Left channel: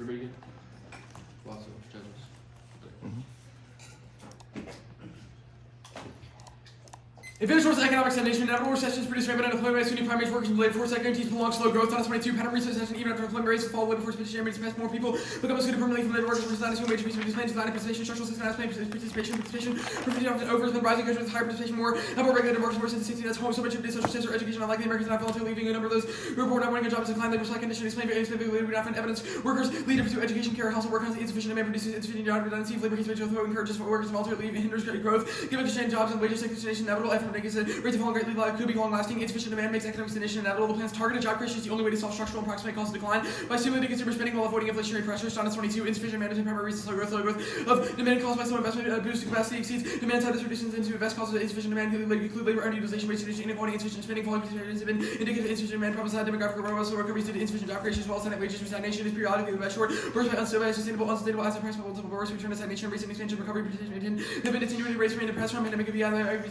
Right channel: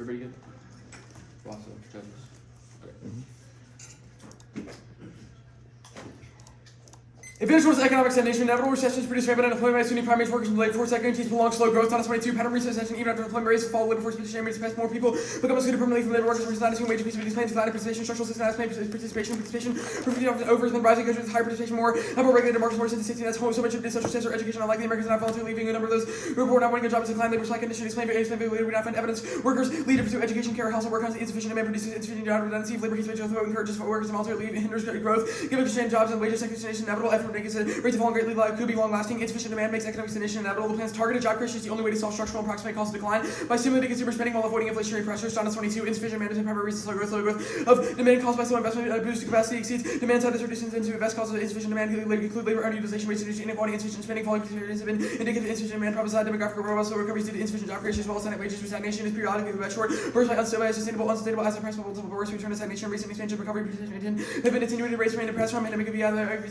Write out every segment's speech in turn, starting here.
Everybody good? Lots of judges. Okay. Advantage towards economic stagnation. Inevitable recessions produce rapid unemployment. Sunni primary workers in labor force guarantees prolonged slow growth. Not 22 pattern recession even after employment rates fall. Labor force participation rates pass more people become excluded permanently from labor workers. Versus not assuming wage increase with plans declining participation. Structural system participation often over has been rising countries with higher participation more regulated markets more since the 16th. So much of this social status or education unlike the Americans not voluntarily leaving. A number of those who report not wanting a job is decline labor supply condition explain later we not find evidence. Workers lead to pursue education, care, household work, insufficient demand, produces insufficient job redundancy. Labor case wage growth encourages workers to voluntarily leave, hinders growth. Given exchange jobs and wages stagnation inevitable effort makes rates of greatly could be long-lasting. Insufficient demand makes economic stagnation inevitable. The plan's targeted job creation is the only way to solve structural and approximate cost of decline by stimulating consumer spending while avoiding inflationary pressures. John 22. Insufficient management primary reasons slow growth of demand caused by slow investment. Boost capacity exceeds demand side reductions into invest causes of insufficient demand. Include labor underutilization rates, reducing inequality, insufficient spending, falling conditions have been indicative of insufficient demand. Prophesied demographic robust recovery due to insufficient job creation as well as stagnant wages. Stagnation is periodically less short. Burst by unsustainable asset price multiple bursts. Return to stagnation. Recent expansion recovery have been attenuated rates remain depressed from pandemic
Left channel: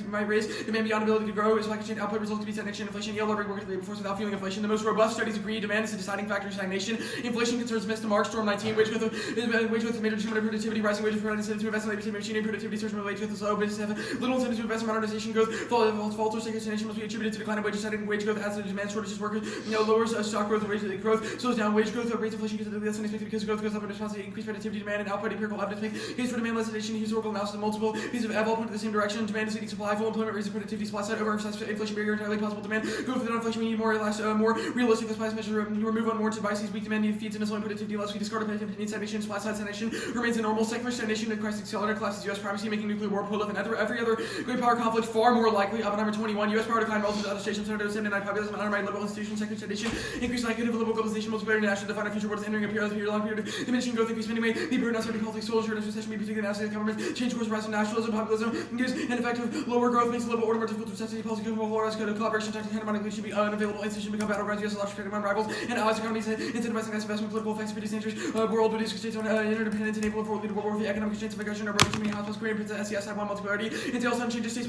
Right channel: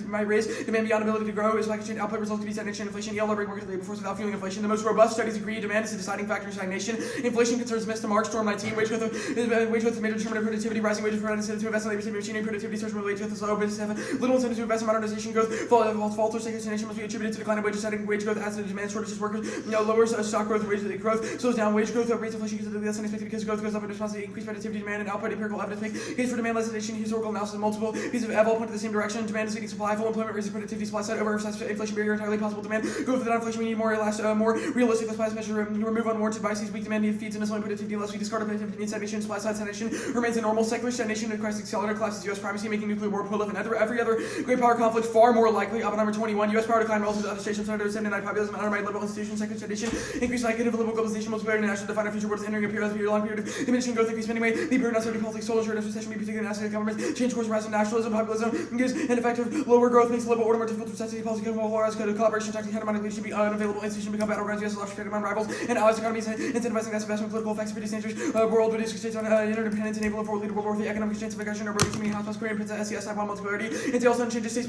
might raise demand beyond ability to grow. Is like exchange output results to be stagnation. Inflation. Yale labor market labor force without fueling inflation. The most robust studies agree demand is the deciding factor in stagnation. Inflation concerns missed to March. Storm 19. Wage growth is major determinant of productivity. Rising wages for incentive to invest in labor saving machinery. Productivity starts related with the slow business have little incentive to invest in modernization growth. Falls or stagnation must be attributed to decline of wages. Setting wage growth adds to demand shortages. Workers lowers stock growth. Wage growth slows down wage growth. Rates of inflation because less than expected because growth goes up in response to increased productivity demand and output. Empirical evidence make case for demand legislation. Historical analysis of multiple pieces of eval point to the same direction. Demand is leading supply. Full employment raises productivity. Supply side over inflation barrier entirely possible. Demand growth without inflation. We need more realistic supply measure. Remove unwarranted biases. Weak demand feeds into slowing productivity. Unless we discard opinion stagnation. Supply side stagnation remains a normal secular stagnation. The crisis accelerator collapses U.S. primacy, making nuclear war prolific and every other great power conflict far more likely. Oppenheimer 21. U.S. power decline relative to other stations. 79 populism and undermined liberal institutions. Secular stagnation. Increased likelihood of liberal globalization. Multiplayer international define our future world is entering a period long period of diminishing growth. Increased spending rate. The period of uncertain politics. Social assurance recession. May particularly national government. Change course. Rise of nationalism. Populism. Gives ineffective lower growth. Makes the liberal order more difficult to necessity. Policy collaboration. Tactics. Money should be unavailable. Institutions become battlegrounds. U.S. left among rivals and allies. Economies incentivizing mass investment. Political effects. Produce dangerous world. Reduce states on interdependence. Enable for leader world. The economic chance of aggression. Or both too many hospitals. Korean princess. SES. One multipolarity. Until some changes. States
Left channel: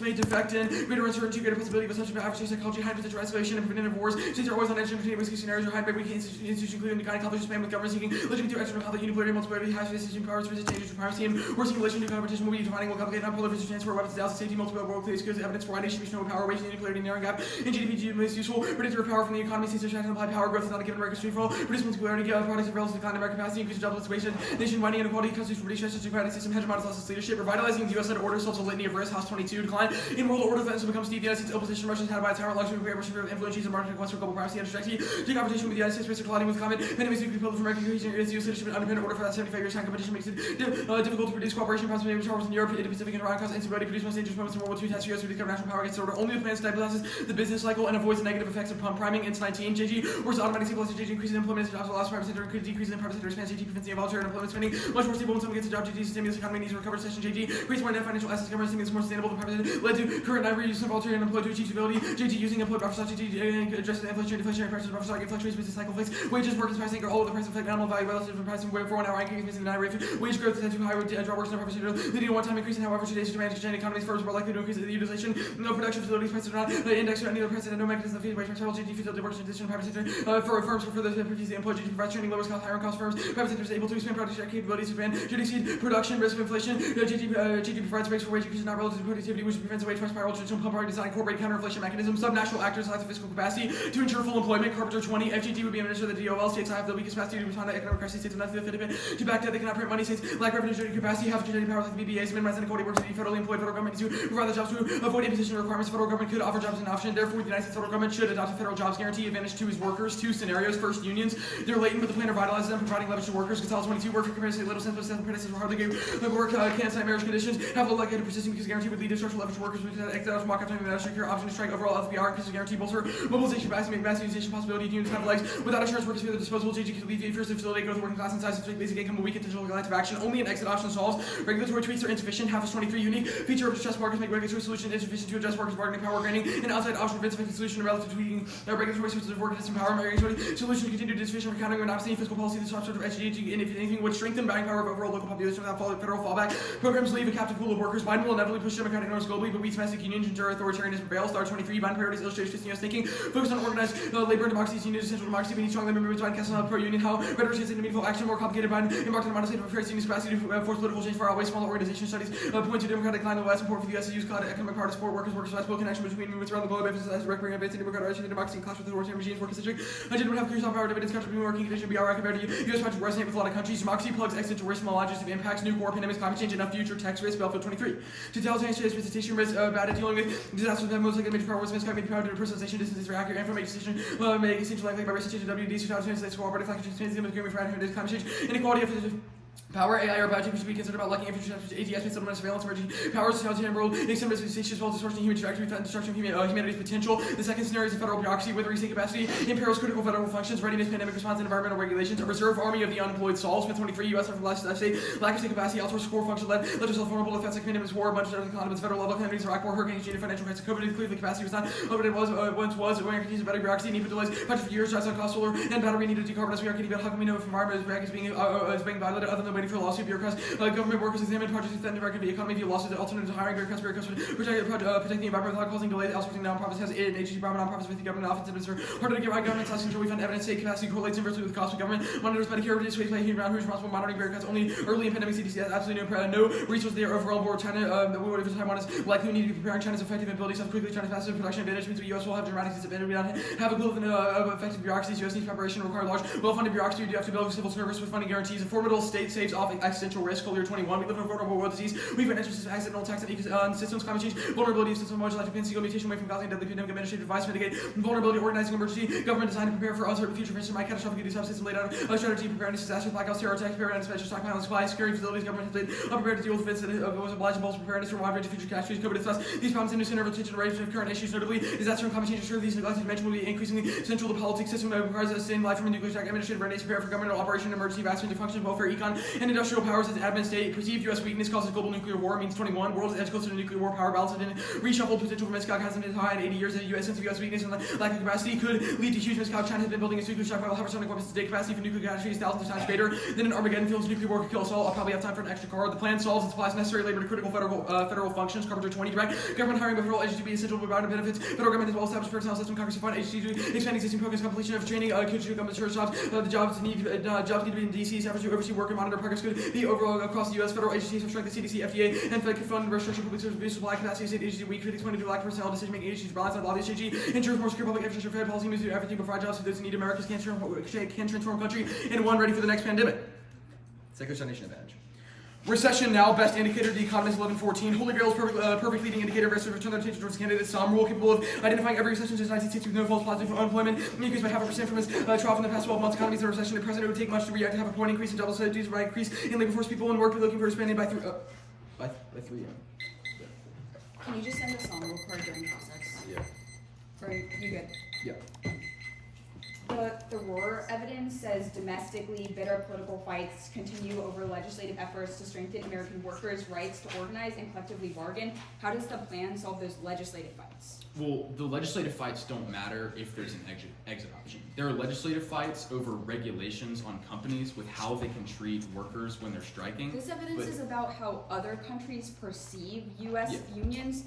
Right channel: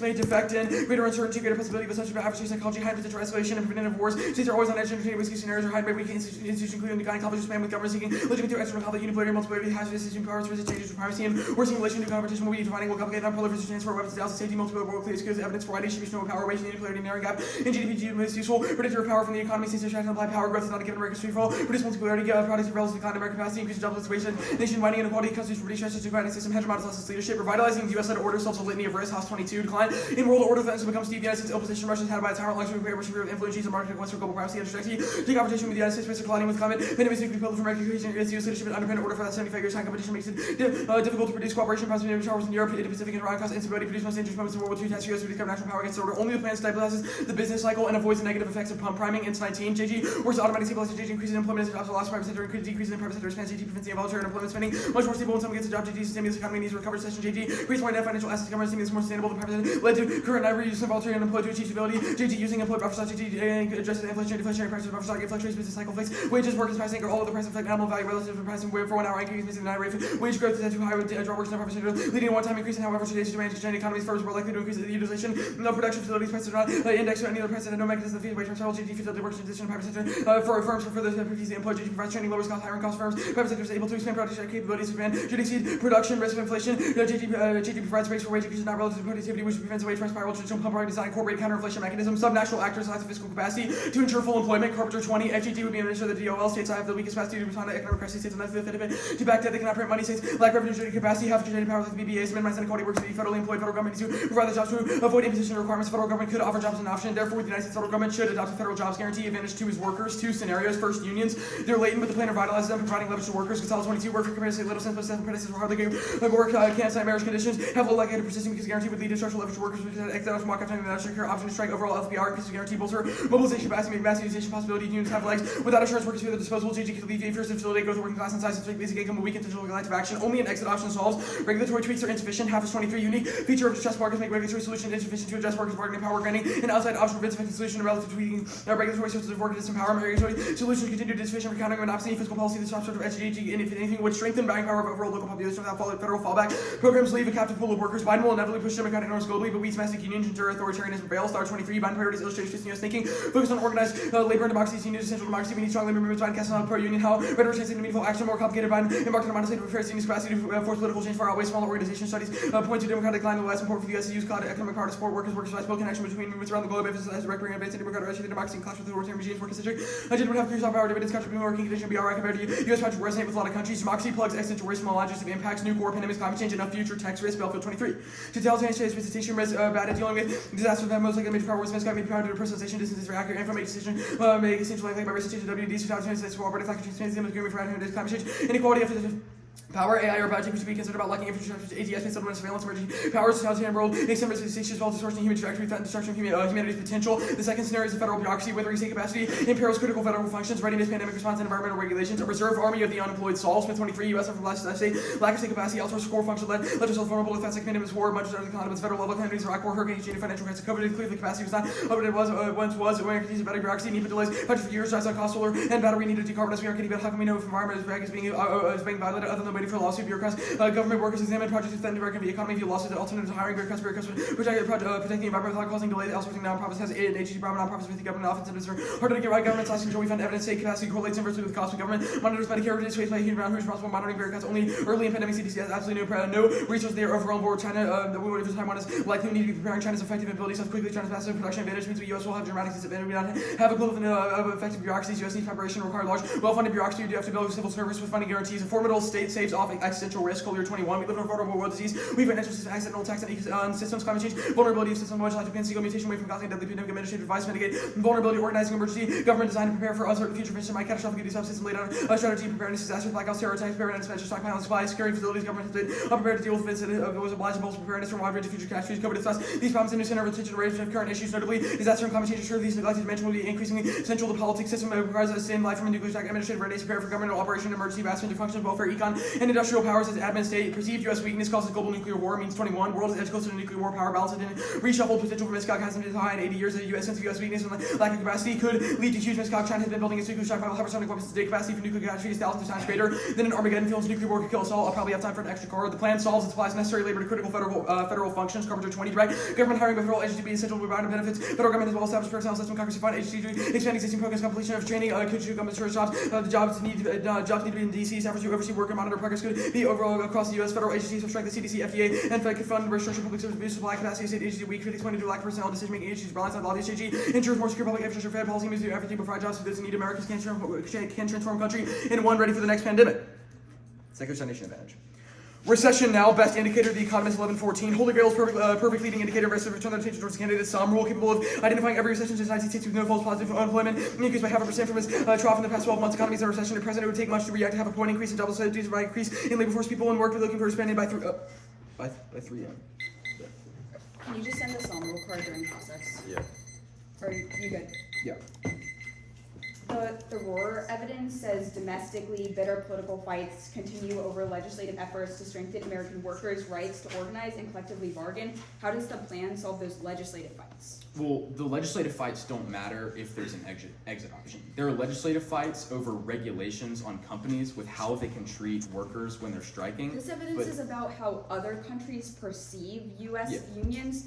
may defect in greater uncertainty. Greater possibility of such adversary psychology. High potential isolation and preventative wars. States are always on edge. Entertaining risky scenarios. Or hide by weak institutions, including the conflicts span with government seeking living through external conflict. Unipolarity. Multipolarity. High decision powers. Resist changes to primacy. And worsening relation to competition will be defining. Will complicate non-proliferation. Transfer weapons. Dallas safety. Multiple world clear skills. Evidence for why distribution of power. Waging the inequality narrowing gap. In GDP most useful. Predictor of power from the economy. States attract and apply power growth is not a given America's free fall. Produce multipolarity. Products of relative decline. American capacity. Increase jobless wage. Nation widening inequality. Constitutes for British democratic system. Hegemonic losses leadership. Revitalizing the U.S.-led order solves a litany of risks. House 22 decline. In world order defense becomes the United States opposition. Russia's had by its tyrant luxury of influence. And market consequence for global privacy and distracting. Take competition with the United States. Risk colliding with climate. Pandemics nuclear people from American cohesion. U.S. leadership and independent order for that 75 years. High competition makes it difficult to produce cooperation. Possibly showers in Europe, Asia Pacific, and Iran cause instability. Produce most dangerous moments in World War II. Task U.S. to recover national power against the order. Only the plan stabilizes the business cycle and avoids the negative effects of pump priming. It's 19. JG works automatic stabilization. JG increases employment as jobs will loss private sector. Decreases in private sector expands. JG prevents the involuntary unemployment spending. Much more stable when someone gets a job. JG stimulates the economy needs to recover. Session JG creates more net financial assets. Government is more sustainable than private sector. Led to current never use of voluntary unemployed to achieve stability. JG using employed buffer stock. JG addresses inflation, deflationary prices, buffer stock, fluctuates business cycle fix. Wages, workers, price anchor, all of the price effect, animal value relative to price and for 1 hour increase in the rate. Wage growth is too high with job workers, no private sector, leading to one-time increase in however today's demand exchange economies firms more likely to increase the utilization. No production facilities prices are not indexed or any other price and no mechanism of feed wage transfer. JG feeds up the workers in addition to private sector for firms for further activities the employed. JG provides training, lowers cost, higher cost firms. Private sector is able to expand production capabilities to expand should exceed production risk of inflation. JG provides space for wage increase not relative to productivity, which prevents a wage price spiral. Traditional company design incorporate counter-inflation mechanisms. Subnational actors have the fiscal capacity to ensure full employment. Carpenter 20. FGT would be an ensure that DOL states have the weakest capacity to respond to economic crisis. States unless they fit of it. To back that they cannot print money. States lack revenue generating capacity. Have generating power like the BBAs. Minimize inequality. Works to be federally employed. Federal government 2022 provide the jobs to avoid imposition requirements. The federal government could offer jobs as an option. Therefore, the United States federal government should adopt a federal jobs guarantee advantage to its workers. Two scenarios. First, unions. They're latent, but the plan revitalizes them, providing leverage to workers. Consolidated 22 work for comparison little sense, but sense apprentices will hardly give work, can't sign marriage conditions, have low likelihood of persisting because guarantee would lead to structural leverage to workers because exit out walk out the secure option to strike overall LFPR because guarantee bolster mobilization capacity, massive possibility unions have legs. Without assurance workers feel the disposable JG could alleviate fears and facilitate growth of working class and size to basic income will weaken digital collective action. Only an exit option solves. Regulatory tweaks are insufficient. Half is 23 unique feature of stress markets make regulatory solutions insufficient to address workers' bargaining power granting. An outside option prevents a solution relative to tweaking regulatory sources of work disempowerment. Regulatory solutions continue to insufficient for countering monopoly fiscal policy. The sort of SGG and if anything would strengthen buying power of overall local population without federal fallback. Programs leave a captive pool of workers. Biden will inevitably push democratic norms globally, but we domestic unions ensure authoritarianism prevails. Star 23. Biden priorities illustrates Christina's thinking. Focus on organized labor and democracy. Unions essential democracy. We need strong labor movements. Biden casting out pro-union. How rhetoric translates into meaningful action. More complicated. Biden embarked on a modern state of affairs. Union's capacity to force political change far outweighs smaller organization studies. Point to democratic decline in the last support for the U.S. to use cloud economic power to support workers. Workers' rights. Connection between movements around the globe. Emphasizes direct bringing advancing democratic rights, democracy, and clash with authoritarian regimes. Work concentric. Agenda would have clear power dividends. Country being working condition. BRI compared to U.S. project resonate with a lot of countries. Democracy plugs existential risk, small logistics of impacts, new war, pandemics, climate change, enough future tax risk. Battlefield 23. To tell change visitation risk bad at dealing with disaster that most likely major power was misguided power due to personalization distance for accurate info make decision make essential likely by research WD so translates for operative factor transparency agreement for climate change inequality after the power, AI, or biotech should be considered about lacking infrastructure, ATS, settlement, surveillance, emerging powers, totalitarian world, extend risk as well as distortion human trajectory, threat, and destruction of humanity's potential. The second scenario is the federal bureaucracy, withering state capacity, imperils critical federal functions, readiness, pandemic response, and environmental regulations. A reserve army of the unemployed solves. Smith 23, U.S. from last state, lack of state capacity, outsource core function led yourself vulnerable to threats like pandemics, war, much of the economy, federal level calamities, Iraq war, hurricanes, financial crisis, COVID, clearly capacity was not what it was once was, when it better bureaucracy, need delays, budget for years, drives on cost solar, and battery need to decarbonize. We are getting better. How can we know if environment is being violated other than waiting for a lawsuit? Bureaucrats, government workers examine projects that threaten the economy via lawsuits, alternatives to hiring bureaucrats, protecting the environment without causing delays, outsourcing nonprofits has aided agency private nonprofits with the government offensives for harder to get right government slash control. We found evidence state capacity correlates inversely with the cost of government. Monitors Medicare reduced waste by human round who is responsible monitoring bureaucrats only early in pandemic. CDC has absolutely no resources there overall war. China we would have Taiwan is likely need to be preparing China's effective ability so quickly China's massive production advantage means the US will have dramatic disadvantage. We not have a global effective bureaucracies. US needs preparation require large well-funded bureaucracy. You have to build a civil service with funding guarantees. A formidable state saves off existential risk. Year 21. We live in a vulnerable world disease. We have an interest in accidental attacks on systems, climate change, vulnerability of systems, much like Japan, single mutation away from causing deadly pandemic, administrative advice, mitigate vulnerability, organizing emergency, government design to prepare for uncertain future vision, my catastrophic duty subsystem laid out a strategy, preparedness, disasters, blackouts, terror attacks, preparedness, special stockpile and supply, security facilities, government has been unprepared to deal with events that was obliged to bolster preparedness from a wide range of future catastrophes, COVID thus. These problems in new center of attention range of current issues, notably disaster and climate change, assure these neglected dimension will be increasingly central to the politics system, requires a sustained life from a nuclear attack, administrative readiness, prepare for governmental operation, emergency, vast range of functions, welfare, econ, and industrial powers as admin state, perceived U.S. weakness causes global nuclear war, means 21, world is edge closer to nuclear war, power balance and reshuffled potential for miscalc has been high in 80 years. The U.S. sense of U.S. weakness and lack of capacity could lead to huge miscalc. China has been building its nuclear stockpile, hypersonic weapons today. Capacity for nuclear catastrophe is thousands of times greater than an Armageddon feels. Nuclear war could kill us all. I'll probably have time for an extra car. The plan solves and supplies necessary labor to critical federal functions. Carpenter 20, direct government hiring by federal agency be essential to provide benefits. Federal government as well established personnel system. Congress to fund agency to expand existing programs, completion of training, could government service jobs. The jobs need to be in D.C. Staffers to oversee work and monitor progress could be overall across the U.S. Federal agencies, strength the CDC, FDA, and Fed could fund restriction public service abuse, supply capacity, state agency weak, critics want to do lack of personnel, decision making agencies, balance on lobbyist AG, ensure more secure public infrastructure, Fed policy moves to everything but provide jobs to those in need. Americans can transform country into one ready for the next pandemic. Second stagnation advantage. Recession now, best indicator of the economist 1114. Holy Grail is perfect leading indicator of return their attention towards candidates. Some rule capable of identifying every recession since 1960 with no false positive unemployment. Increased by 0.5% from its trough in the past 12 months. Economies in a recession. The president would take much to react to have a point increase in double studies by increase in labor force. People in work looking for expanding by 3 Can you just send us on roll card during process? Yeah. Are you good? Yeah. The Roar evidence says domestically bitter political fights continue over legislative efforts to strengthen American workers' rights to organize and collectively bargain. How does the plan solve those legislative fights? Well, the legislative fights don't matter if there's an exit option. There are legislative fights over regulations on companies with how they can treat workers when they're striking. This evidence is about how other countries perceive U.S. unions.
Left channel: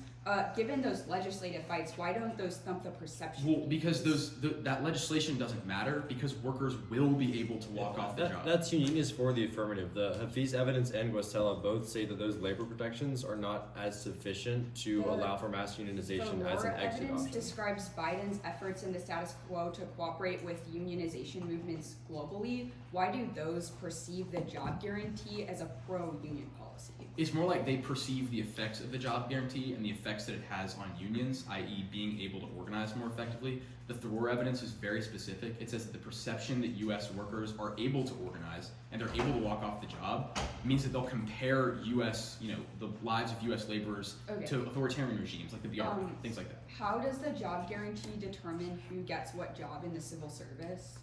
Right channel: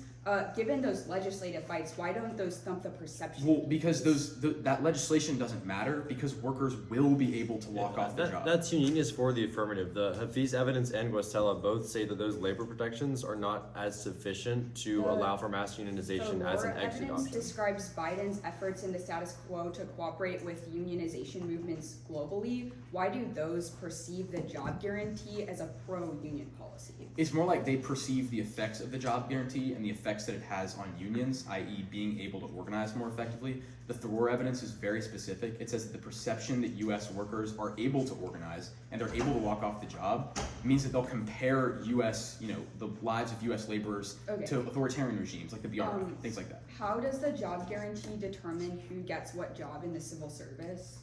Given those legislative fights, why don't those thump the perception? Well, because that legislation doesn't matter because workers will be able to walk off the job. That's uniqueness for the affirmative. The Hafiz evidence and Guastella both say that those labor protections are not as sufficient to allow for mass unionization as an exit evidence option. describes Biden's efforts in the status quo to cooperate with unionization movements globally. Why do those perceive the job guarantee as a pro-union policy? It's more like they perceive the effects of the job guarantee and the effects that it has on unions, i.e. being able to organize more effectively. The Thor evidence is very specific. It says that the perception that U.S. workers are able to organize and they're able to walk off the job means that they'll compare U.S., the lives of U.S. laborers to authoritarian regimes like the BRA, things like that. How does the job guarantee determine who gets what job in the civil service?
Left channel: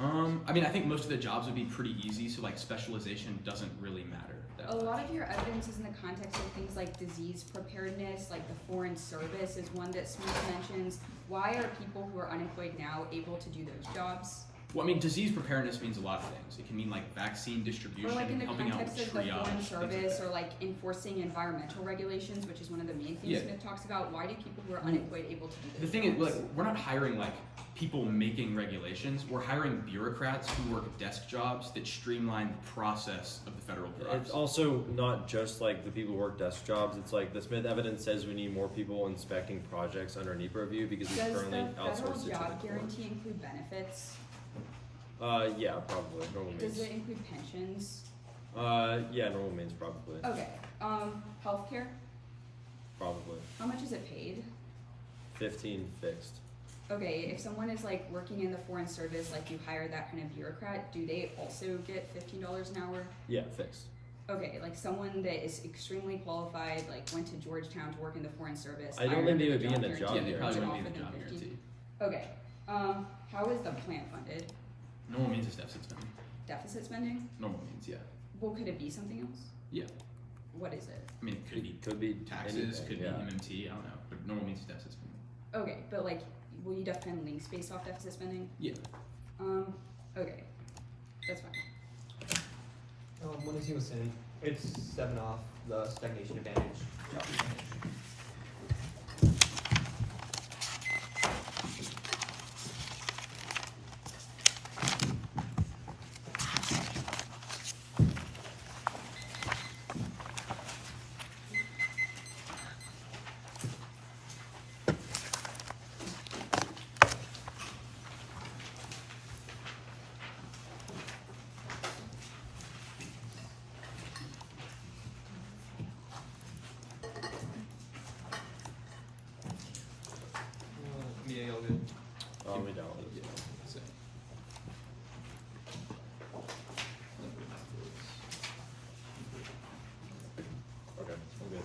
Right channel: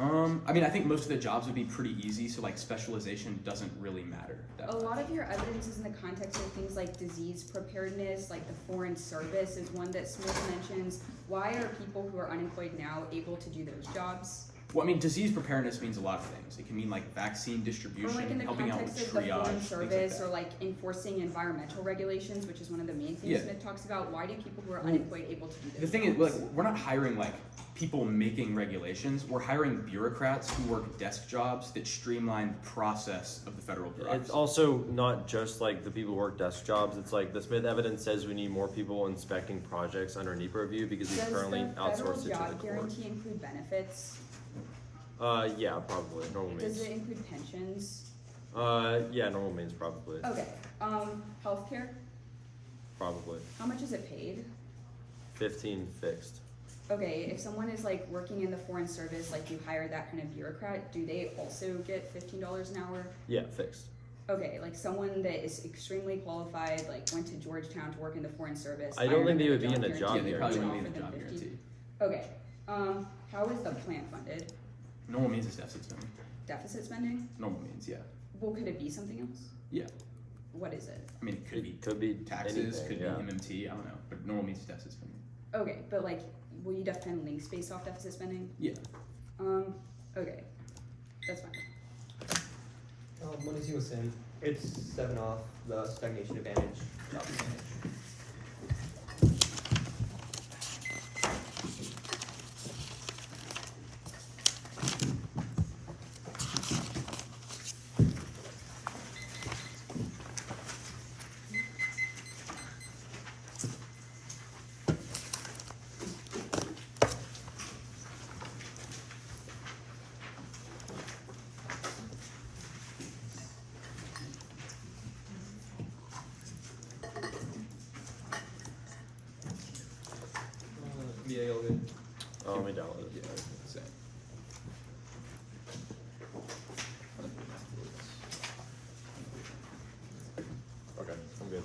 I think most of the jobs would be pretty easy, so like specialization doesn't really matter. A lot of your evidence is in the context of things like disease preparedness, like the foreign service is one that Smith mentions. Why are people who are unemployed now able to do those jobs? Well, disease preparedness means a lot of things. It can mean like vaccine distribution, or like in the helping out with context of the triage, foreign service, like or like enforcing environmental regulations, which is one of the main things Smith talks about. Why do people who are unemployed able to do those The thing is, we're not hiring like people making regulations. We're hiring bureaucrats who work desk jobs that streamline the process of the federal bureaucracy. It's also not just like the people who work desk jobs. It's like the Smith evidence says we need more people inspecting projects under NEPA review because we currently outsource it to the court. Does the federal job guarantee include benefits? Yeah, probably. Normal means. Does it include pensions? Yeah, normal means probably. Okay. Healthcare? Probably. How much is it paid? 15 fixed. Okay, if someone is like working in the foreign service, like you hire that kind of bureaucrat, do they also get $15 an hour? Yeah, fixed. Okay, like someone that is extremely qualified, like went to Georgetown to work in the foreign service. I don't think they would be in the job guarantee. Yeah, they probably guarantee. wouldn't be in the job guarantee. Okay. How is the plan funded? Normal means it's deficit spending. Deficit spending? Normal means, yeah. Well, could it be something else? Yeah. What is it? It could be taxes, anything, could yeah. be MMT, I don't know. But normal means it's deficit spending. Okay, but like, will you defend links based off deficit spending? Yeah. Okay. That's fine. What is he was saying? It's 7 off the stagnation advantage. MBA all good. Oh, let me download it. Same. Okay, I'm good.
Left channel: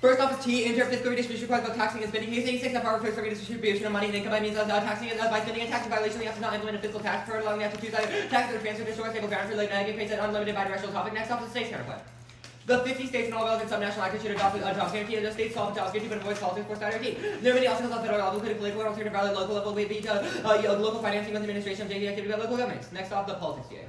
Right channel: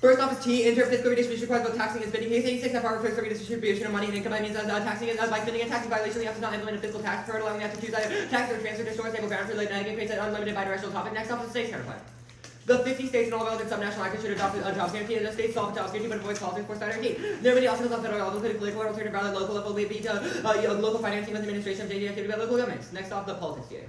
First off is T, inter-fiscal redistribution requires both taxing and spending. He's saying 6 of our fiscal redistribution of money and income by means of taxing by spending and taxing violation. You have to not implement a fiscal tax for allowing you to choose either taxes or transfer to short stable ground for late and creates an unlimited bidirectional topic. Next off is the states counterplan. The 50 states and all relevant subnational actors should adopt a jobs guarantee, and the states solve the jobs guarantee but avoids politics for that guarantee. There are many obstacles on federal level, including political or alternative valid local level, may be to local financing with administration of JD activity by local governments. Next off, the politics GA.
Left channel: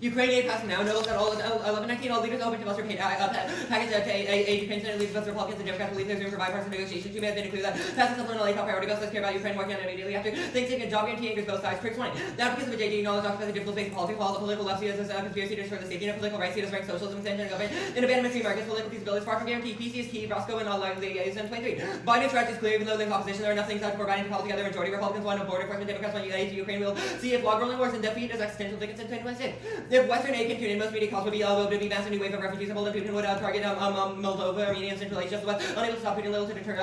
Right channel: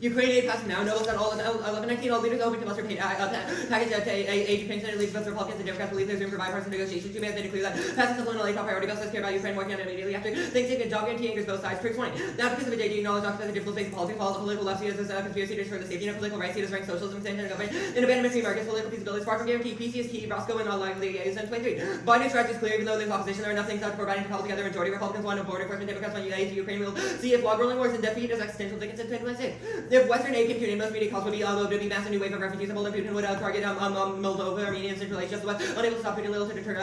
Ukraine aid passing now. Notice that all 1119 all leaders open to muster paid package aid pension and leaves both Republicans and Democrats believe there's room for bipartisan negotiations. Too bad they declare that passing supplemental aid top priority bills says care about Ukraine working on it immediately after Thanksgiving. Job guarantee angers both sides. Proof 20. The applicants of a JD acknowledge occupies a difficult space in politics. While the political left sees a conspiracy to destroy the safety of political rights, he does rank socialism, extension, and government, and abandonment of markets. Political feasibility is far from guaranteed. PC is key. Roscoe and unlikely is in 23. Biden's strategy is clear, even though there's opposition. There are enough things out for Biden to call together. Majority Republicans want a border enforcement. Democrats want aid to Ukraine. We'll see if log rolling wars and defeat as existential tickets in 2026. If Western aid can tune in, most media calls would be massive new wave of refugees and Putin would target Moldova, Armenia, and Central Asia. The West unable to stop Putin, little to deter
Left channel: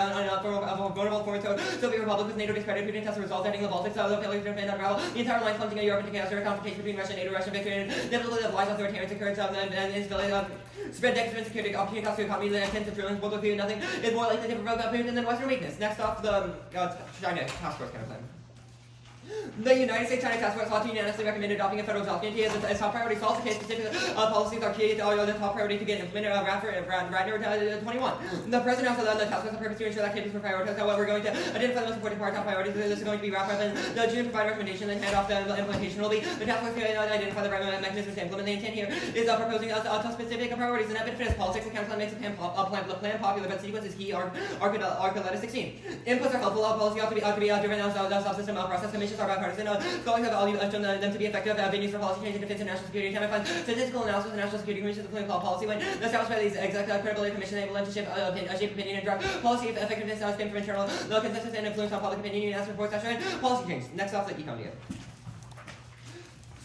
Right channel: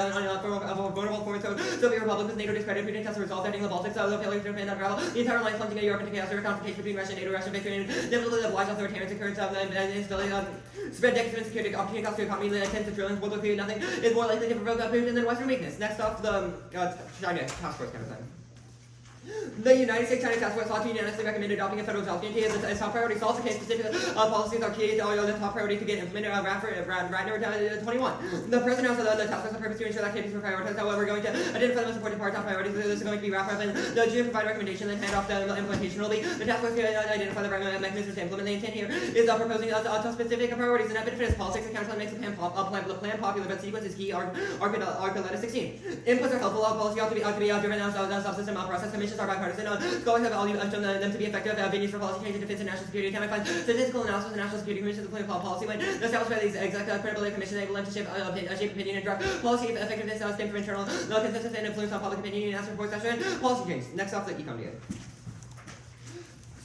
vulnerable foreign Soviet republics. NATO discredited Putin test resolved ending the Baltics. The failure to defend unravel the entire line plunging Europe into chaos. There are confrontations between Russia and NATO. Russian victory and inevitably the wise authoritarian occurrence and instability. Spread decadence, security, opportunity cost to economy, tens of trillions. World War III, nothing is more likely to provoke Putin than Western weakness. Next off, the China task force kind of plan. The United States China Task Force ought to unanimously recommend adopting a federal job guarantee as a top priority. Solves the case specific policies are key the top priority to get implemented right number 21. The president also the task force the purpose to ensure that activities were prioritized. However, we're going to identify the most important part, top priorities. This is going to be wrapped up in the June provide recommendation, then head off the implementation will be the task force to identify the right mechanisms to implement. The intent here is proposing specific priorities and that benefits politics and council makes the plan popular, but sequence is key. Archuleta 16. Inputs are helpful. Policy ought to be driven as subsystem process. Commissions are bipartisan. Scholars have all shown them to be effective venues for policy change in defense and national security. Can I find statistical analysis of the national security commissions of policy when established by these executive credibility commission enable them to shape opinion and drive policy effectiveness stem from internal consensus and influence on public opinion and reports that show policy change. Next off, the econ data.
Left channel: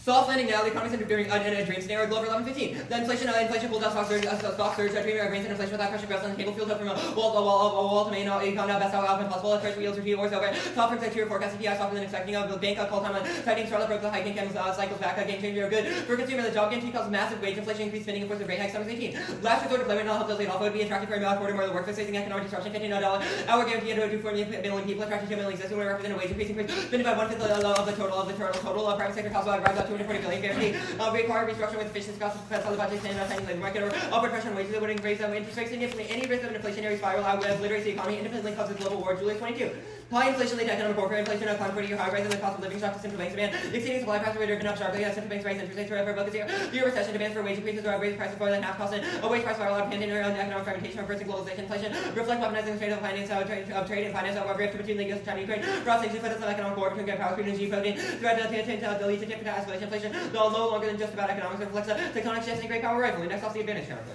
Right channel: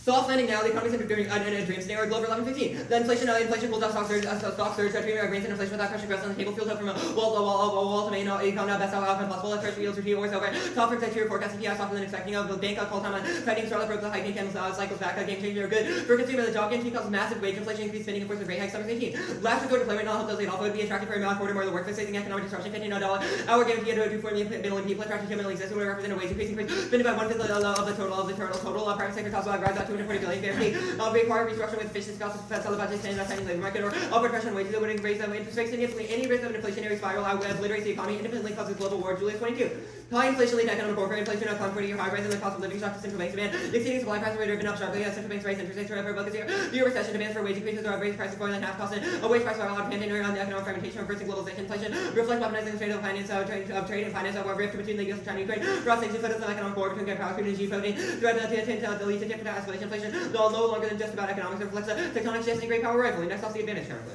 Soft landing now, the economy's entering a dream scenario, Glover 1115. The inflation cools down, stock surge, dreaming grains and inflation without pressure growth on the table, fuels up from a wall to main econ, best outcome possible, treasury yields review wars over, conference exterior forecast CPI softer than expecting, the bank call time on tightening, Charlotte broke the hiking cycles back, game changer, good. For consumer, the job guarantee causes massive wage inflation, increased spending, of course, with rate hikes, summer 18. Last resort deployment, not help those laid off, would be attractive for a quarter more of the workforce facing economic disruption, $15 hour guarantee to do 4 million people, attracting 2 million existing, would represent a wage increase, spending by 1/5 of the total, private sector costs will rise about 240 billion guarantee. Require restructuring with efficiency costs of federal budget and affecting labor market or upward pressure on wages that would increase interest rates significantly. Any risk of an inflationary spiral obliterates the economy independently causes global war. Julius 22. High inflation lead to economic warfare. Inflation has climbed 40-year high, rising the cost of living shock to central banks demand. Exceeding supply prices were driven up sharply as central banks raise interest rates forever. But fear recession demands for wage increases or raise prices for than half cost. A wage price spiral dependent on the economic fragmentation, reversing globalization, inflation, reflect weaponizing the trade of finance of trade and finance of rift between the US and China and Ukraine. Cross sanctions focus on economic war between power between geopolitical threat to lead to different escalation. Inflation, though no longer than just about economics, reflects a tectonic shifts and great power rivalry. Next off the advantage currently.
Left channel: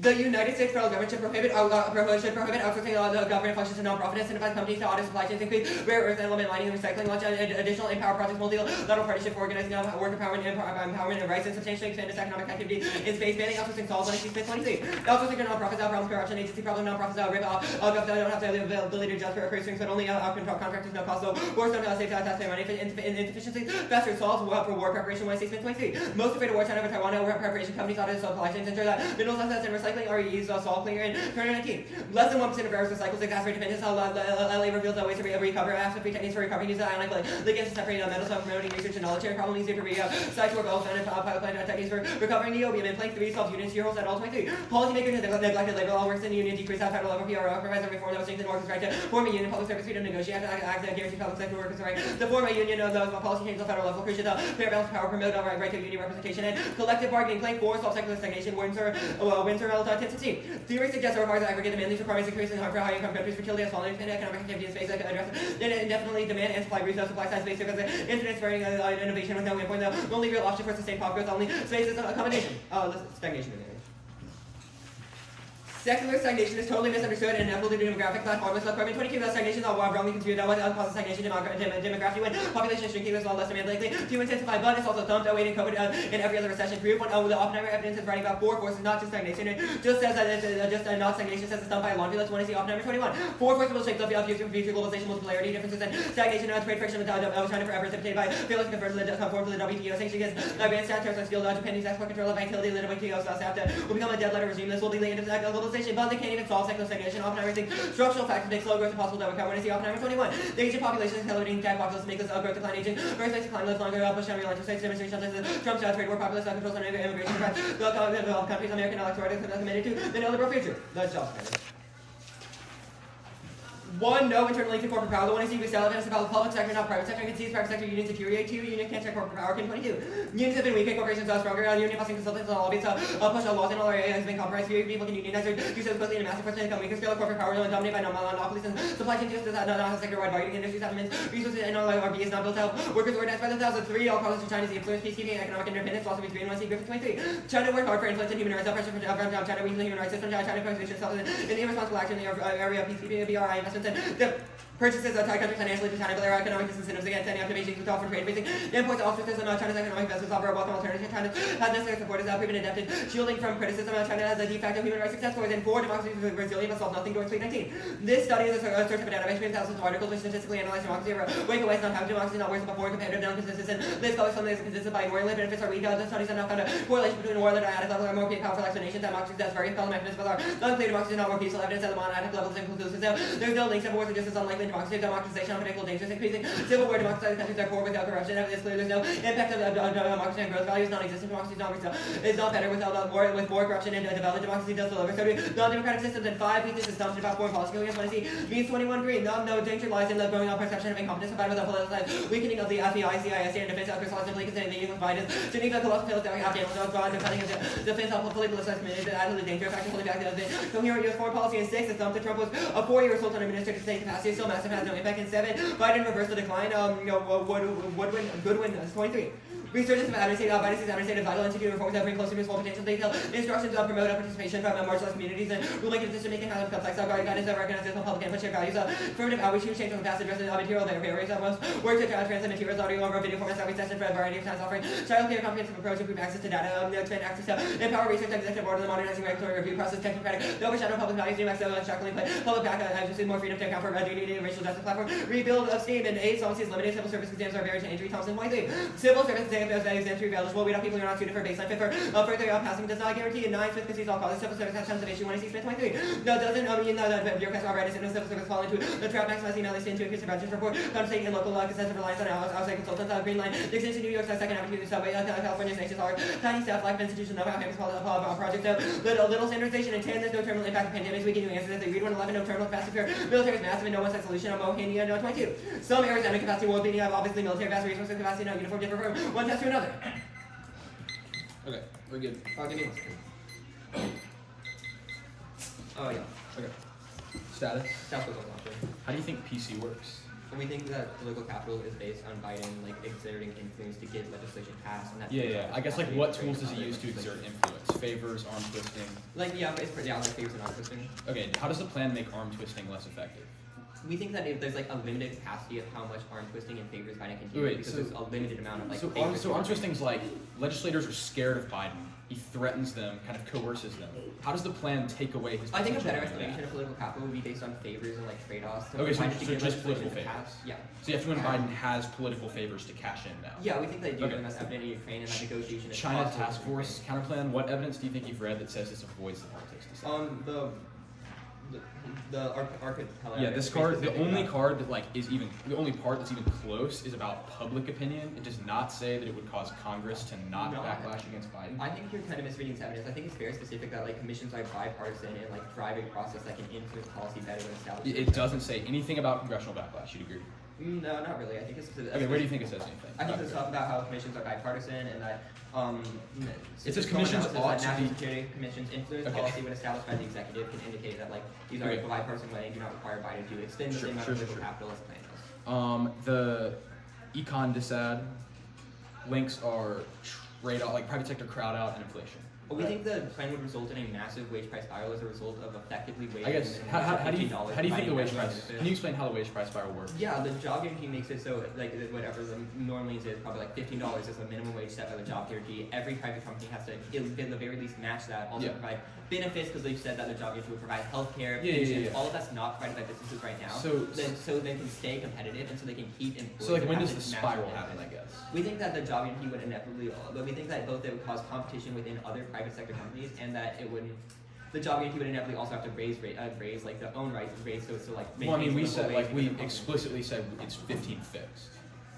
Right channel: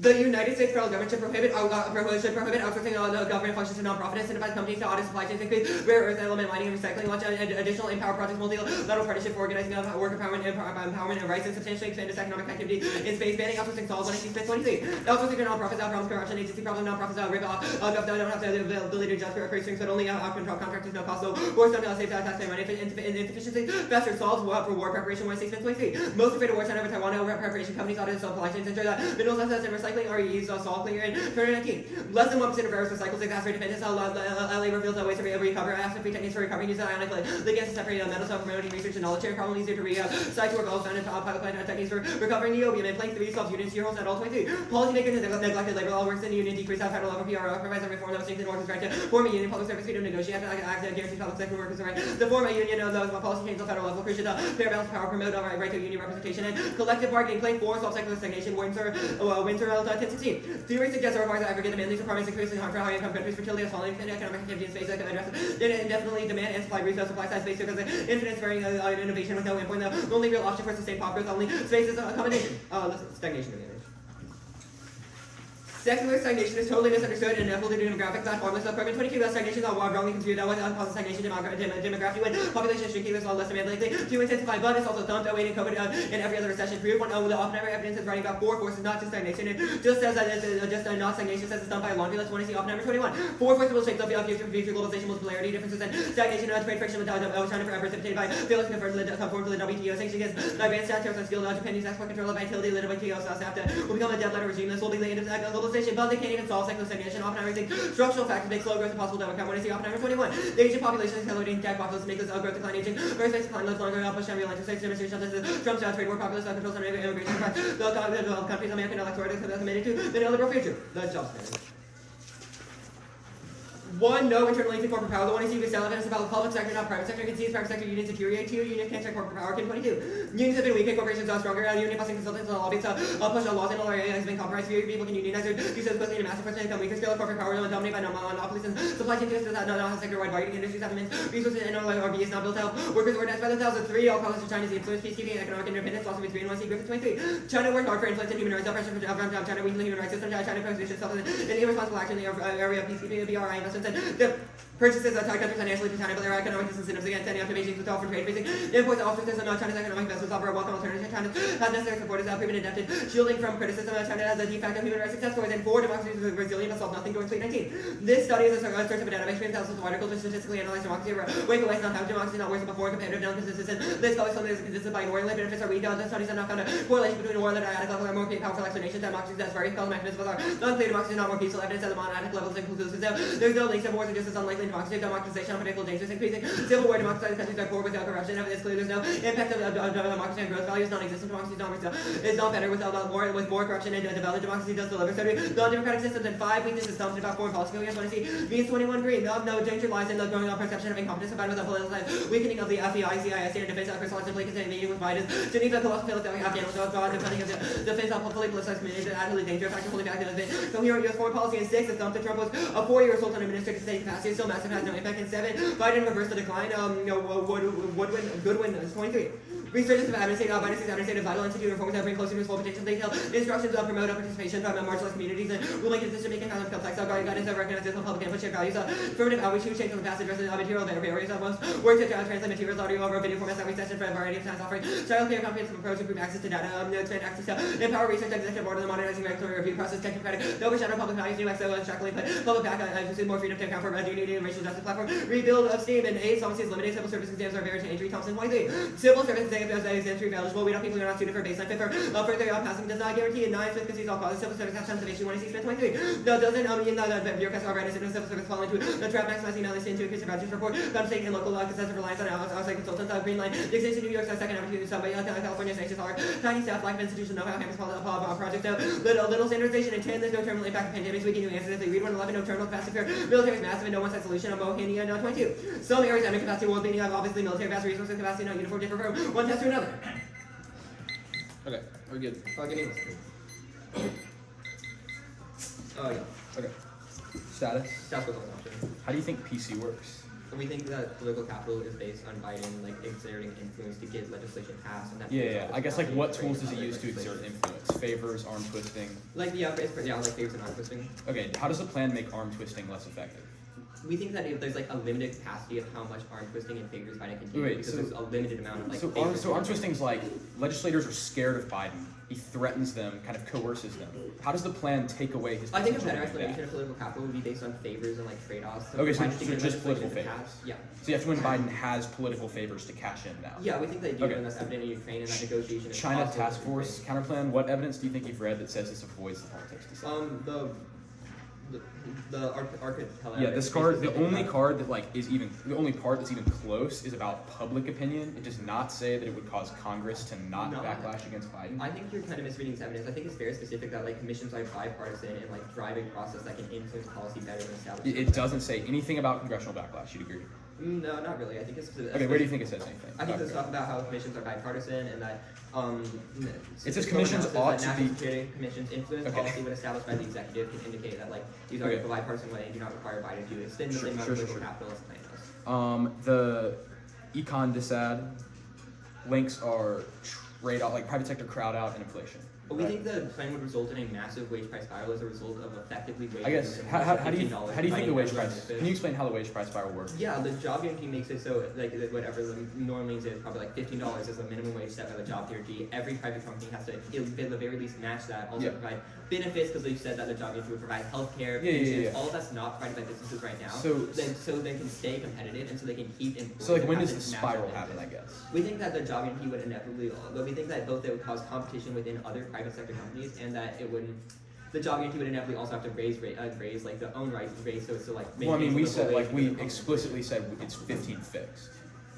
The United States federal government should prohibit outsourcing government functions to non-profit, incentivize companies to audit supply chains, increase rare earth element mining and recycling, launch additional empower projects, multilateral partnership for organizing work empowerment and rights, and substantially expand its economic activity in space, banning outsourcing solves when it sees 23. Outsourcing to non-profits outpromise corruption, agency problem, non-profits rip off, don't have the ability to judge for purse strings, but only out-control contractors, no cost, so force them to save taxpayer money, insufficiency, faster solves for war preparation when it sees 23. Most afraid of war, China, Taiwan, war preparation companies audit supply chains, ensure that minerals, assets, and recycling are used solve cleaner in 2019. Less than 1% of errors recycles exacerbate dependence. LA reveals that ways to recover. After free techniques for recovery, use ionically. The gas to separate metals from promoting research and knowledge share. Problem easier to recite work well founded pilot plant techniques for recovering niobium and plank 3 solves units year holds at all 23. Policymakers have neglected labor law works in the union, decrease out federal level PRO, provides a reform that was strengthened workers' right to form a union, public service freedom, negotiate, act guarantee public sector workers' right to form a union. Those policy changes on federal level, crucial fair balance power, promote right to union representation and collective bargaining. Plank 4 solves secular stagnation. Windsor relative to 16. Theory suggests that requires aggregate demand. These requirements increasingly harm for high-income countries. Fertility has fallen, and economic activity in space that can address indefinitely demand and supply resource supply side space because infinite sparing innovation with no endpoint. The only real option for sustained pop growth, only space is a combination. Stagnation advantage. Secular stagnation is totally misunderstood and inevitable to demographic platforms. Carbon 22 stagnation is wrongly construed. What causes stagnation demography when population is shrinking, there's a lot less demand likely to intensify, but it's also thumped awaiting COVID and every other recession. Proof when the Oppenheimer evidence is writing about 4 forces, not just stagnation. It just says that it's not stagnation, says it's thumped by laundry. Let's want to see Oppenheimer 21. 4 forces will shape the future globalization, multipolarity, differences in stagnation, trade friction with China forever precipitated by failure to conform to the WTO sanctions against advanced tariffs on steel, Japanese export control of vitality, the WTO South will become a dead letter regime. This will be the end of globalization, but they can't even solve secular stagnation. Oppenheimer thinks structural factors make slow growth impossible to overcome. When I see Oppenheimer 21, the Asian population is accelerating, dead populace make this growth decline. Aging birth rates decline, live longer, push down real interest rates, demonstration of Trump's trade war, populist controls on immigration, the countries American electorate is committed to the neoliberal future. The job standard. 1. No internal link to corporate power. The one is you sell evidence about the public sector, not private sector. You can see private sector unions deteriorate. 2. Union can't check corporate power. 22. Unions have been weak and corporations are stronger. Union busting consultants and lobbies push on laws in all areas has been compromised. Few people can unionize or do so quickly in a massive person income. Weaker scale of corporate power dominated by monopolies and supply chain just not have sector-wide bargaining industries have immense resources and RB is not built out. Workers organized by the thousands. 3. All causes to China's influence, peacekeeping, and economic independence. Loss of its green 1. See Griffith 23. China worked hard for influence and human rights. Pressure from China weakened the human rights system. China positions itself in irresponsible action in the area of peacekeeping, BRI investments, and purchases of Thai countries financially to China, but there are economic disincentives against any activations with often trade facing imports, ostracism. China's economic investments offer a welcome alternative. China has necessary support, is proven adapted, shielding from criticism. China has a de facto human rights success stories, and 4 democracies are resilient but solve nothing during 2019. This study is a source of a database of thousands of articles which statistically analyze democracy, wake away not how democracy not worse than before, competitive, non-consistent. This scholar study is consistent by ignoring benefits are weak. The studies have not found a correlation between war that are at level are more powerful explanations. Democracies that's very called mechanisms are unclear. Democracy is not more peaceful. Evidence at the non-attic levels inconclusive. There's no links to wars are just as unlikely. in democracy, democratization, political dangers increasing. Civil war, democratized countries are poor without corruption. It's clear there's no impact of democracy and growth values. Non-existent democracy is not better without more corruption and developed democracy does deliver. So non-democratic systems and 5 weaknesses assumption about foreign policy. Against 20 means 21 green. No danger lies in the growing perception of incompetence combined with a politicized weakening of the FBI, CIA, state and defense efforts, simply considering the with Biden's Geneva colossal failed Afghanistan, the cutting of defense of fully politicized communities and utterly dangerous action fully backed of it. So here U.S. foreign policy and 6 assumption Trump was a 4-year assault on administrative state capacity, still massive, has no impact. And 7, Biden reversed the decline. Goodwin is 23. Researchers have administrative vital institute reforms that bring closer to its full potential. Detail instructions to promote participation from marginalized communities and ruling decision making kind of complex guidance that recognizes public input shared values. Affirmative outreach to change from the past addresses material barriers that most work to translate materials audio over video formats every session for a variety of times offering childcare comprehensive approach improve access to data expand access to empower research executive board and the modernizing regulatory review process technocratic no overshadow public values new access extractly put public back more freedom to account for dignity and racial justice platform rebuild of steam and 8 Solvency is limited civil service exams are barriers to entry Thompson 23 civil service exams eligible. We don't people who are not suited for baseline. Fifth, further passing does not guarantee. And 9, Smith concedes all causes. Civil service has tons of issue. 26, Smith 23. No, doesn't mean that bureaucrats are already civil service fall into the trap maximizing LASA into increase the budget report. State and local excessive reliance on outside consultants. Green Line. The extension New York's second avenue subway. California's nation's hard. Tiny staff, lack of institution, know how campus project. Little standardization. And 10, there's no terminal impact of pandemics. We can do answers. They read 111, no terminal capacity for military is massive and no one-side solution. Bohemia, no 22. Some areas have no capacity. World beating have obviously military vast resources capacity, not uniform different from one test to another. Okay, we're good. Give me 1 second. Oh yeah. Okay. Status. Status was one option. How do you think PC works? We think that political capital is based on Biden exerting influence to get legislation passed, and that. Yeah. I guess what tools does he use to exert influence? Favors, arm twisting. Favors and arm twisting. Okay. How does the plan make arm twisting less effective? We think that there's a limited capacity of how much arm twisting and favors Biden can do because there's a limited amount of So arm twisting's legislators are scared of Biden. He threatens them, kind of coerces them. How does the plan take away his? I think a better explanation of political capital would be based on favors and trade-offs. Okay, so just political favors. Yeah. So you have to win Biden has political favors to cash in now. Yeah, we think they do, and that's evident in Ukraine and that negotiation. China task force counterplan. What evidence do you think you've read that says this avoids the politics? The Arctic. Yeah, this card. The only card that the only part that's even close is about public opinion. It does not say that it would cause Congress to not backlash against Biden. I think you're kind of misreading this evidence. I think it's very specific that commissions are bipartisan and drive a process that can influence policy better than established. It doesn't say anything about congressional backlash. You'd agree? No, not really. I think it's. Okay, where do you think it says anything? I think it's stuff about how commissions are bipartisan and that. It says commissions ought to national be. security commissions influence policy when established by the executive can indicate that these are a bipartisan way and do not require Biden to extend the same amount of political capital as the plan does. The econ disad links are trade out private sector crowd out and inflation. But we think the plan would result in a massive wage price spiral as a result of effectively wage. I guess how do you think the wage price? Can you explain how the wage price spiral works? Yeah, the job guarantee makes it so whatever the norm is probably $15 is the minimum wage set by the job guarantee. Every private company has to at the very least match that. Also provide benefits because they said that the job guarantee would provide health care, pensions. All of that's not provided by businesses right now. So they can stay competitive and so they can keep employees. So when does the spiral happen? I guess we think that the job guarantee would inevitably. But we think that both it would cause competition within other private sector companies and that it wouldn't. The job guarantee would inevitably also have to raise their own rights and raise so it's still Well, I mean, we explicitly said it's 15 fixed.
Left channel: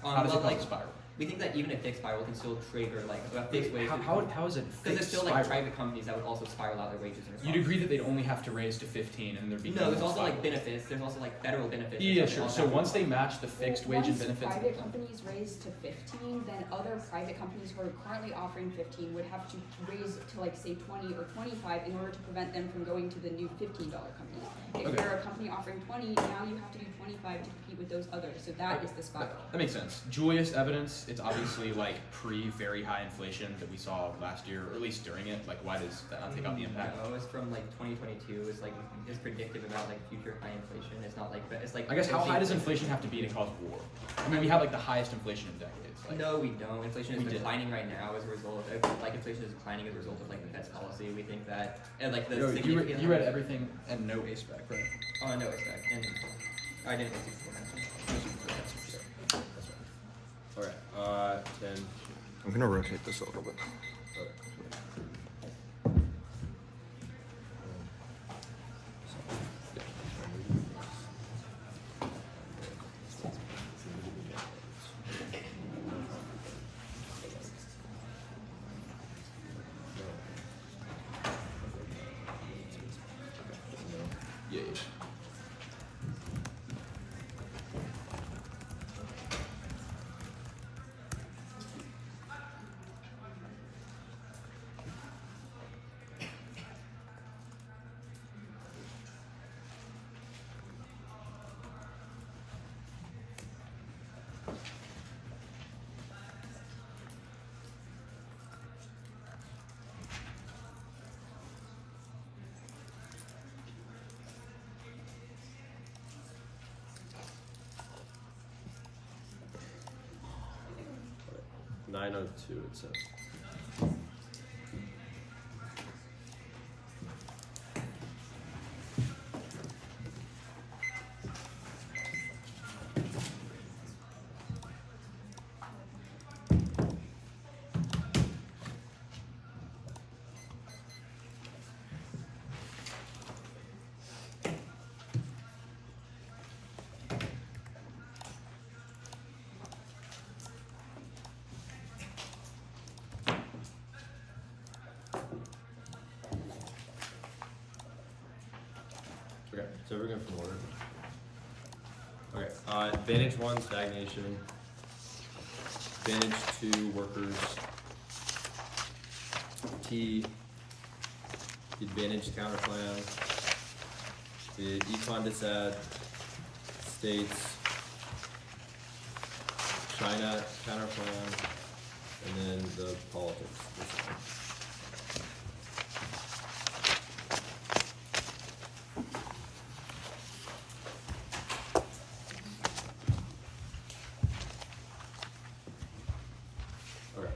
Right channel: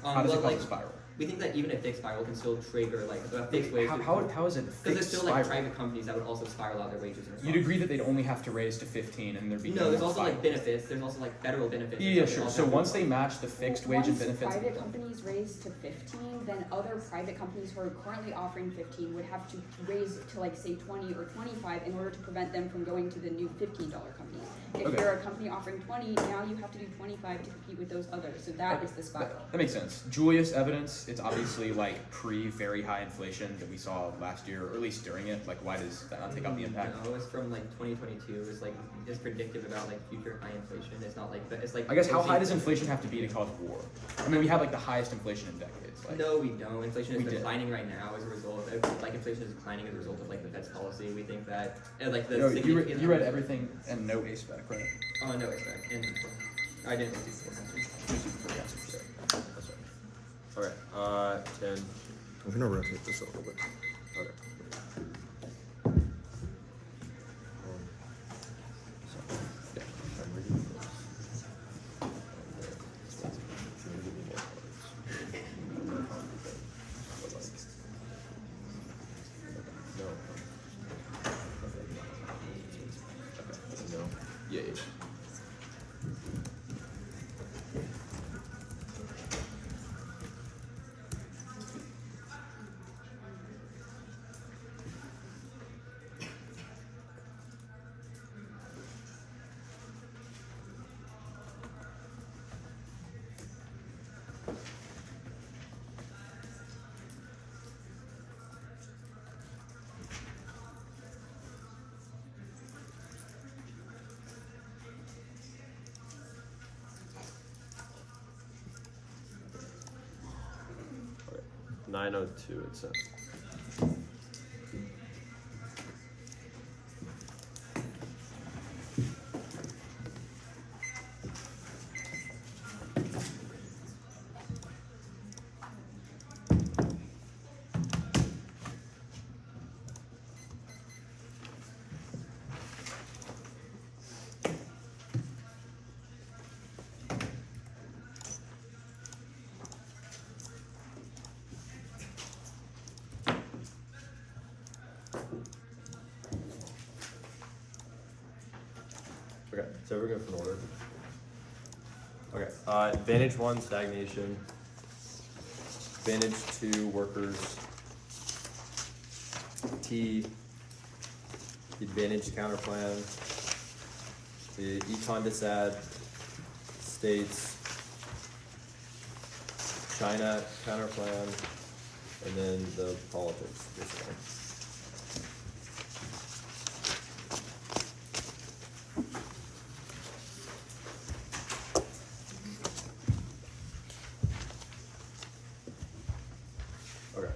How does it cause a spiral? We think that even a fixed spiral can still trigger a fixed wage. How is it fixed? Because there's still private companies that would also spiral out their wages. You'd agree that they'd only have to raise to 15 and there'd be no. There's also benefits. There's also federal benefits. Yeah, sure. So once they match the fixed wage and benefits. Once private companies raise to 15, then other private companies who are currently offering 15 would have to raise to say 20 or 25 in order to prevent them from going to the new $15 companies. If you're a company offering 20, now you have to do 25 to compete with those others. So that is the spiral. That makes sense. Julius evidence. It's obviously pre-very high inflation that we saw last year, or at least during it. Why does that not take up the impact? No, it's from 2022. It's predictive about future high inflation. It's not it's I guess how high does inflation have to be to cause war? I mean, we have the highest inflation in decades. No, we don't. Inflation is declining right now as a result of inflation is declining as a result of the Fed's policy. We think that you read everything and no A spec, right? No A spec, and I didn't want to mention. That's right. Alright, 10. I'm gonna rotate this a little bit. Okay. 902 it says. Okay, so we're going from order. Okay, advantage 1, stagnation. Advantage 2, workers. T, the advantage counterplan. The econ dissad, states, China counterplan, and then the politics. This one. Okay.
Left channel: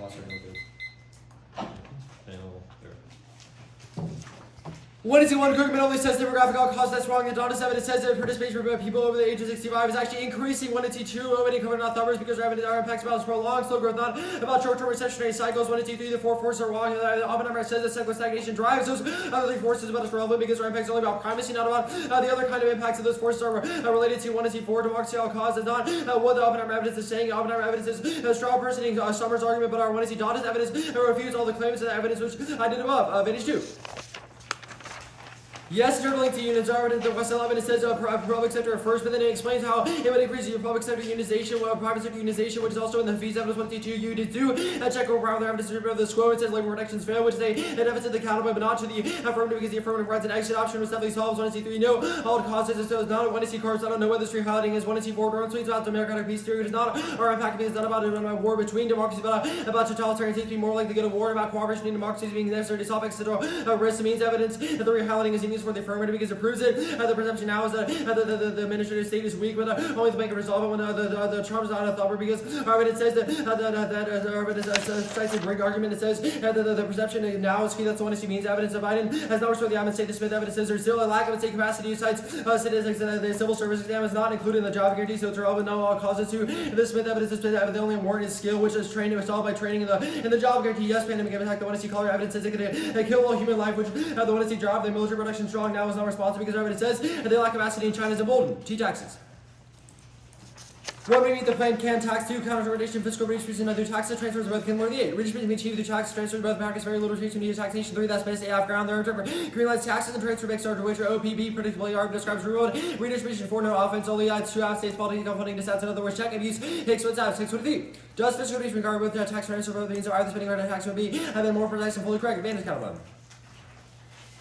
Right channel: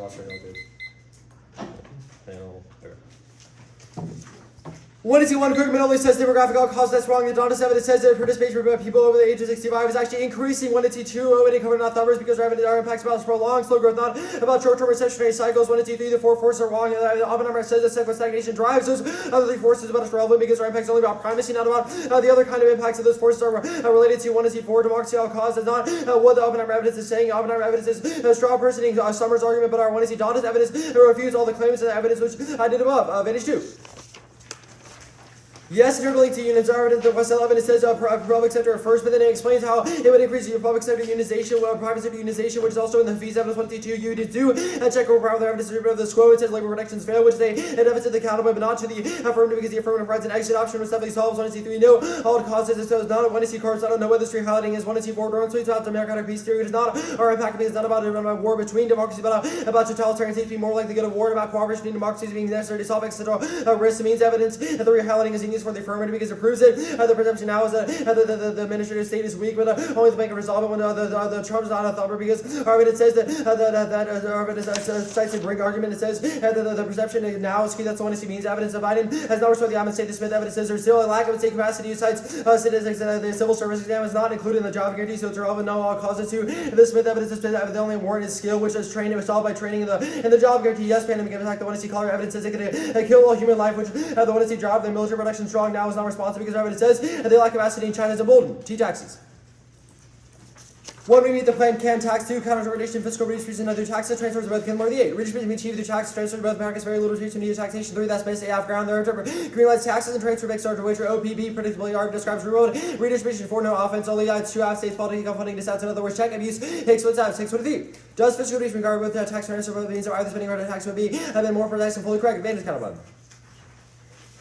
Lost our note, panel there. One is one Kirkman only says demographic all cause that's wrong. And Donna 7 it says that participation for people over the age of 65 is actually increasing. 1 to 2 already covered not numbers because our impacts about prolonged slow growth, not about short-term recessionary cycles. 1 to 2, 3, the 4 forces are wrong. Oppenheimer says that cyclical stagnation drives those other 3 forces about us relevant because our impacts are only about primacy, not about the other kind of impacts of those forces are related to 1 to 4 democracy all cause. That's not what the Oppenheimer evidence is saying. Oppenheimer evidence is a straw personing Summers' argument, but our 1 to Donna's evidence refutes all the claims and the evidence which I did above. Advantage 2. Yes, you're linked to unions are in the West 11. It says public sector first, but then it explains how it would increase your public sector unionization, private sector unionization, which is also in the fees evidence 152. You did do check over the evidence of this quote. It says labor protections fail, which they deficit the accountable, but not to the affirmative because the affirmative provides an exit option which definitely solves 1 to 3. No, all the causes. It says not 1 to see cards. I don't know what this free highlighting is. 1 to see 4 dormant tweets about the American peace theory. It is not our impact because it's not about a war between democracies, but about totalitarian states being more like the good of war, about cooperation between democracies being necessary to solve external risks. It means evidence that the free highlighting is used for the affirmative because it proves it. The perception now is that the administrative state is weak, but only the bank can resolve it when the Trump's not a thumper because it says that cites a great argument. It says that the perception now is key. That's the 1 to see means evidence of Biden has not restored the Admin State. The Smith evidence says there's still a lack of state capacity. Cites statistics that the civil service exam is not included in the job guarantee, so it's relevant. No all causes to the Smith evidence is the only warrant is skill, which is training solved by training in the job guarantee. Yes, pandemic impact. The 1 to see color evidence says it can kill a human life, which the 1 to see job, the military production strong now is not responsible because it says they lack capacity in China is emboldened. T taxes. 1, we meet the plan can tax. 2, counter-regulation, fiscal redistribution, other taxes, transfers of both can more than the 8. Redistribution achieved through tax transfer of both America's very little restriction to taxation. 3, that's based AF ground. There greenlights taxes and transfer back to which are OPB, predictably ARB describes reward. Redistribution 4, no offense, only 2 out states faulty income funding dissents. In other words, check abuse, takes what's out, 6 3. Does fiscal redistribution regard both tax transfer both means or either spending or tax would be and then more precise and fully correct. Advantage counterplan.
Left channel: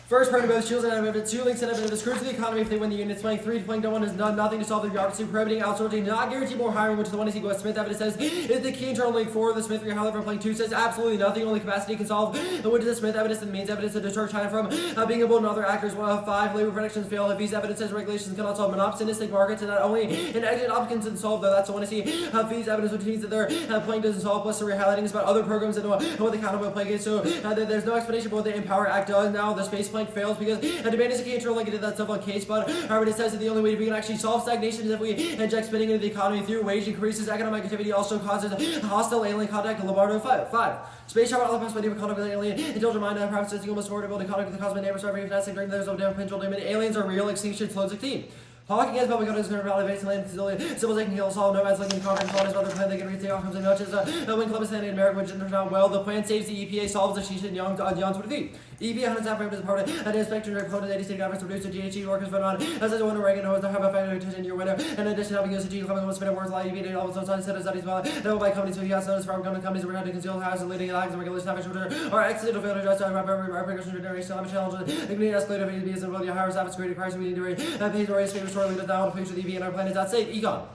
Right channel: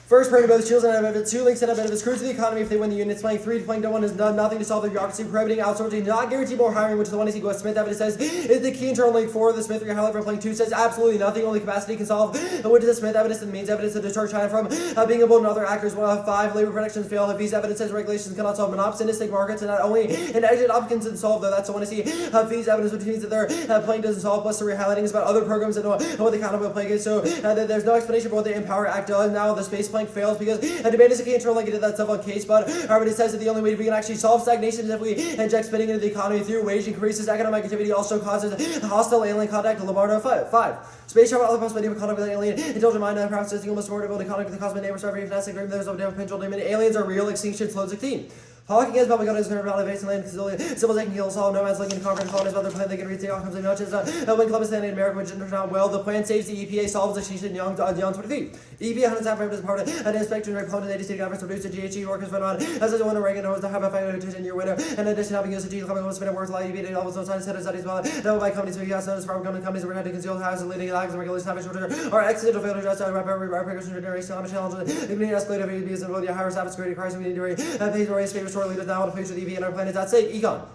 First, burning both shields and evidence. 2, links and evidence. Screws to the economy if they win the union. Playing 3, playing no one has done nothing to solve the bureaucracy. Prohibiting outsourcing, not guarantee more hiring, which is the 1 to see Smith evidence says is the key internal link for the Smith. However, playing 2 says absolutely nothing. Only capacity can solve. Which is the Smith evidence and the means evidence to deter China from being able to other actors. 5, labor protections fail. If these evidence says regulations cannot solve monopolistic markets and not only an exit options can solve though. That's the 1 to see fees evidence, which means that their playing doesn't solve. Plus, the rehighlighting is about other programs and what the accountable play is. So there's no explanation for what the Empower Act does. Now the space plank fails because a debate is a key internal link into that stuff on case, but it says that the only way we can actually solve stagnation is if we inject spending into the economy through wage increases. Economic activity also causes hostile alien contact. Lombardo 5. Space travel, other possibility of contact with alien. Intelligent mind, promises the almost affordable contact with the cosmic neighbors. Every fantastic dream, there's no damn potential limit. Aliens are real. Extinction slows 16. Hawking against public audience going to validate base land civils they can kill solve nomads like in conquering colonies about their plan they can reach the outcomes and matches when Columbus landed in America which turned out well. The plan saves the EPA solves the extinction young 23. EPA 100 staff members part of an inspection report that 80 state efforts to reduce the GHG workers went on as a one Reagan knows to have a final attention year winner. In addition having used the G coming on spending works like EPA all the time studies well that will by companies with gas notice from companies were trying to conceal has leading lags and regulations which are accidental failure to adjust our precaution generation on challenges including escalated because of the higher staff security crisis we need to raise pay to raise favors short leaders now on the future EV and our planet. That's it. Econ.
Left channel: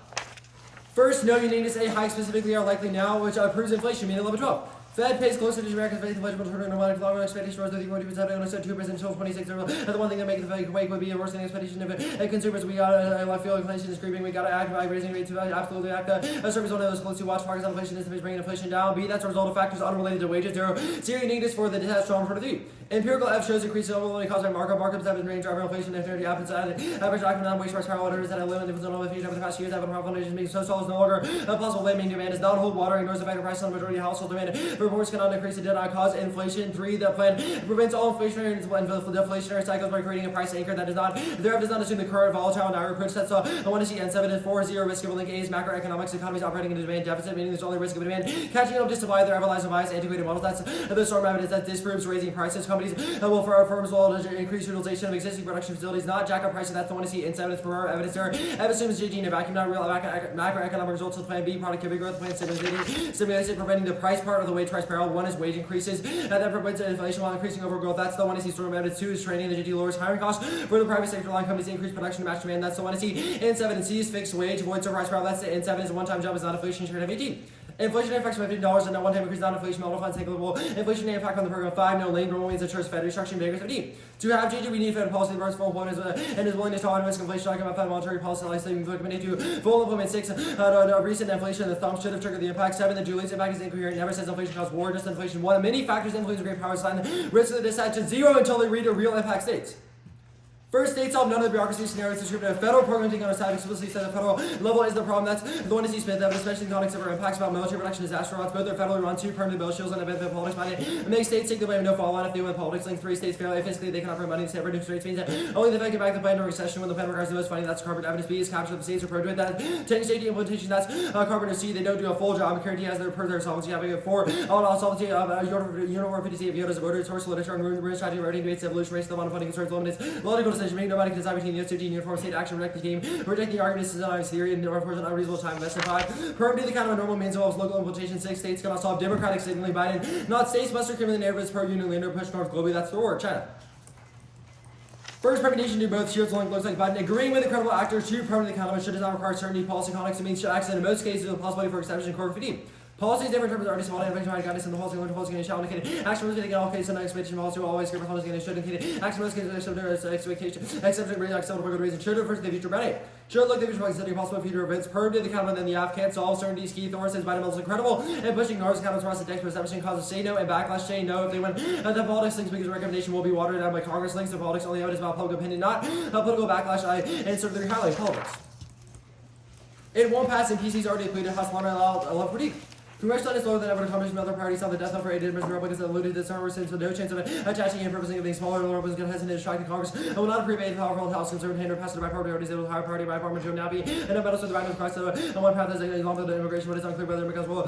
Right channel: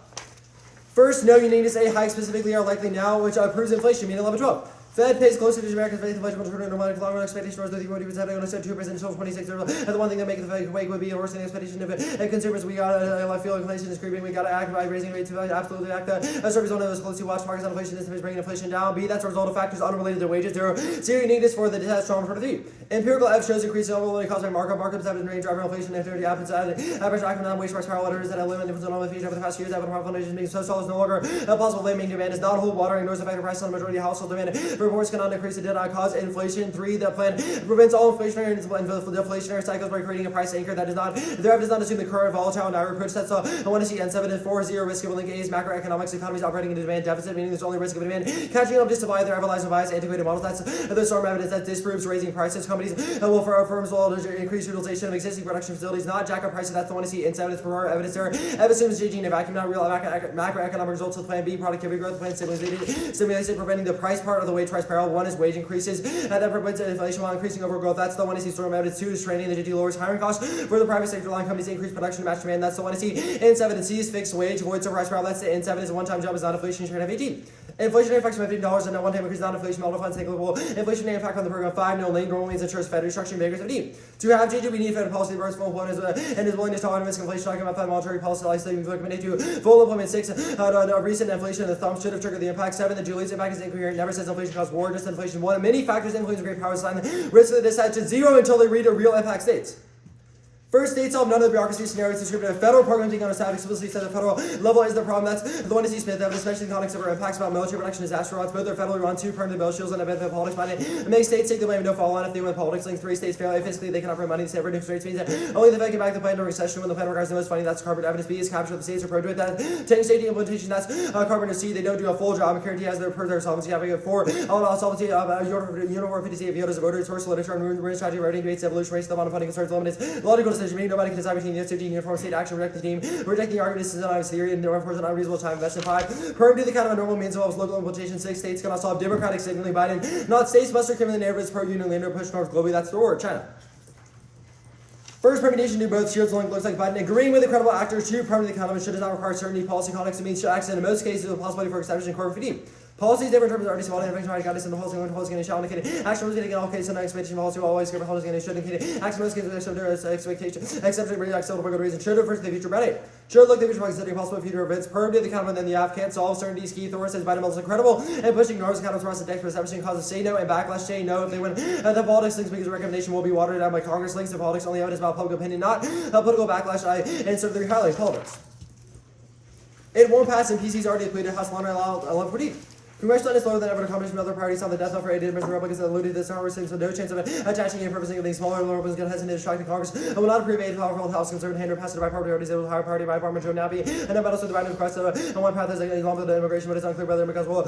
First, no, you need to say hikes specifically are likely now, which proves inflation, meaning 11-12. Fed pays closer to America's faith inflation will turn into normal longer expectation was 30.2% only said 2% until 26. The one thing that makes the Fed quake would be a worsening expectation of it. And consumers, we gotta I feel inflation is creeping. We gotta act by raising rates to absolutely act. A service one of those close to watch markets on inflation is bringing inflation down. B, that's a result of factors unrelated to wages. Zero negatives for the test strong for the 3. Empirical evidence shows increased overloading caused by markups have been driver inflation and 30 happens average economic wage price per hour is at a limit difference on all the fees over the past years. Having foundations being so solid is no longer a possible limiting demand is not hold water ignores the fact that price on the majority of household demand. Reports cannot increase did not cause inflation. 3, the plan prevents all inflationary and deflationary cycles by creating a price anchor that does not assume the current volatile and direct approach. That's I want to see N7 and 4 0 risk of link A is macroeconomics economies operating in a demand deficit, meaning there's only risk of a demand catching up just to buy their everlasting bias antiquated models. That's the storm evidence that disproves raising prices. Companies will for firms will increase utilization of existing production facilities, not jack up prices. That's the one to see N7 for evidence there. Evidence assumes JG in a vacuum, not real macroeconomic results of plan B, productivity growth plan stimulation preventing the price part of the wage price parallel. 1 is wage increases, and that prevents inflation while increasing overall growth. That's the one to see storm evidence. 2 is training, the JG lowers hiring costs for the private sector line companies increase production to match demand. That's the one to see N7 and C is fixed wage, avoids the price parallel. That's the N7 is a one-time job, is not inflation, should have 18. Inflationary effects of $15 and a one-time increase non-inflation model funds negligible. Inflationary impact on the program 5. No lane normally ensures Fed restructuring behaviors of D. To have JG, we need Fed policy that burns full employment and is willingness to tolerate risk inflation. Talking about Fed monetary policy likely we recommend to full employment. 6. Recent inflation the thumb should have triggered the impact. 7. The Julius impact is incoherent. Never says inflation caused war, just inflation. 1. Many factors influence great power sign the risk of the decide to 0 until they read a real impact states. First, states solve none of the bureaucracy scenarios described in a federal program taking on a side explicitly said the federal level is the problem. That's the one to see Smith evidence, especially in the context of our impacts about military production disaster odds. Both are federally run, 2 permanent bill shields and a benefit politics money. It makes states take the blame, no fallout if they win politics. Link 3 states fail fiscally, they cannot print money. Separate reduced rates means that only the Fed can back the plan during recession when the plan requires the most funding. That's carbon evidence. B is capture the states are prone to it. That 10 state implementation. That's carbon to C. They don't do a full job. Guarantee has per their solvency. Having a 4 on solvency uniform 50 of Yoda's voter source literature and ruin strategy rating rates evolution rates the amount of funding concerns limits logical decision making. Nobody can decide between the 15 uniform state action reject the team rejecting arguments is an theory and no unfortunate unreasonable time investment. 5 perm do the kind of a normal means involves local implementation. 6 states cannot solve democratic signaling Biden not states must reclaim the neighborhoods per union lander push north globally. That's the word China. First permutation do both shields looks like Biden agreeing with the credible actors to permanent the economy should does not require certainty policy context means should act in most cases with the possibility for establishing corporate fee. Policies different terms are already small and eventually guidance in the policy limit policy and shall indicate action was getting in all cases some expectation policy will always give a policy and should indicate action was getting expectation except for good reason should refer to the future about it. Should look at the future by considering possible future events. Perm did the economy then the app can't solve certainties key Thor says Biden is incredible and pushing North's economics across the deck for establishing causes say no and backlash say no if they win. The politics links because recommendation will be watered down by Congress links to politics only evidence about public opinion not political backlash and sort of their highlight politics. It won't pass and PC's already depleted House Lana allowed for deep. Congressional is lower than ever to combination with other parties on the death knell for 80 members of Republicans that alluded to this conversation, so no chance of attaching and purposing of being smaller and Republicans going to hesitate to distract the Congress. I will not approve a powerful House conservative hand or pass it by parties able to hire party by Parliament Joe Nappy and about also the Biden request on one path is along with the immigration, but it's unclear whether because will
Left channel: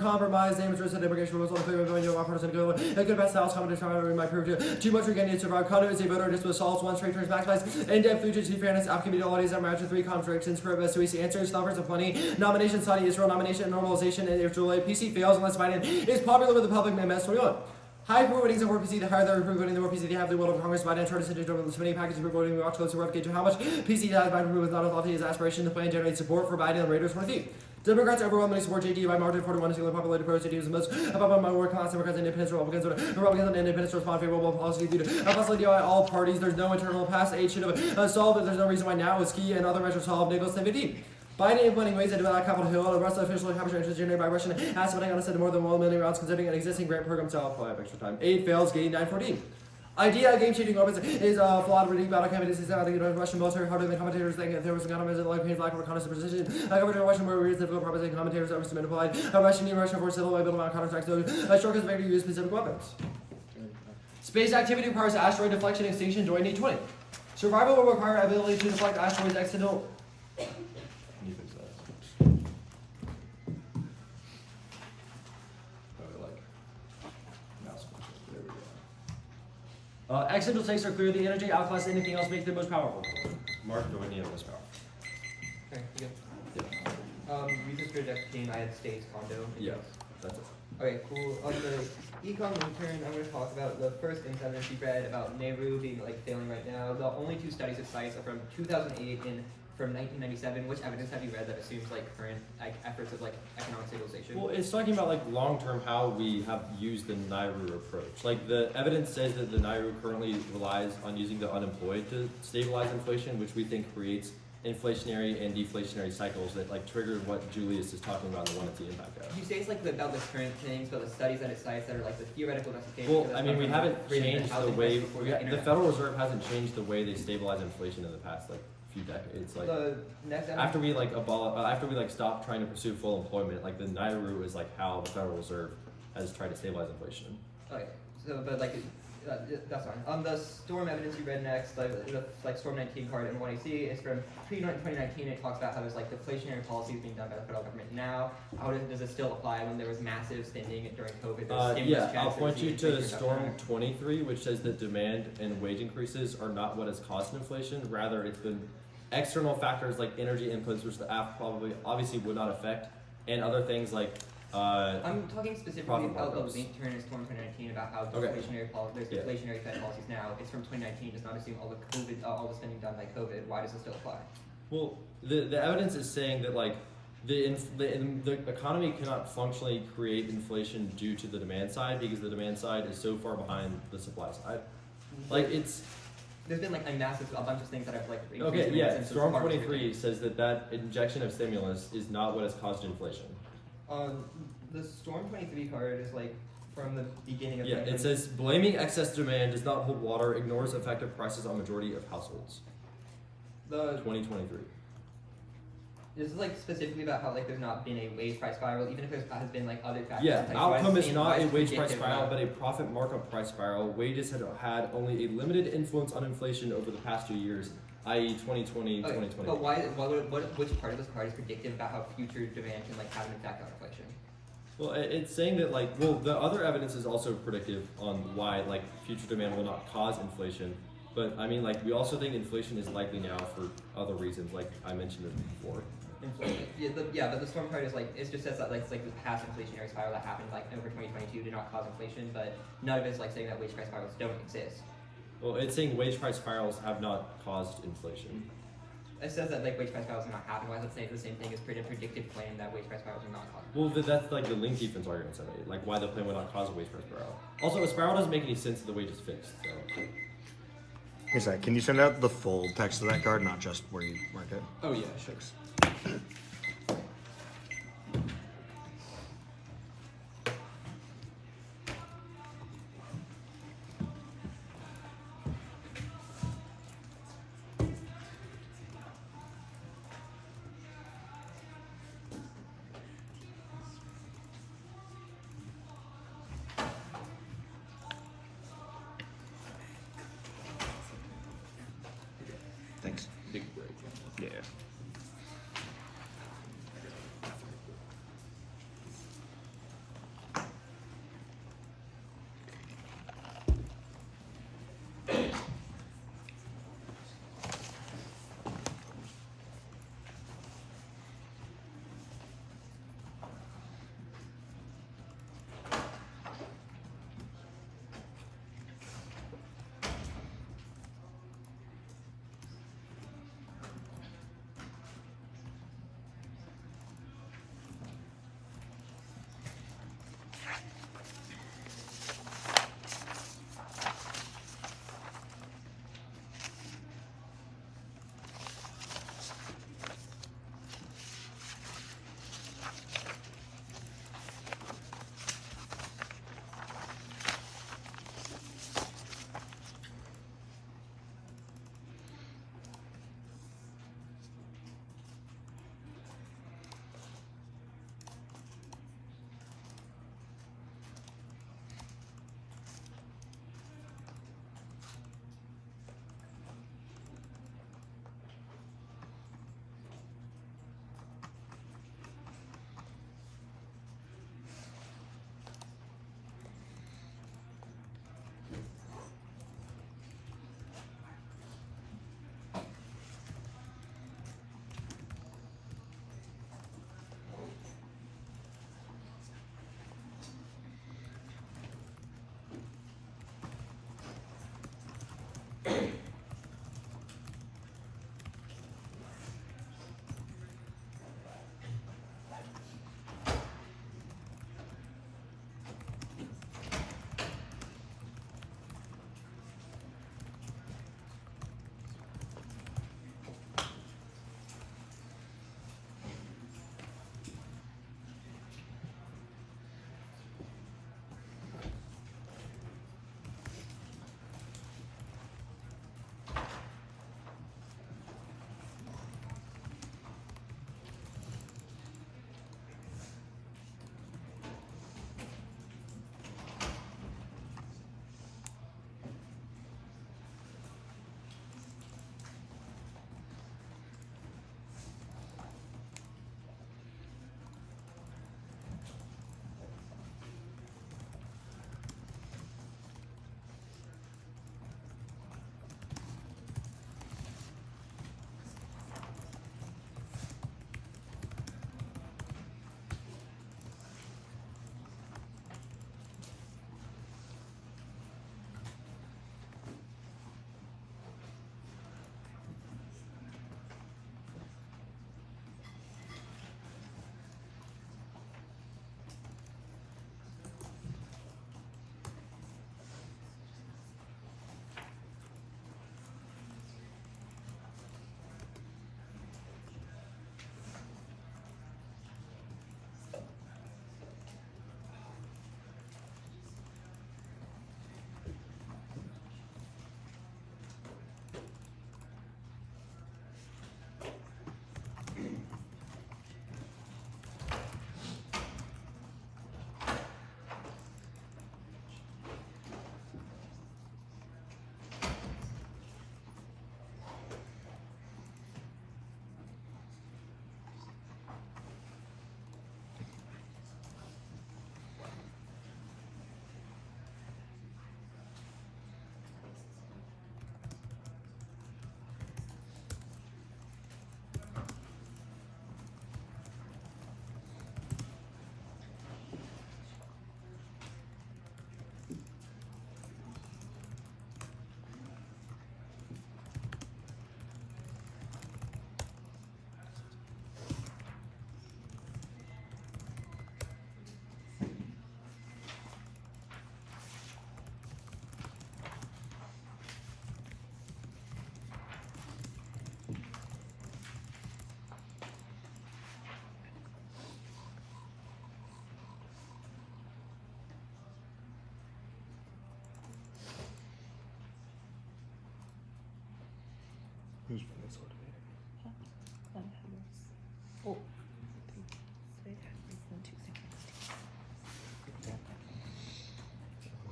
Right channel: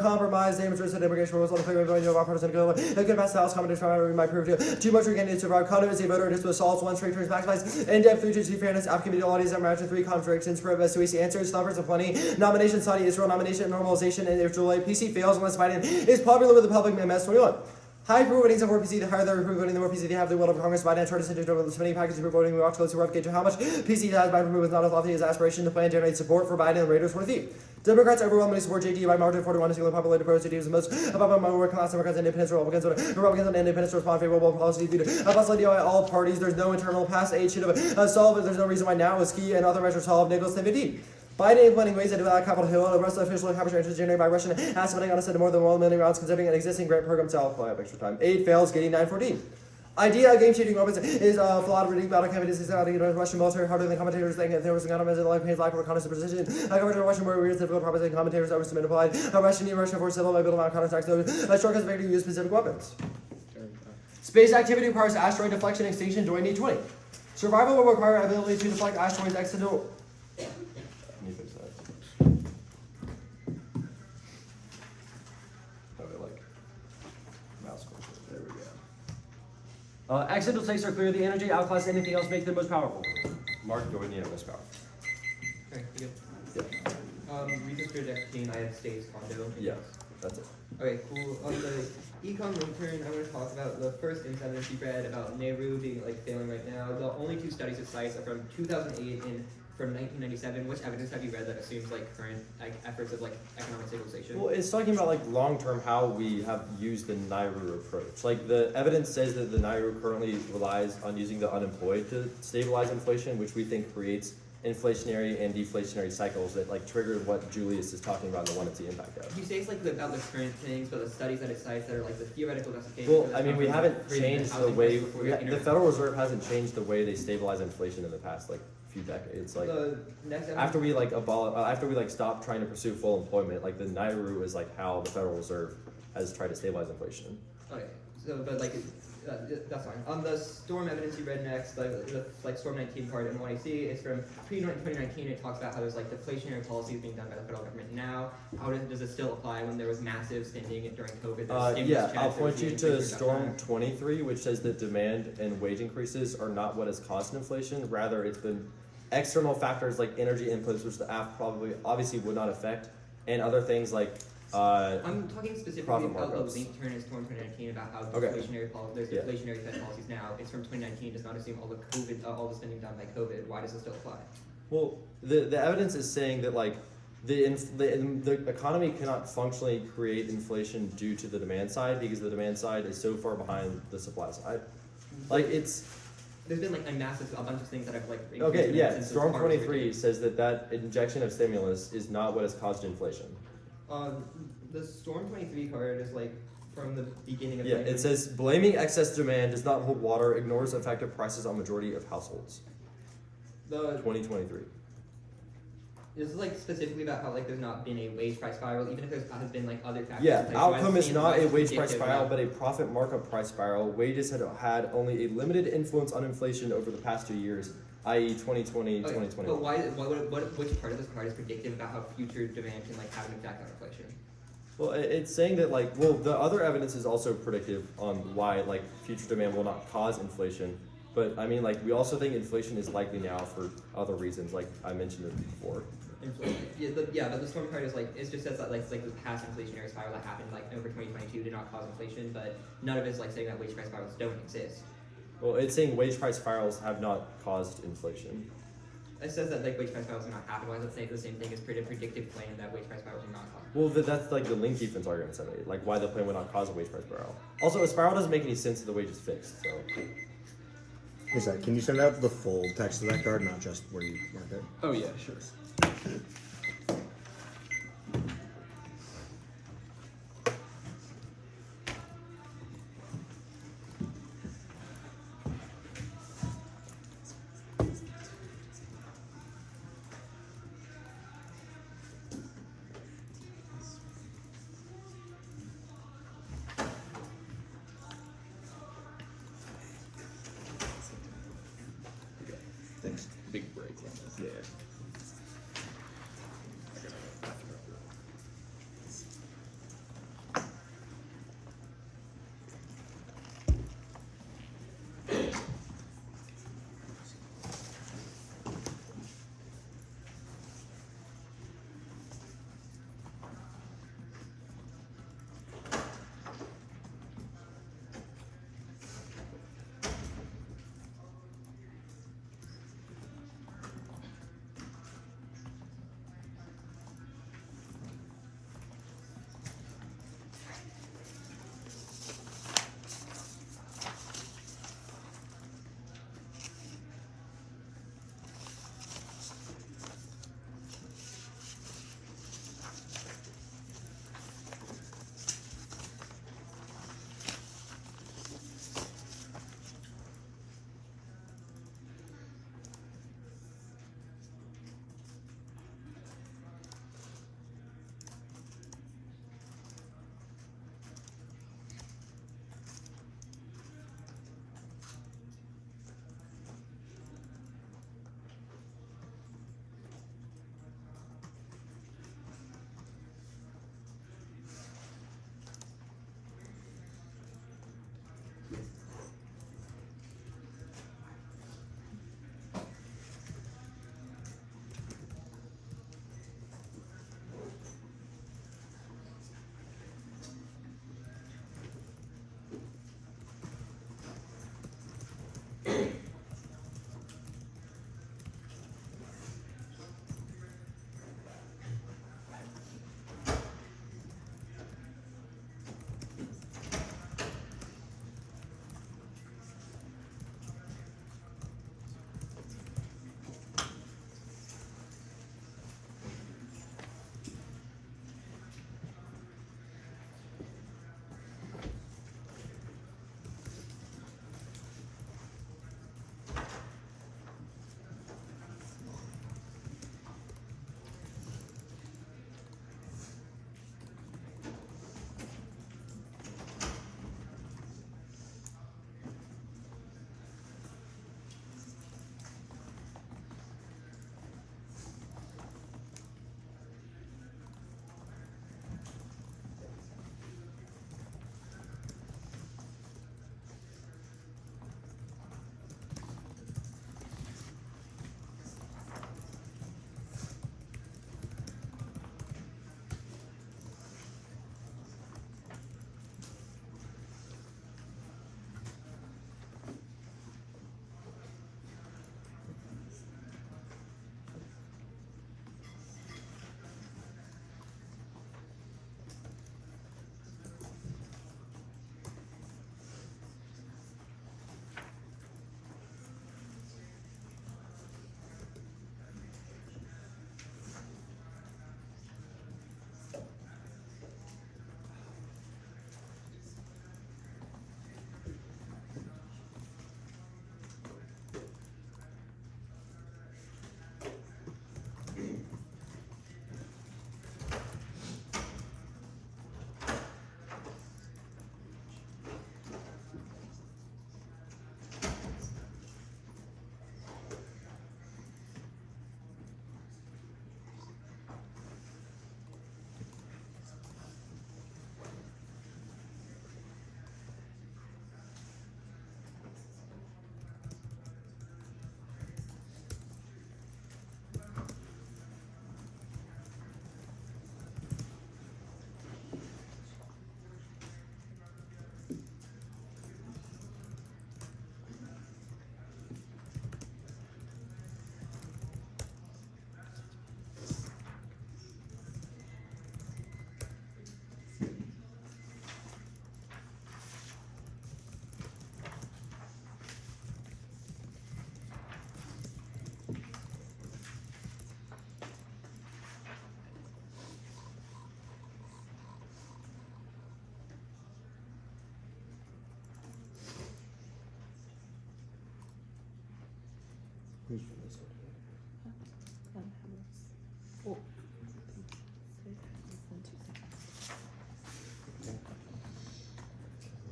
compromise the interest in immigration rules on the clear ability of our partisan goal. It could pass the House comment to might prove too much for candidates to survive. Conduit is a voter just with assaults, one straight turns maximize in-depth future to fairness, community audience and match 3 contradictions, purpose to easy answers, numbers of plenty, nomination, Saudi Israel, nomination, normalization, and if July PC fails unless Biden is popular with the public in MS21. High approval ratings of more PC, the higher the approval voting, the more PC they have the will of Congress. Biden charted into the spending package for voting. We watch close to replicate how much PC has. Biden approval is not as lofty as aspiration. The plan generates support for Biden and Raiders 20. Democrats overwhelmingly support JD by margin 41 is the populated pro JD was the most above among working class Democrats and independents Republicans and independents respond favorable policy due to possibility by all parties. There's no internal past age should have solved. There's no reason why now is key and other measures solved. Nicholas 1050. Biden implementing ways to develop Capitol Hill, the rest of the official capture interest generated by Russian asset money on a set of more than 1 million rounds, considering an existing grant program to apply up extra time. 8 fails, getting 914. Idea of game-changing weapons is flawed, reading battle candidates is out of Russian military harder than commentators think there was an economist in life lack of reconnaissance precision. Coverage of Russian war is difficult proposition commentators that was submitted applied. Russian force civil by building out counterattacks those short as to use specific weapons. Space activity requires asteroid deflection extinction during 820. Survival will require ability to deflect asteroids accidental. Accidental states are clear. The energy outclass anything else make them most powerful. Mark, go ahead and most powerful. Okay, you go. We just created a team. I had State's condo. Yes, that's it. Okay, cool. On the econ intern, I'm going to talk about the first incident she read about Nehru being failing right now. The only 2 studies it cites are from 2008 and from 1997. Which evidence have you read that assumes like current like efforts of like economic stabilization? Well, it's talking about like long term how we have used the NAIRU approach. Like the evidence says that the NAIRU currently relies on using the unemployed to stabilize inflation, which we think creates inflationary and deflationary cycles that like trigger what Julius is talking about and the one that's the impact of. You say it's like about the current things, but the studies that it cites that are like the theoretical justification. Well, I mean, we haven't changed the way the Federal Reserve hasn't changed the way they stabilize inflation in the past like few decades. Like the next after we like after we like stop trying to pursue full employment, like the NAIRU is like how the Federal Reserve has tried to stabilize inflation. Okay, so but like that's fine. On the storm evidence you read next, the like storm 19 part and what I see is from pre-2019. It talks about how there's like deflationary policies being done by the federal government now. How does it still apply when there was massive spending during COVID? Yeah, I'll point you to Storm 23, which says that demand and wage increases are not what has caused inflation. Rather, it's been external factors like energy inputs, which the app probably obviously would not affect, and other things like I'm talking specifically profit about the markups. link here in Storm 2019 about how Okay. there's deflationary Fed policies now. It's from 2019. Does not assume all the COVID, all the spending done by COVID. Why does it still apply? Well, the evidence is saying that like the economy cannot functionally create inflation due to the demand side because the demand side is so far behind the supply side. Like it's There's been like a bunch of things that I've like. okay, increased yeah. since Storm part of 23 says that injection of stimulus is not what has caused inflation. The Storm 23 card is like from the beginning of. Yeah, it says blaming excess demand does not hold water, ignores effective prices on majority of households. The 2023. This is like specifically about how like there's not been a wage price spiral, even if there has been like other factors. Yeah, in place. outcome is not a wage price predictive, spiral, but a profit markup price spiral. Wages had only a limited influence on inflation over the past 2 years, i.e. 2020, Okay, 2020. but which part of this card is predictive about how future demand can like have an impact on inflation? Well, it's saying that like, well, the other evidence is also predictive on why like future demand will not cause inflation. But I mean, like, we also think inflation is likely now for other reasons, like I mentioned it before. But the storm card is like it just says that like the past inflationary spiral that happened like over 2022 did not cause inflation, but none of it's like saying that wage price spirals don't exist. Well, it's saying wage price spirals have not caused inflation. It says that like wage price spirals do not happen. Why does it say the same thing as predictive claim that wage price spirals are not caused? Well, that's like the link defense argument I made, like why the plan would not cause a wage price spiral. Also, a spiral doesn't make any sense if the wage is fixed. So. Hey Zach, can you send out the full text of that card, not just where you marked it? Oh yeah, sure. Thanks. Big break. Yeah.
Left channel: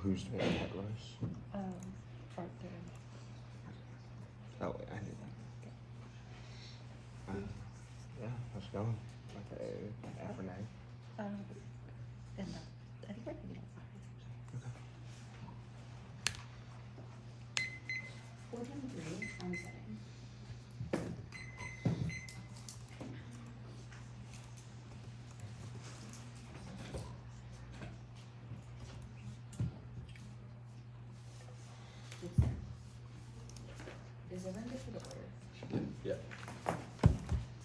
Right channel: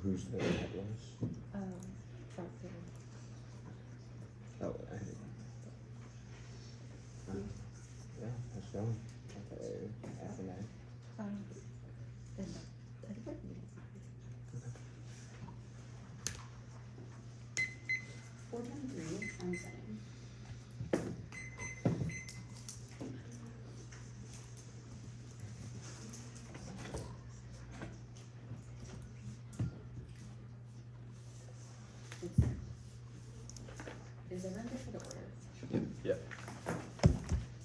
Who's the one that goes? Oh, I did. Yeah, let's go. Okay, after nine. I'm setting. Is everyone good for the order? Yeah.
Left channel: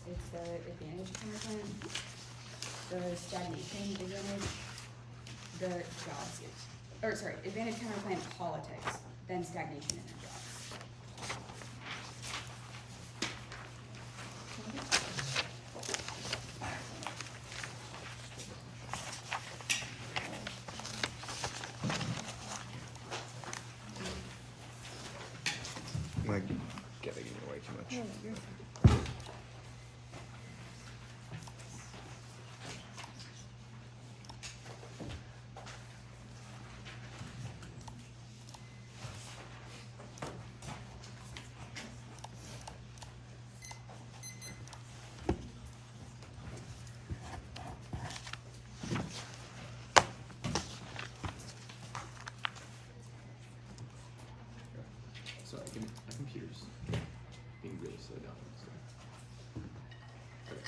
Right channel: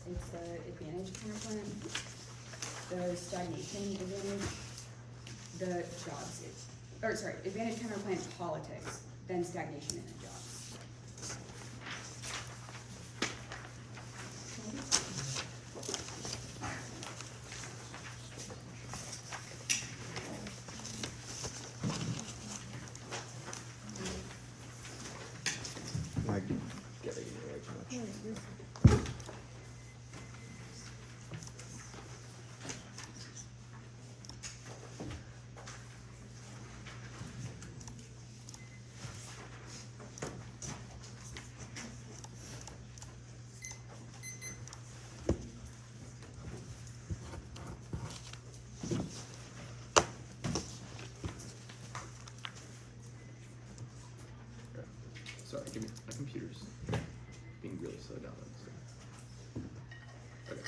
It's the advantage counterplan, the stagnation advantage, the jobs, advantage counterplan politics, then stagnation and then jobs. Like, getting away too much. Sorry, my computer's being really slow down. So. Okay,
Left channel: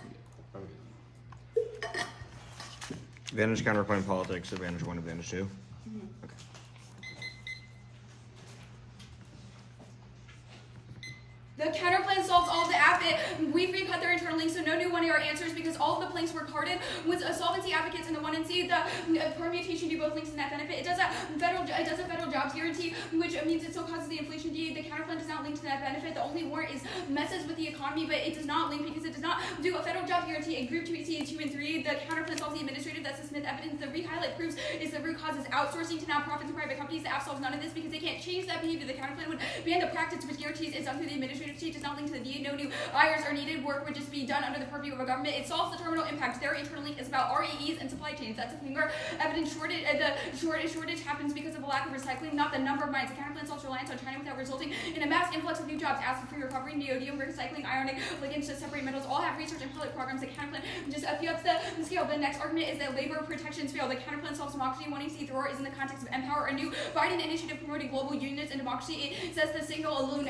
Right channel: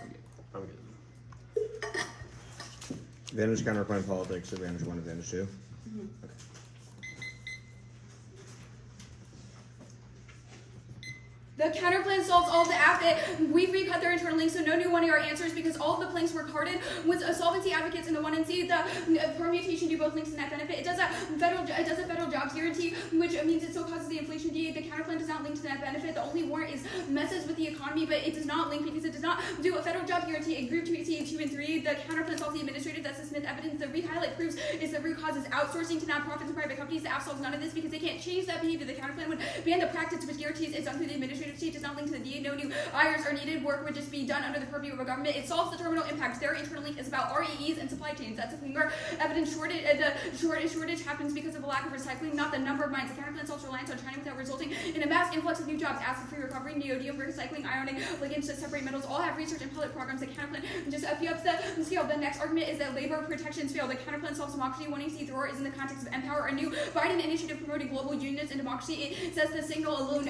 I'm good. I'm good. Advantage counterclaim politics, advantage 1, advantage 2. The counterplan solves all the we've recut their internal links, so no new 1-ER answers because all of the planks were carded with solvency advocates in the 1 and C. The permutation do both links to net benefit. It does a federal jobs guarantee, which means it still causes the inflation D. The counterplan does not link to net benefit. The only warrant is messes with the economy, but it does not link because it does not do a federal job guarantee in group 2C, 2 and 3. The counterplan solves the administrative. That's the Smith evidence. The re-highlight proves is the root cause is outsourcing to nonprofits and private companies. The app solves none of this because they can't change that behavior. The counterplan would ban the practice which guarantees is done through the administrative state, does not link to the DA. No new hires are needed. Work would just be done under the purview of a government. It solves the terminal impact. Their internal link is about REEs and supply chains. That's a thing where evidence shortage, shortage happens because of a lack of recycling, not the number of mines. The counterplan solves reliance on China without resulting in a mass influx of new jobs. Acid free recovery, neodymium, recycling, ionic ligands to separate metals. All have research and pilot programs. The counterplan just ups the scale. The next argument is that labor protections fail. The counterplan solves democracy. 1AC Thrower is in the context of Empower, a new Biden initiative promoting global unions and democracy. It says the signal alone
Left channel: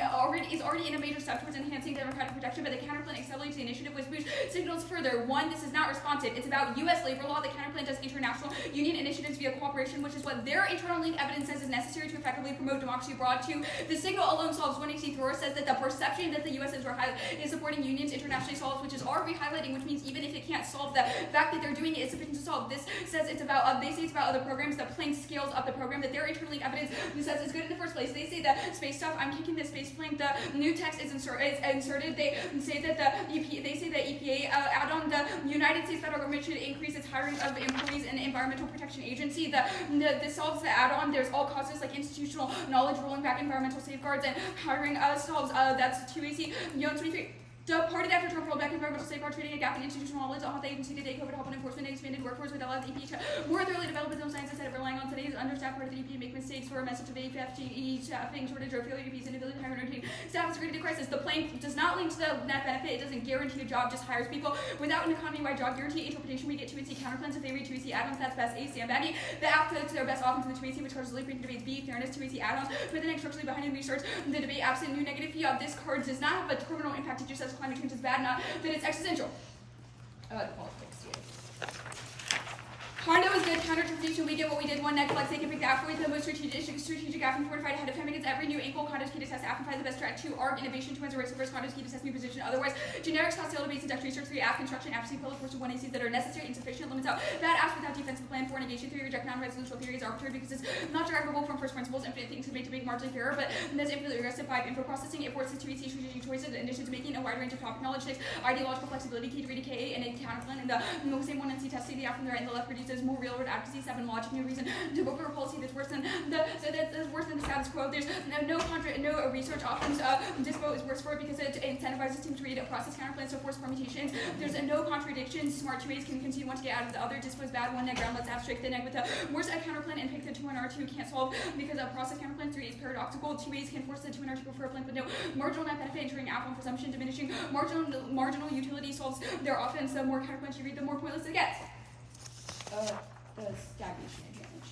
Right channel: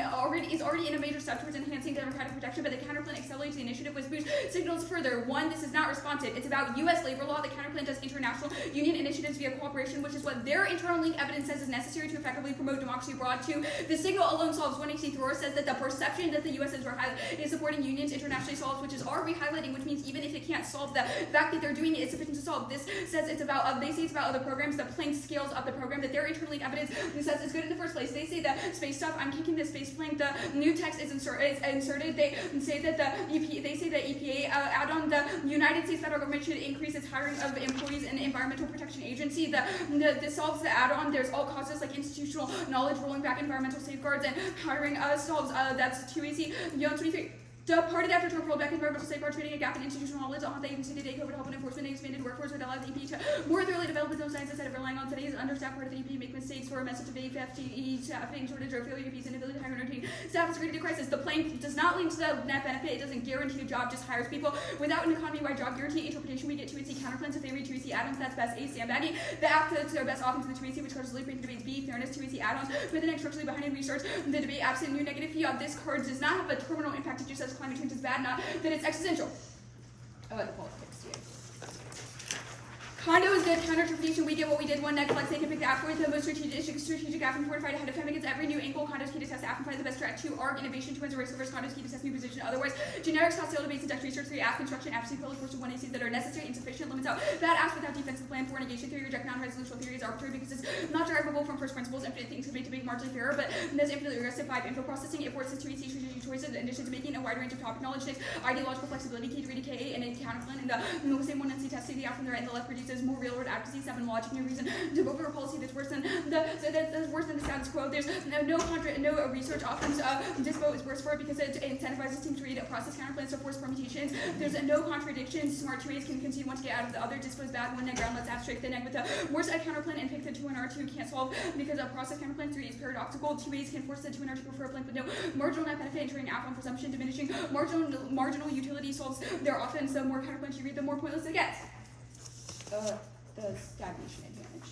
is already in a major step towards enhancing democratic protection, but the counterplan accelerates the initiative, which boosts signals further. 1, this is not responsive. It's about U.S. labor law. The counterplan does international union initiatives via cooperation, which is what their internal link evidence says is necessary to effectively promote democracy abroad. 2, the signal alone solves. 1AC Thrower says that the perception that the U.S. is supporting unions internationally solves, which is already highlighting, which means even if it can't solve, the fact that they're doing it is sufficient to solve. This says it's about, they say it's about other programs. The plane scales up the program that their internal link evidence says is good in the first place. They say the space stuff, I'm kicking the space plane, the new text is inserted. They say that the EPA add-on, the United States federal government should increase its hiring of employees in the Environmental Protection Agency. This solves the add-on. There's all causes like institutional knowledge, rolling back environmental safeguards, and hiring solves. That's 2AC, 23. Departed after Trump rolled back environmental safeguards, creating a gap in institutional knowledge. All the agency today COVID help and enforcement expanded workforce would allow the EP to more thoroughly develop its own science instead of relying on today's understaffed part of the EP make mistakes for a message of FTE staffing shortage or failure EP's inability to hire and retain staff is a great crisis. The plan does not link to the net benefit. It doesn't guarantee a job, just hires people. Without an economy-wide job guarantee interpretation, we get 2AC counterplans. If they read 2AC add-ons, that's best A, sandbagging. The app to their best off into the 2AC, which causes late breaking debates. B, fairness, 2AC add-ons. Put the next structurally behind in research. The debate absent new negative fee of this card does not have a terminal impact. It just says climate change is bad, not that it's existential. I like politics too. Condo is good counter-interpretation. We get what we did. 1 neck flex. They can pick the app for the most strategic app and fortified ahead of time against every new ankle. Condos key to test app and find the best track. 2 arc innovation. 2 wins a race reverse. Condos key to test new position. Otherwise, generic stock sale debates and desk research. 3 app construction. App C pillars. 1 ACs that are necessary, insufficient. Limits out bad apps without defensive plan. 4 negation theory. Reject non-resolutional theory is arbitrary because it's not derivable from first principles. Infinite things could make debate marginally fairer, but that's infinitely regressive. 5 info processing. It forces 2 AC strategic choices and initiatives making a wide range of topic knowledge. 6 ideological flexibility. Key to read a KA and a counterplan. And the same 1 NC testing the app from the right and the left produces 6 more railroad advocacy, 7 logic, no reason to vote for a policy that's worse than the status quo. There's no research often. Dispo is worse for it because it incentivizes teams to read process counterplans, so force permutations. There's no contradictions. Smart 2A's can concede one to get out of the other. Dispo is bad one. Groundlets abstract the neg with a worse counterplan and pick the 2 and R2 can't solve because of process counterplan 3 is paradoxical. 2A's can force the 2 and R2 prefer a plan with no marginal net benefit, entering alpha on presumption, diminishing marginal utility solves their offense. The more counterplans you read, the more pointless it gets. The stagnation advantage.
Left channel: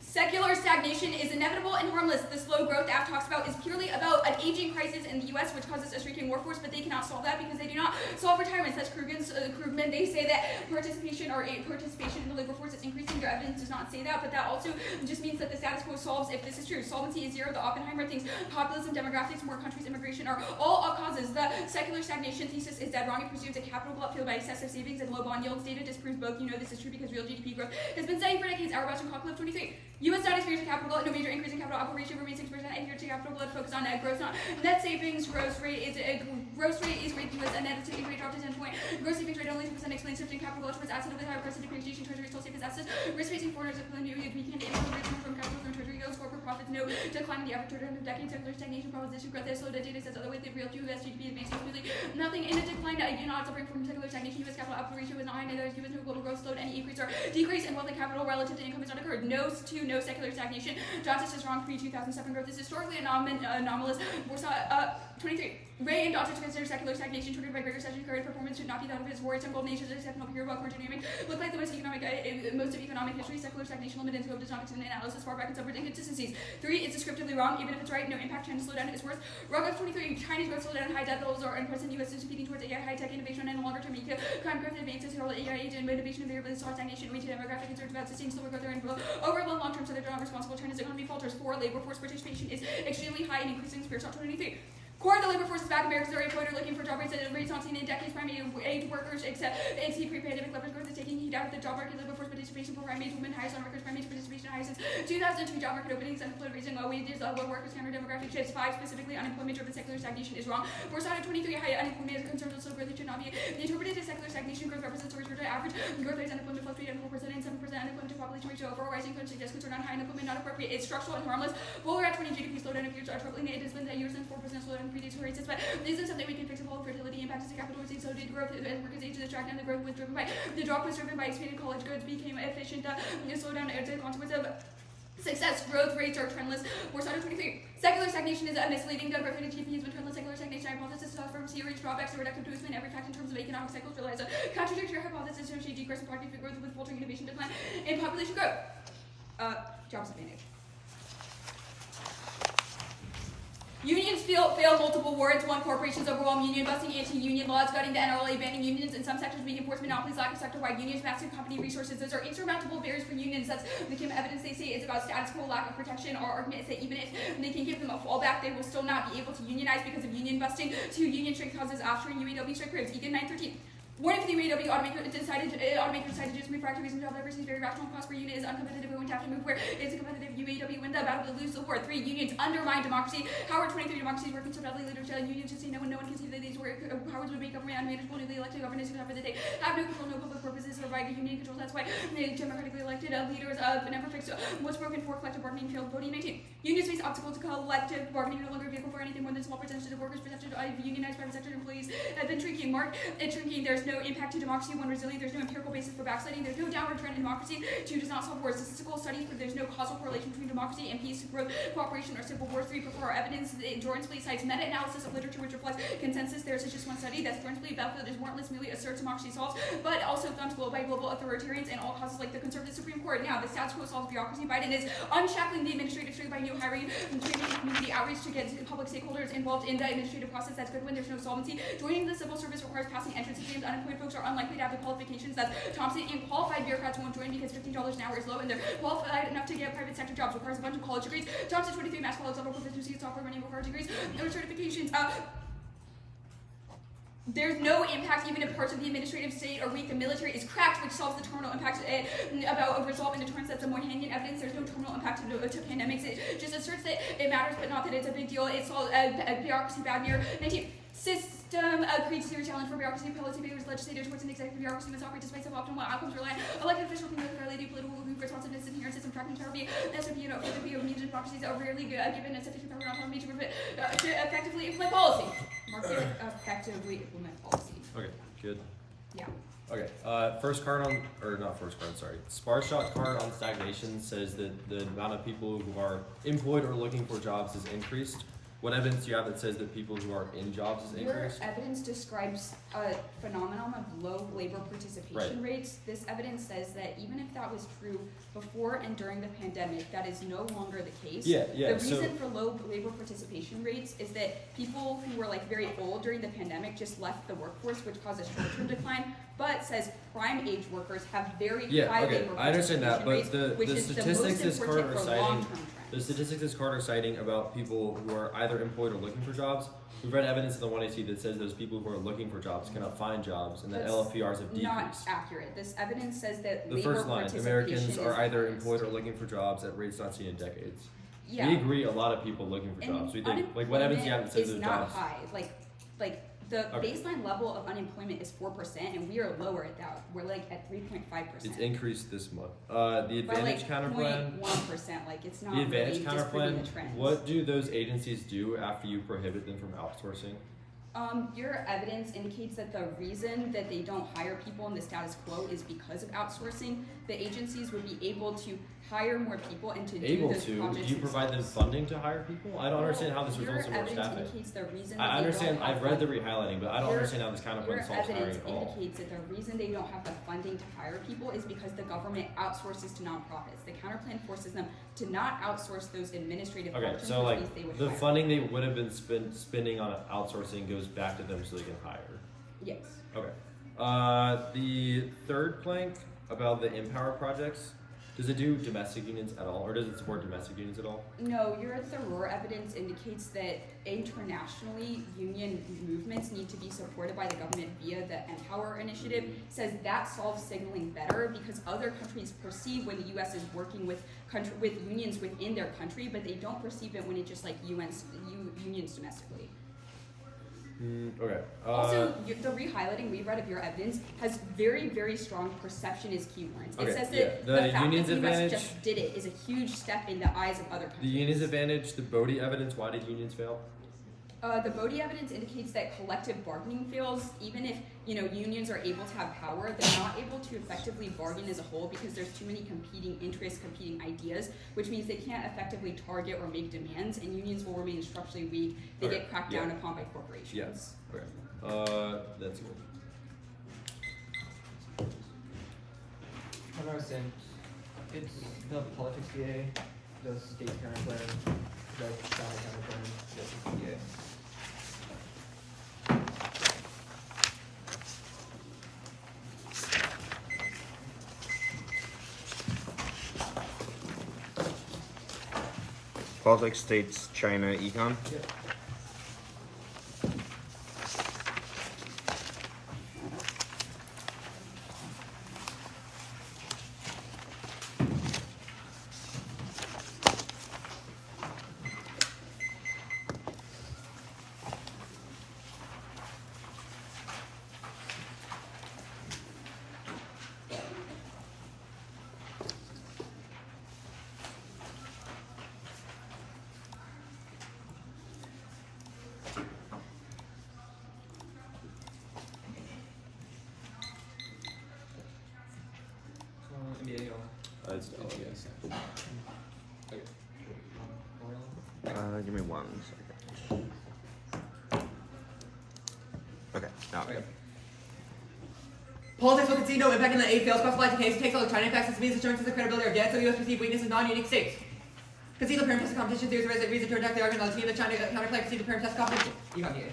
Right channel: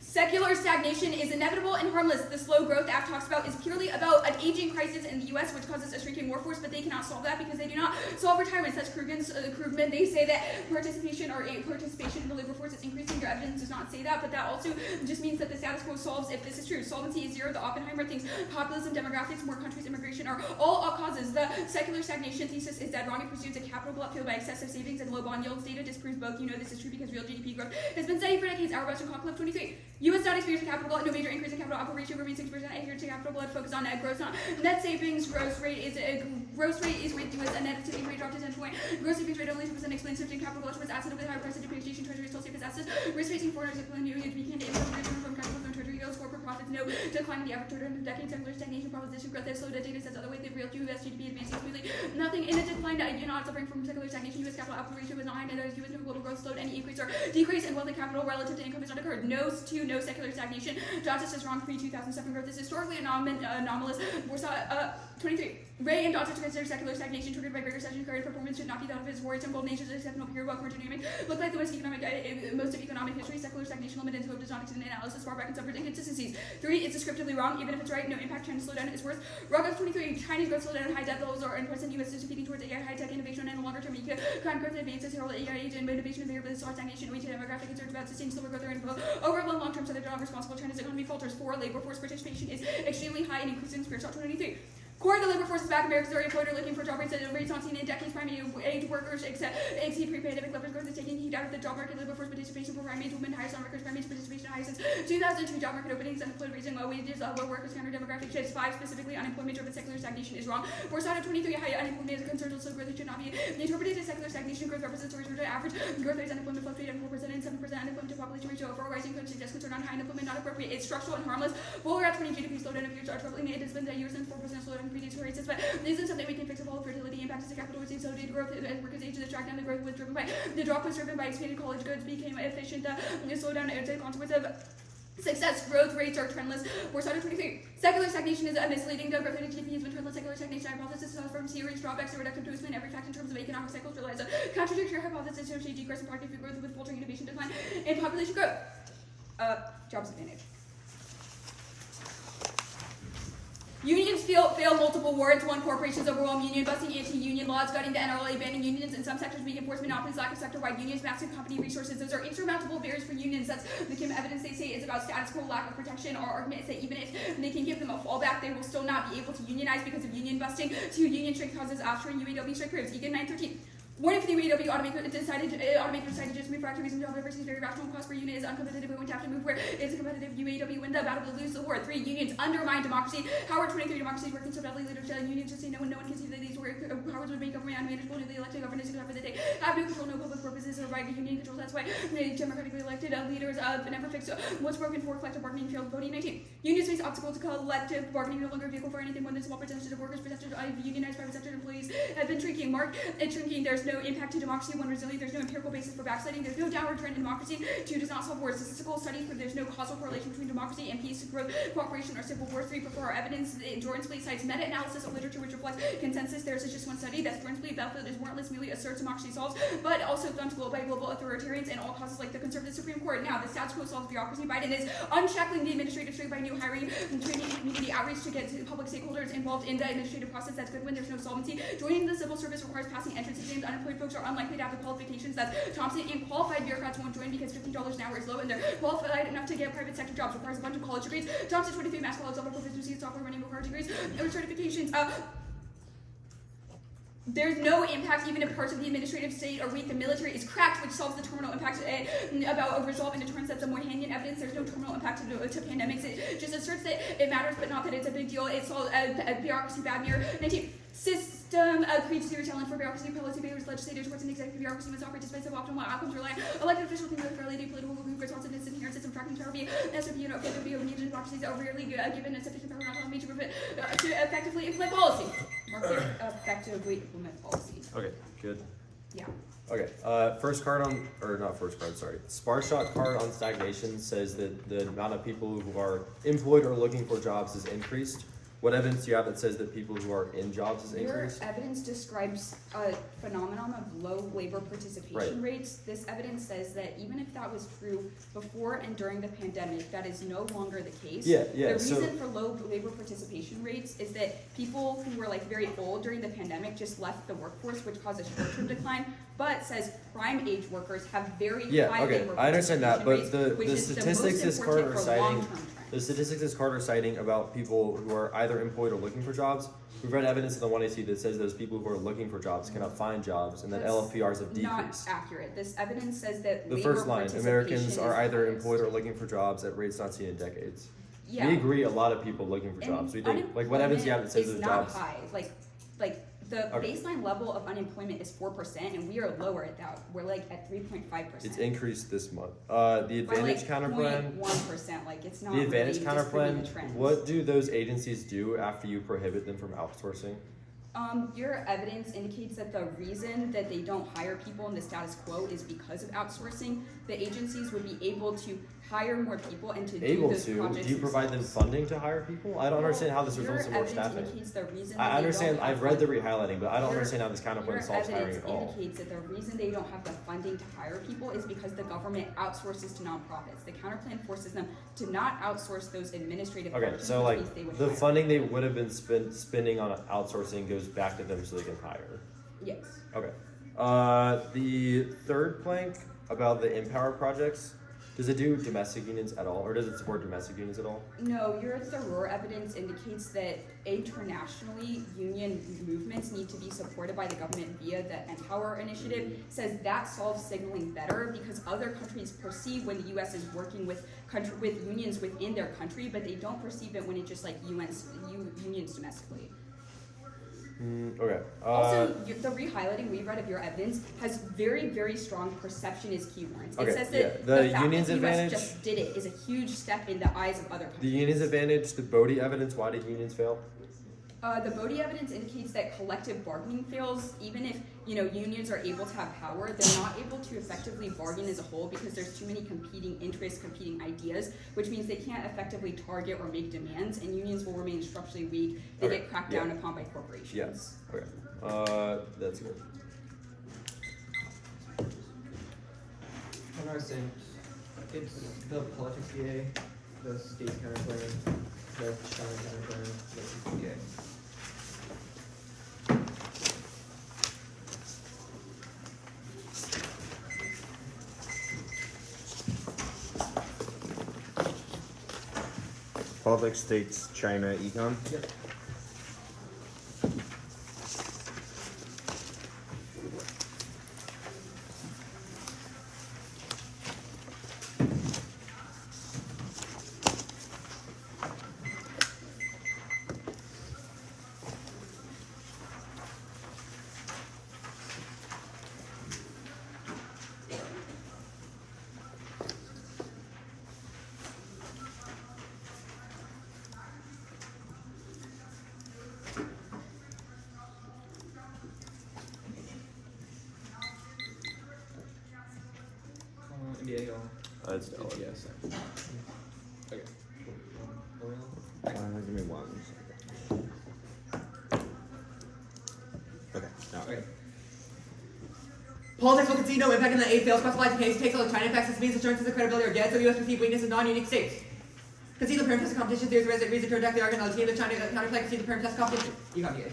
Secular stagnation is inevitable and harmless. The slow growth Aft talks about is purely about an aging crisis in the U.S., which causes a shrinking workforce, but they cannot solve that because they do not solve retirement. That's Krugman. They say that participation in the labor force is increasing. Their evidence does not say that, but that also just means that the status quo solves if this is true. Solvency is 0. The Oppenheimer thinks populism, demographics, more countries, immigration are all causes. The secular stagnation thesis is dead wrong. It pursues a capital glut fueled by excessive savings and low bond yields. Data disproves both. You know this is true because real GDP growth has been steady for decades. Auerbach and Cockcliffe 23. U.S. not experiencing capital glut, no major increase in capital output ratio remains 6%. Adhere to capital glut, focus on net growth, not net savings. Growth rate is rate to a net savings rate dropped to 10 point. Gross savings rate only 2% explains shifting capital glut towards assets with high price of depreciation. Treasury still safe as assets. Risk facing foreigners equivalent new weekend income return from capital from treasury goes. Corporate profits no decline in the average return of decades. Secular stagnation proposition growth has slowed. Data says other way the real U.S. GDP advancing smoothly. Nothing in the decline. You're not suffering from secular stagnation. U.S. capital output ratio is not high. Neither is U.S. global growth slowed. Any increase or decrease in wealth and capital relative to income has not occurred. No secular stagnation. Johnson is wrong. Pre-2007 growth is historically anomalous. 23. Ray and Dodson consider secular stagnation triggered by greater recession. Current performance should not be thought of as worrisome. Gold nations are exceptional period while current dynamic look like the most of economic history. Secular stagnation limited in scope does not extend in analysis far back and suffers inconsistencies. 3. It's descriptively wrong, even if it's right. No impact. China's slowdown is worse. Rogoff 23. China's growth slowdown, high debt levels are in present. U.S. is competing towards AI, high tech innovation, and a longer term economic growth advances. Herald AI age and motivation and variability saw stagnation. We demographic concerns about sustained slower growth and over the long term, so they're not responsible. China's economy falters. 4. Labor force participation is extremely high and increasing. Spiritual 23. Core of the labor force is back. Americans are employed looking for job rates not seen in decades. Primary age workers exceed pre-pandemic levels. Growth is taking heat out of the job market. Labor force participation for primary age women highest on records. Primary age participation highest since 2002. Job market openings, unemployed raising low wages, low workers, counter demographic shifts. 5. Specifically, unemployment-driven secular stagnation is wrong. Borsada 23. High unemployment is a concern. Slow growth should not be interpreted as secular stagnation. Growth represents the return to average growth rates. Unemployment fluctuated at 4% and 7%. Unemployment to population ratio overall rising. Could suggest concern on high unemployment not appropriate. It's structural and harmless. Fuller at 20 GDP slowdown appears are troubling. It has been a year since 4% slowdown predates rates, but this is something we can fix. If all fertility impacts the capital received, so did growth as workers age to track down. The growth was driven by the drop was driven by expanded college goods became efficient. The slowdown is a consequence of success. Growth rates are trendless. Borsada 23. Secular stagnation is misleading. The growth rate of GDP has been trendless. Secular stagnation hypothesis from series drawbacks are reductive to explain every fact in terms of economic cycles relies on contradictory hypothesis to associate decrease in productive growth with faltering innovation decline and population growth. Jobs advantage. Unions fail multiple warrants. 1. Corporations overwhelm union busting, anti-union laws, gutting the NRLA, banning unions in some sectors, weak enforced monopolies, lack of sector-wide unions, massive company resources. Those are insurmountable barriers for unions. That's the Kim evidence they say is about status quo, lack of protection. Our argument is that even if they can give them a fallback, they will still not be able to unionize because of union busting. 2. Union strike causes offshoring UAW strike proves. Egan 913. What if the UAW automaker decided to just move for active reasons? Job diversity is very rational. Cost per unit is uncompetitive. We're going to have to move where it's a competitive. UAW win the battle to lose the war. 3. Unions undermine democracy. Howard 23. Democracy is working so badly. Leaders tell unions to say no one can see that these powers would make government unmanageable. Newly elected governors who have they have no control, no public purposes, or right union control. That's why the democratically elected leaders never fix what's broken for collective bargaining failed. Voting 19. Unions face obstacles to collective bargaining. No longer a vehicle for anything more than small percentage of workers. Percentage of unionized private sector employees have been shrinking. Shrinking. There's no impact to democracy. 1. Resilient. There's no empirical basis for backsliding. There's no downward trend in democracy. 2. Does not solve wars. Statistical studies prove there's no causal correlation between democracy and peace, growth, cooperation, or civil war. 3. Prefer our evidence. Jordan Splee cites meta-analysis of literature which reflects consensus. There's just one study that's Jordan Splee. Belfield is warrantless, merely asserts democracy solves, but also thumped by global authoritarians and all causes like the conservative Supreme Court. Now, the status quo solves bureaucracy. Biden is unshackling the administrative state by new hiring, training, and community outreach to get public stakeholders involved in the administrative process. That's good when there's no solvency. Joining the civil service requires passing entrance exams. Unemployed folks are unlikely to have the qualifications that Thompson, and qualified bureaucrats won't join because $15 an hour is low and they're qualified enough to get private sector jobs. Requires a bunch of college degrees. Thompson 23 mass college level proficiency, software running required degrees, no certifications. There's no impact even if parts of the administrative state are weak. The military is cracked, which solves the terminal impact about resolving deterrence. That's the Moynihan evidence. There's no terminal impact to pandemics. It just asserts that it matters, but not that it's a big deal. It solves bureaucracy bad near 19. System creates zero challenge for bureaucracy, policy makers, legislators, courts, and executive bureaucracy must operate despite suboptimal outcomes rely elected officials can with fairly political responsiveness and inherent system tracking power be SOP and further be of needed democracies are rarely given sufficient power not autonomy to effectively implement policy. Mark here, effectively implement policy. Okay, good. Yeah. Okay, sparse shot card on stagnation says that the amount of people who are employed or looking for jobs is increased. What evidence do you have that says that people who are in jobs is increased? Your evidence describes a phenomenon of low labor participation rates. This evidence says that even if that was true before and during the pandemic, that is no longer the case. Yeah. The reason for low labor participation rates is that people who were like very old during the pandemic just left the workforce, which caused a short-term decline. But says prime age workers have very high labor participation I understand that, but rates, the which is statistics the most this important Carter for citing, long-term trends. the statistics this Carter citing about people who are either employed or looking for jobs. We've read evidence in the 1AC that says those people who are looking for jobs cannot find jobs, and that That's LFPRs have not decreased. accurate. This evidence says that The labor first line: participation Americans are is either highest. employed or looking for jobs at rates not seen in decades. Yeah. We agree. A lot of people looking for And jobs. We think, like, what evidence do you have that says is those not jobs? high. Like the Okay. baseline level of unemployment is 4%, and we are lower at that. We're like at 3.5%. It's increased this month. The Advantage by like counterplan. 0.1%. Like it's not The Advantage really disproving the counterplan. trends. What do those agencies do after you prohibit them from outsourcing? Your evidence indicates that the reason that they don't hire people in the status quo is because of outsourcing. The agencies would be able to hire more people and to do those Do projects. you provide them themselves. funding to hire people? I don't understand how this results in more Your evidence staffing. indicates the reason that I they understand. don't have I've read the funding. rehighlighting, but I don't Your- understand how this counterplan solves hiring evidence at all. indicates that the reason they don't have the funding to hire people is because the government outsources to nonprofits. The counterplan forces them to not outsource those administrative Okay, functions, so which like means they would the hire. funding they would have been spending on outsourcing goes back to them so they can hire. Yes. Okay. The third plank about the Empower projects, does it do domestic unions at all, or does it support domestic unions at all? No, your thorough evidence indicates that internationally union movements need to be supported by the government via the Empower initiative. Says that solves signaling better because other countries perceive when the U.S. is working with unions within their country, but they don't perceive it when it just like unions domestically. Okay. Also, the rehighlighting we read of your evidence has very, very strong perception is keywords. Okay, It says that yeah. The the fact union's that the US advantage- just did it is a huge step in the eyes of other The countries. union's advantage, the Bodie evidence, why did unions fail? The Bodie evidence indicates that collective bargaining fails, even if unions are able to have power, they're not able to effectively bargain as a whole because there's too many competing interests, competing ideas, which means they can't effectively target or make demands, and unions will remain structurally weak. They Okay, get cracked yeah. down upon by corporations. Yes. Okay. That's good. What I was saying, it's the politics VA, the state counterplan, the China counterplan, the VA. Politics, states, China, econ. Yep. MBA y'all. That's valid. Yes. Okay. Give me 1 second. Okay, now. Okay. Politics will concede no impact in the A fails specifies the case, takes all the China effects, this means assurances of credibility are dead, so the US perceived weakness in non-unique states. Concede the parent test of competition theories reason to reject the argument of the team, the China counterplay concede the parent test of competition. You got me.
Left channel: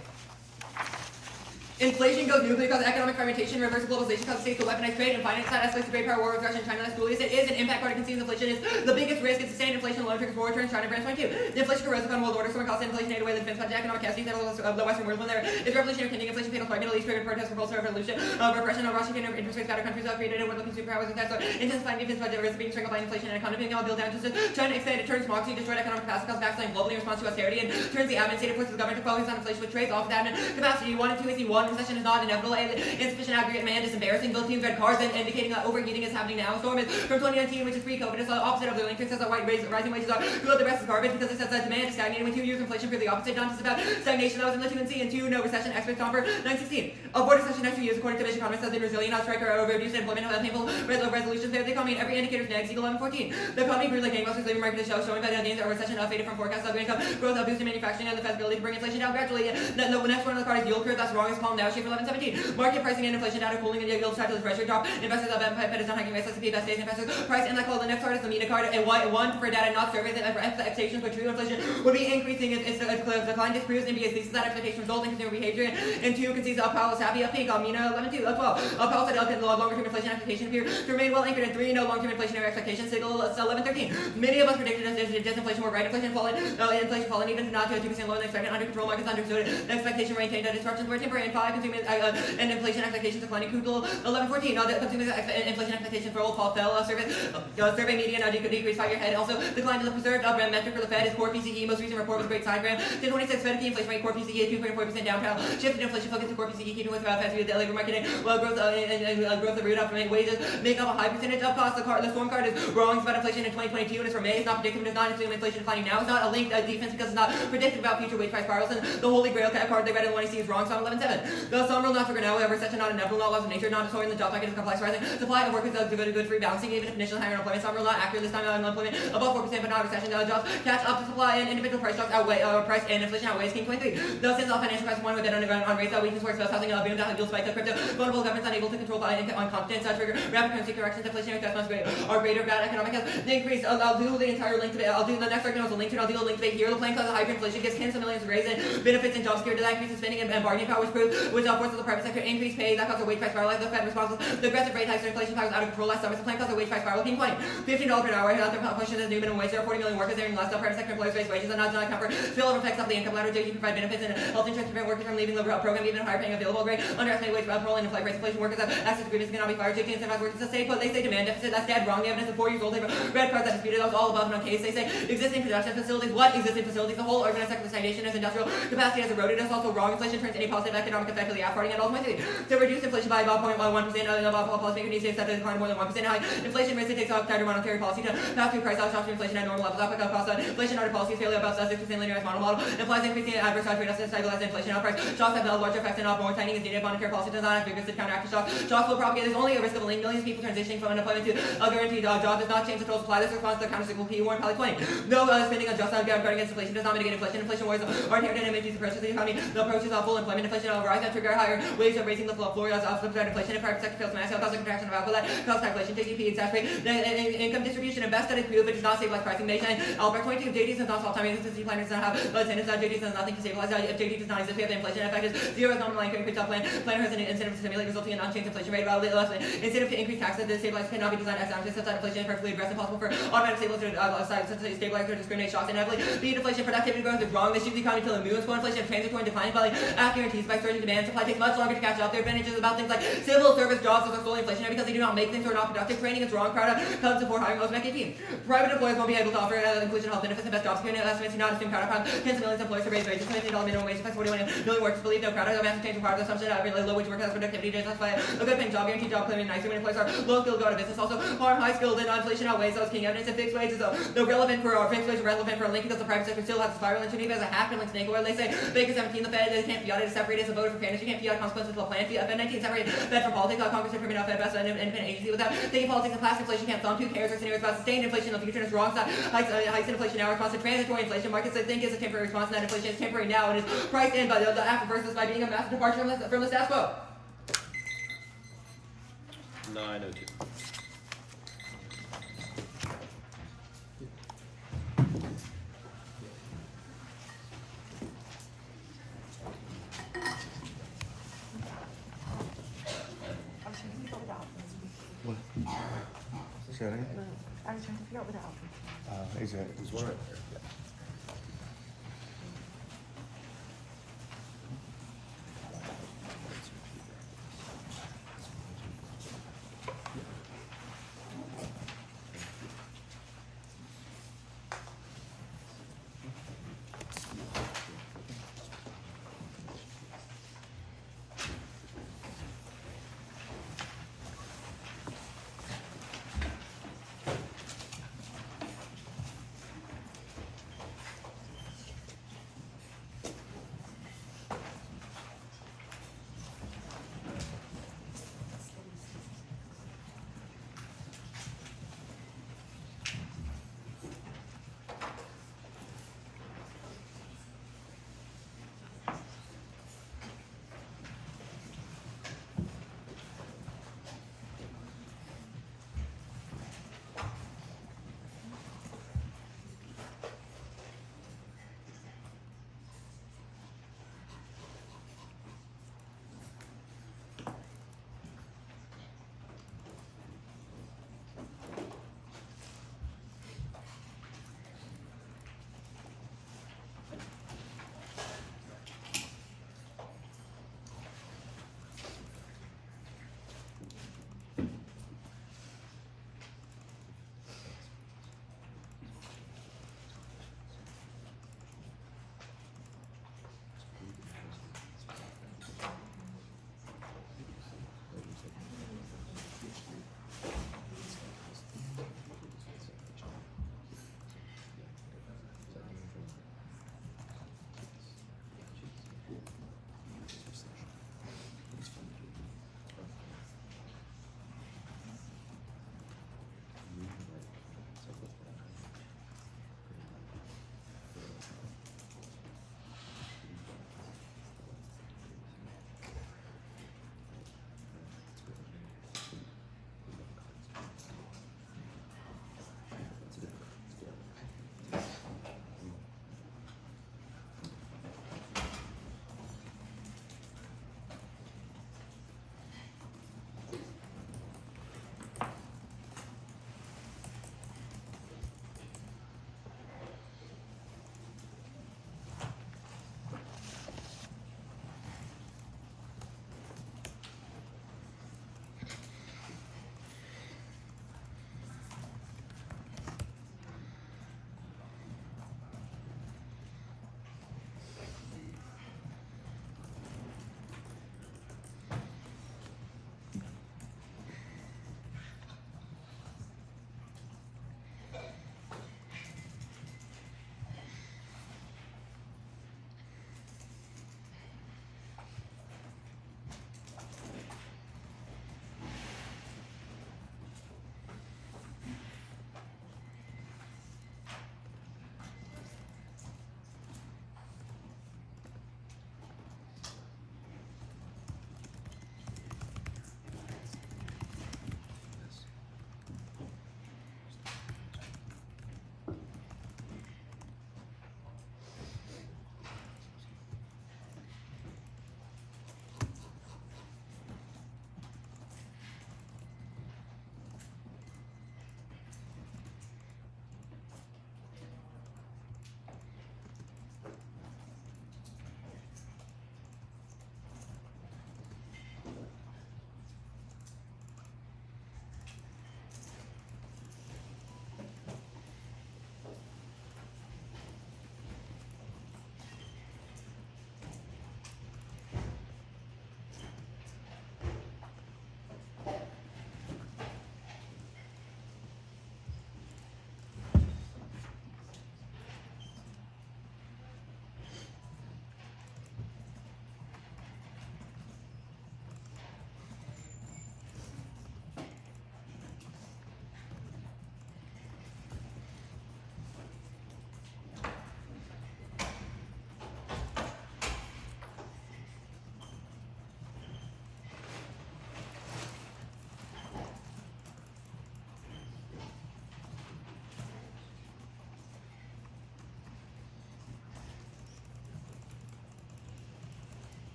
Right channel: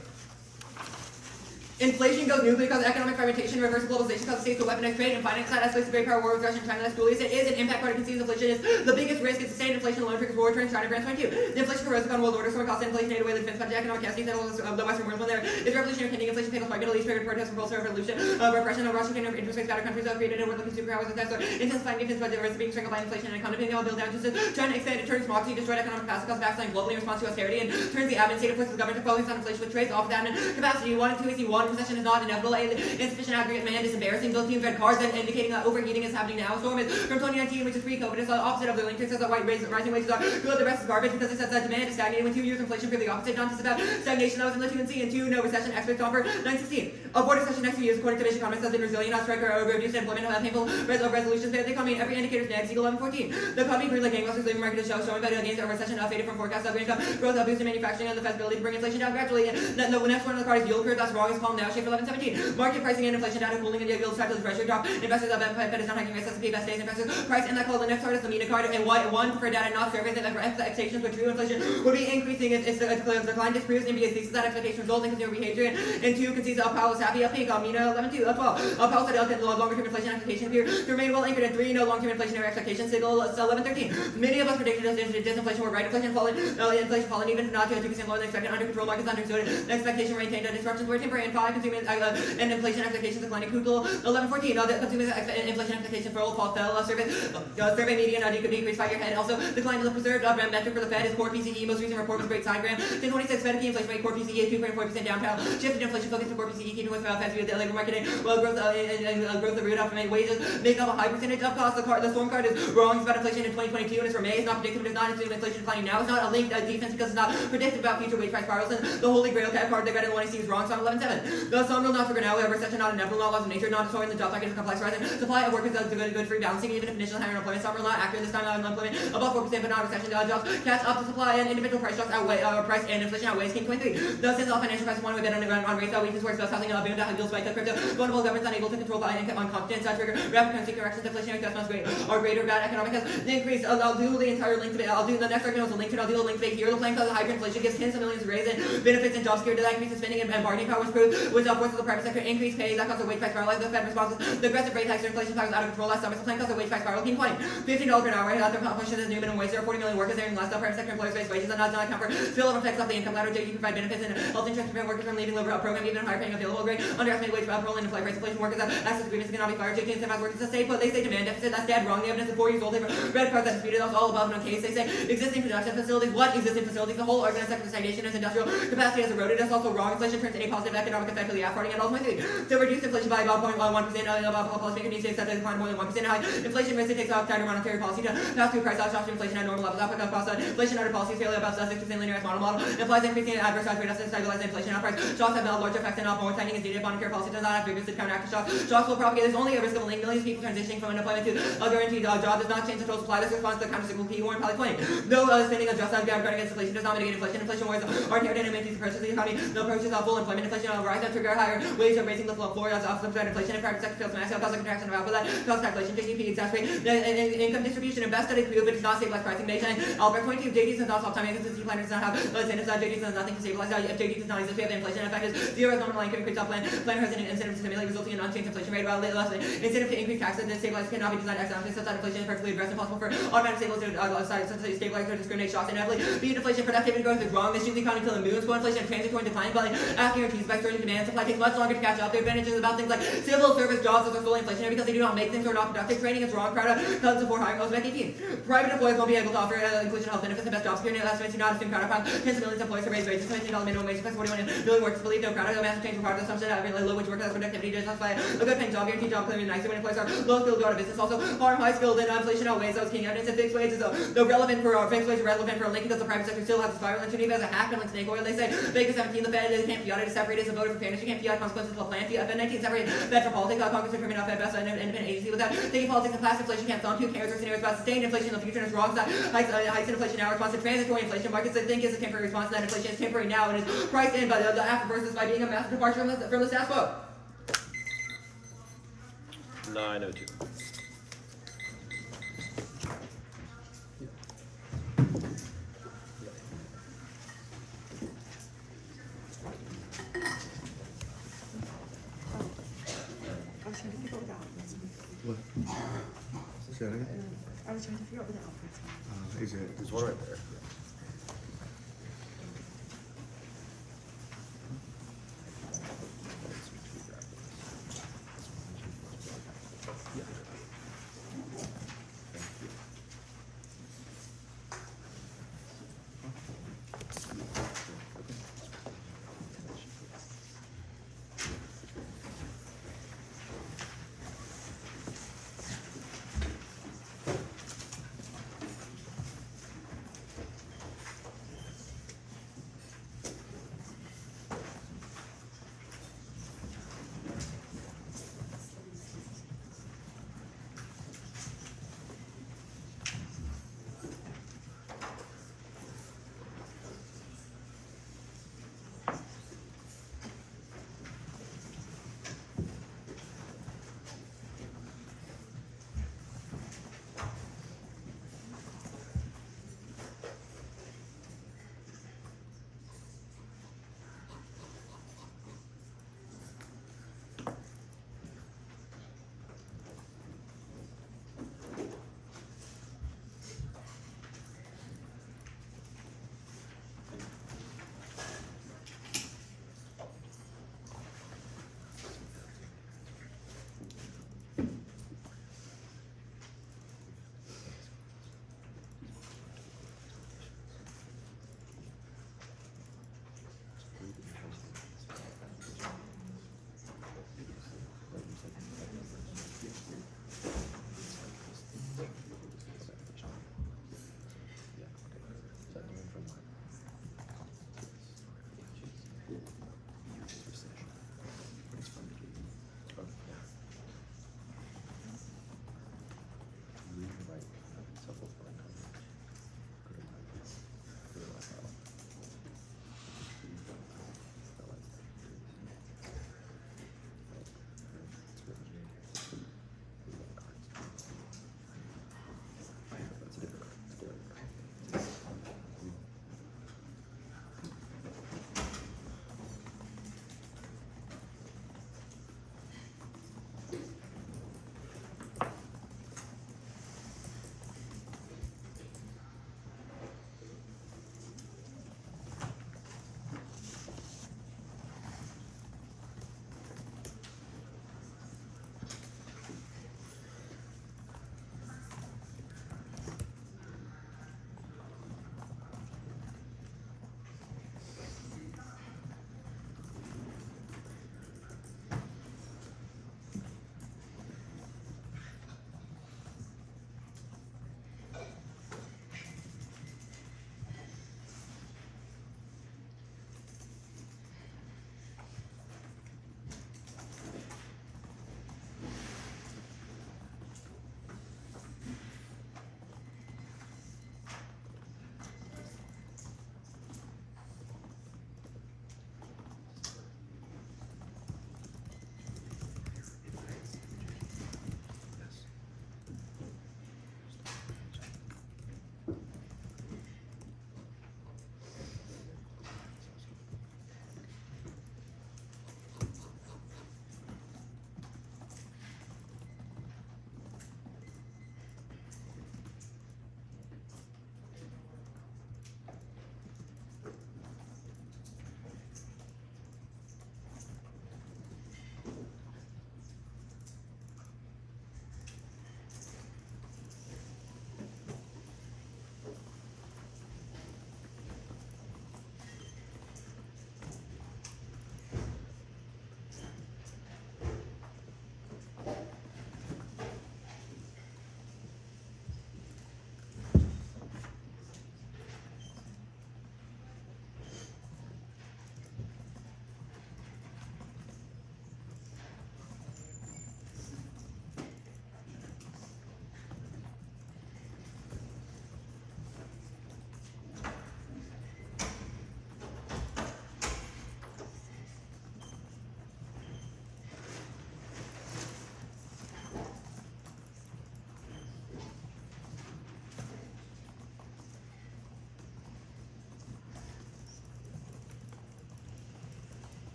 Inflation goes nuclear because of economic fragmentation, reverse globalization causes states to weaponize trade, and finance side escalates to great power war with Russia and China. As Julius said, is an impact party concedes inflation is the biggest risk. It's sustained inflation alone triggers war returns China branch 22. The inflation rose upon world order, so cost inflation ate away the defense budget, economic casting of the Western world when there is revolutionary pending inflation fatal fight, Middle East triggered protests, repulsive revolution, repression of Russian interest rates, battered countries created a world consumer powers and so intensifying defense budget risk being strangled by inflation and economy being able to build down justice. China extended turns democracy, destroyed economic capacity, caused backsliding globally in response to austerity, and turns the admin state forces the government to focus on inflation with trades off the admin capacity. 1 and 2 is E1, recession is not inevitable, insufficient aggregate demand is embarrassing. Both teams read cards and indicating that overheating is happening now. Storm is from 2019, which is pre-COVID. It's the opposite of the link. It says that rising wages are good, the rest is garbage because it says that demand is stagnating with 2 years inflation for the opposite. Not just about stagnation, that was in the 2 and C, and 2, no recession, experts offer 916. Avoid recession next 2 years, according to Vision Economists, has been resilient, not striker, reduced employment, have painful resolutions there. The economy, every indicator is negative, equal 1114. The economy grew like gangbusters, labor market is showing better gains, a recession faded from forecast of income growth, boosted manufacturing, and the Fed's ability to bring inflation down gradually. The next one on the card is yield curve, that's wrong, is calm now, shape 1117. Market pricing and inflation data cooling and yield strategy the pressure drop. Investors of Fed is not hiking rates, S&P best days, investors price in that call. The next card is the MENA card, and one for data not surveys that expectations for true inflation would be increasing if the decline disproves MBA's thesis that expectation result in consumer behavior. And 2 concedes Powell is happy, up peak, MENA 11-2, 12. Powell said longer term inflation expectation appear to remain well anchored. And 3, no long term inflationary expectations, signal 11-13. Many of us predicted disinflation were right, inflation falling, even not to 2% lower than expected, under control, markets understood, the expectation maintained, that disruptions were temporary, and 5, consumer and inflation expectations declining, Google 11-14. The consumer inflation expectation for old fall fell, survey median decreased 5-year head, also declined to the preserved metric for the Fed is core PCE, most recent report was great side gram, 1026 Fed key inflation rate, core PCE 2.4% downtown, shifted inflation focus to core PCE, keeping with Fed's view of the labor market, well growth and growth of root up wages, make up a high percentage of cost. The storm card is wrong, it's about inflation in 2022, and it's from May, it's not predictive, it's not assuming inflation declining now, it's not a linked defense because it's not predictive about future wage price spirals, and the holy grail card they read in 1AC is wrong, so 11-7. The sun rule not for now, however, such a not inevitable laws of nature, not destroying the job market is complex rising, supply of workers is good for rebalancing, even if initial higher unemployment, some rule not accurate this time, unemployment above 4%, but not recession, jobs catch up to supply, and individual price shocks outweigh, price and inflation outweighs King 23. Thus, since all financial crisis one with bet on rates, weakness works, housing, boom, down, yield spike, crypto, vulnerable governments unable to control on confidence, trigger rapid currency corrections, inflationary test funds are greater, bad economic has increased. I'll do the entire link today. I'll do the next argument, link to it. I'll do the link today here. The plan causes hyperinflation, gives tens of millions of raise in benefits and job security, that increases spending and bargaining power, which proves, which forces the private sector increase pay, that causes a wage price spiral. The Fed responds the aggressive rate hikes or inflation powers out of control last summer. The plan causes a wage price spiral. King 20, $15 per hour. Health function as new minimum wage. There are 40 million workers earning less. The private sector employers raise wages and not account for spillover effects of the income ladder. JD provide benefits and health insurance to prevent workers from leaving the program, even if higher paying available grade. Underestimate wage parole and inflation rates. Inflation workers have access agreements cannot be fired. JD incentivize workers to stay put. They say demand deficit. That's dead wrong. The evidence is 4 years old. They've read cards that disputed. That was all above and on case. They say existing production facilities. What existing facilities? The whole argument sector stagnation as industrial capacity has eroded. That's also wrong. Inflation turns any positive economic effect of the app parting at all 23. To reduce inflation by about 0.1%, policy needs to accept a decline more than 1%. High inflation risk takes out tighter monetary policy to pass through price shocks to inflation at normal levels. Output cost inflation under policies failure about 6% linear model implies increasing adverse trade to stabilize inflation. Price shocks have larger effects and more tightening is needed. Monetary policy does not have previous to counteract shocks. Shocks will propagate. There's only a risk of millions of people transitioning from unemployment to a guaranteed job. Does not change the total supply. This responds to the countercyclical P warn probably 20. No spending on just guarding against inflation does not mitigate inflation. Inflation wars are inherent in emergency approaches to the economy. The approaches of full employment. Inflation will rise and trigger higher waves of raising the floor of subsidized inflation. And private sector fails to match out, causing contraction of output that causes inflation. GDP exacerbate the income distribution and best studies prove it does not stabilize pricing data. And Albert 22 JD does not solve time existence. Planner does not have attendance. JD does nothing to stabilize. If JD does not exist, we have the inflation effect is zero. Is normal line increase plan. Planner has an incentive to stimulate, resulting in unchanged inflation rate. While less incentive to increase taxes to stabilize cannot be designed economically such that inflation is perfectly addressed. Impossible for automatic stabilize or discriminate shocks inevitably. Beat inflation, productivity growth is wrong. This shoots the economy till the moon. Core inflation, transitory and declining value. After guarantees by surging demand, supply takes much longer to catch up. Their advantages about things like civil service jobs that are solely inflationary because they do not make things or are not productive. Training is wrong. Crowd comes before hiring most of 18. Private employers won't be able to offer inclusion health benefits and best job security. Estimates do not assume crowd crime. Tens of millions of employers to raise wages. $17 minimum wage affects 41 million workers. Believe no crowd. No massive change required. Assumption that really low wage workers has productivity to justify a good paying job. Guaranteed job claiming nicer when employees are low skilled go out of business. Also harm high skilled and inflation outweighs those king evidence and fixed wages. Though relevant for our fixed wages relevant for a link because the private sector still has a spiral into Geneva as a hack and like snake oil. They say Baker 17 the Fed can't fiat it is separated as a voter for fairness. You can't fiat consequences of a plan. Fed 19 separate Fed from politics. Congress determined how Fed best an independent agency without taking politics and class inflation can't thumb. Who cares or scenarios about sustained inflation in the future and it's wrong. Hikes in inflation now response to transitory inflation. Markets they think is a temporary response and that inflation is temporary now and is priced in by the after versus by being a massive departure from the status quo. 902. See that again? I was trying to figure out where the outputs were. Is it? There's one right there.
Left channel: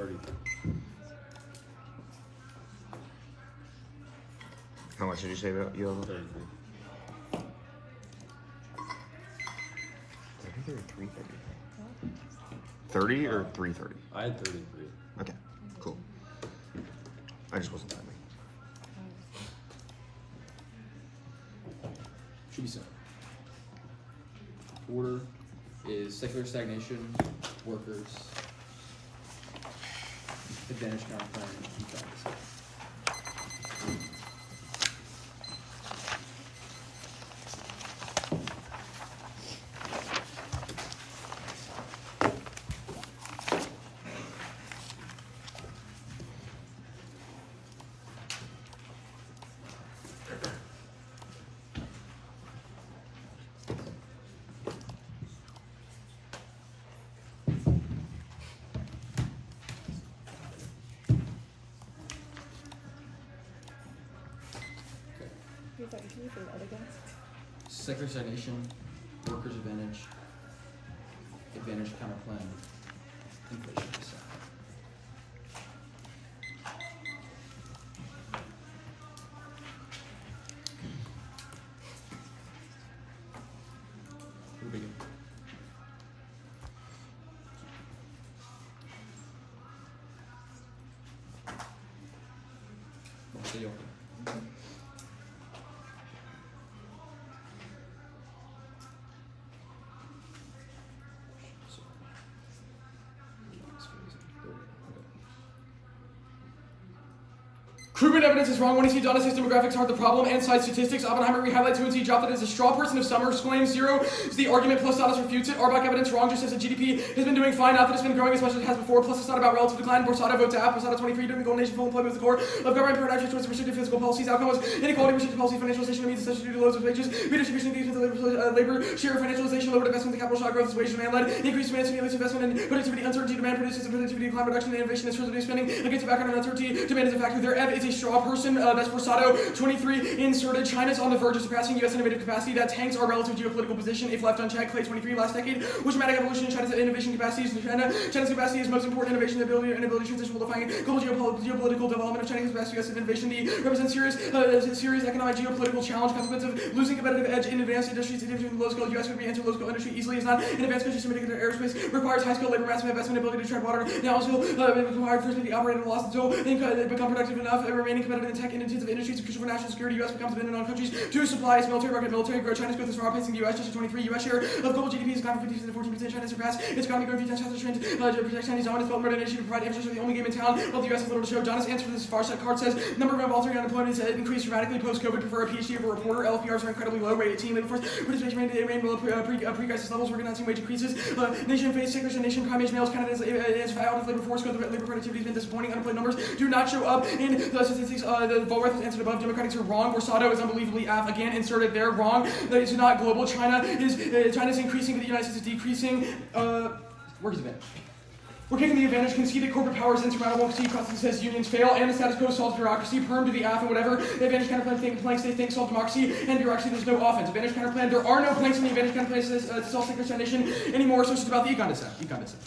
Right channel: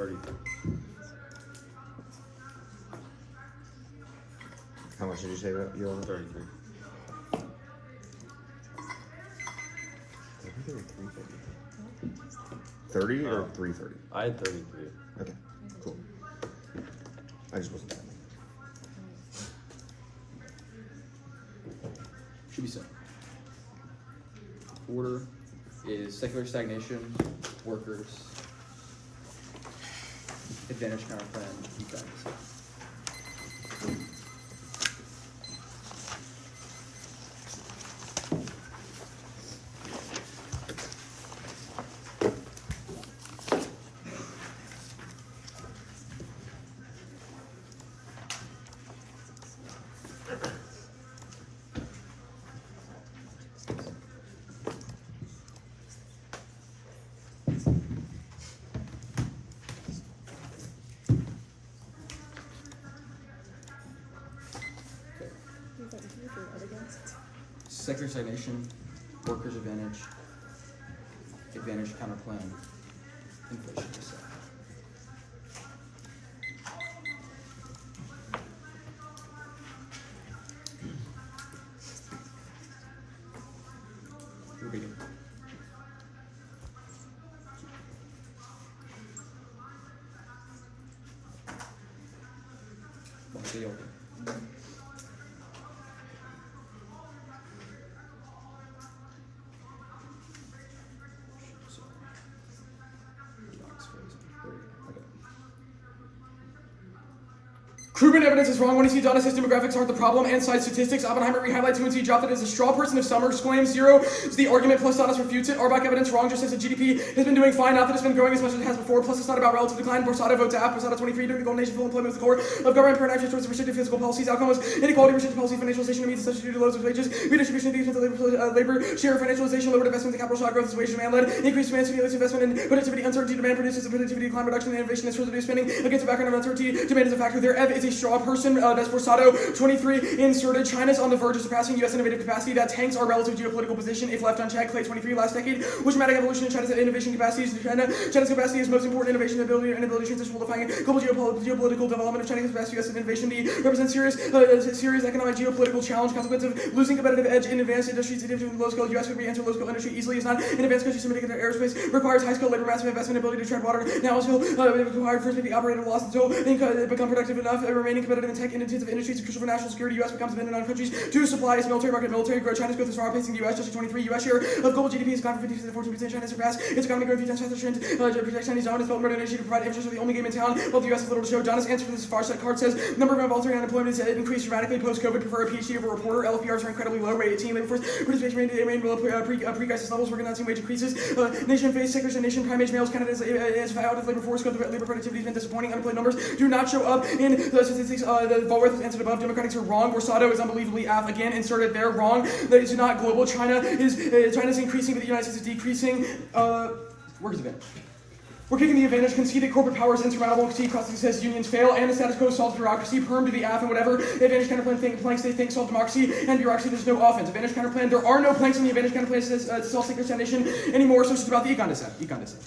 33. How much did you say about yield? 33. I think they were 330. 30 or 330? I had 33. Okay, cool. I just wasn't timing. Should be simple. Order is secular stagnation, workers, advantage counterplan, and practice. Secular stagnation, workers' advantage, advantage counterplan, inflation reset. Everybody good? What's the open? So, relax phase. Okay. Krugman evidence is wrong when he sees data says demographics aren't the problem and side statistics. Oppenheimer re-highlights when he dropped it as a straw person of Summers claims 0 is the argument plus Dadas refutes it. Arbach evidence wrong just says the GDP has been doing fine, not that it's been growing as much as it has before, plus it's not about relative decline. Borsada votes F, Borsada 23 during the Golden Age full employment with the core of government paradigms towards restrictive physical policies. Outcome was inequality, restrictive policy, financialization of means associated with loads of wages, redistribution of the labor share, financialization, lowered investment, the capital shock growth is wage demand led, increased demand stimulates investment and productivity, uncertainty, demand produces the productivity decline, reduction and innovation, that's residue spending against the background of uncertainty, demand is a factor there. F is a straw person, that's Borsado 23 inserted. China's on the verge of surpassing U.S. innovative capacity that tanks our relative geopolitical position if left unchecked. Clay 23 last decade, which dramatic evolution in China's innovation capacities. China's capacity is most important innovation ability and ability to transition will define global geopolitical development of China's capacity. U.S. innovation represents serious economic geopolitical challenge, consequence of losing competitive edge in advanced industries. The difference in low skilled U.S. could re-enter low skilled industry easily is not an advanced country submitting to aerospace requires high skilled labor, massive investment, ability to tread water. Now also required first to be operated and lost until become productive enough, remaining competitive in tech and intensive industries is crucial for national security. U.S. becomes dependent on countries to supply its military market. Military growth. China's growth is far outpacing the U.S. Just 23. U.S. share of global GDP has gone from 50% to 14%. China surpassed its economic growth 3 times faster. Trend protects Chinese dominance, built murder initiative to provide infrastructure, the only game in town. While the U.S. has little to show. Donna's answer to this far side card says number of involuntary unemployment has increased dramatically post-COVID. Prefer a PhD over a reporter. LPRs are incredibly low. Rate 18. Labor force participation remained below pre-crisis levels. We're announcing wage increases. Nation face sectors and nation prime age males. Canada is out of labor force. Labor productivity has been disappointing. Unemployed numbers do not show up in the statistics. The Volworth has answered above. Democrats are wrong. Borsado is unbelievably again inserted there. Wrong. That is not global. China's increasing, but the United States is decreasing. Workers' advantage. We're kicking the advantage. Conceded corporate power is insurmountable. C crossing says unions fail, and the status quo solves bureaucracy. Perm to the AF and whatever. The advantage counterplan planks they think solve democracy and bureaucracy. There's no offense. Advantage counterplan. There are no planks in the advantage counterplan to solve secular stagnation anymore. So it's just about the econ dissent.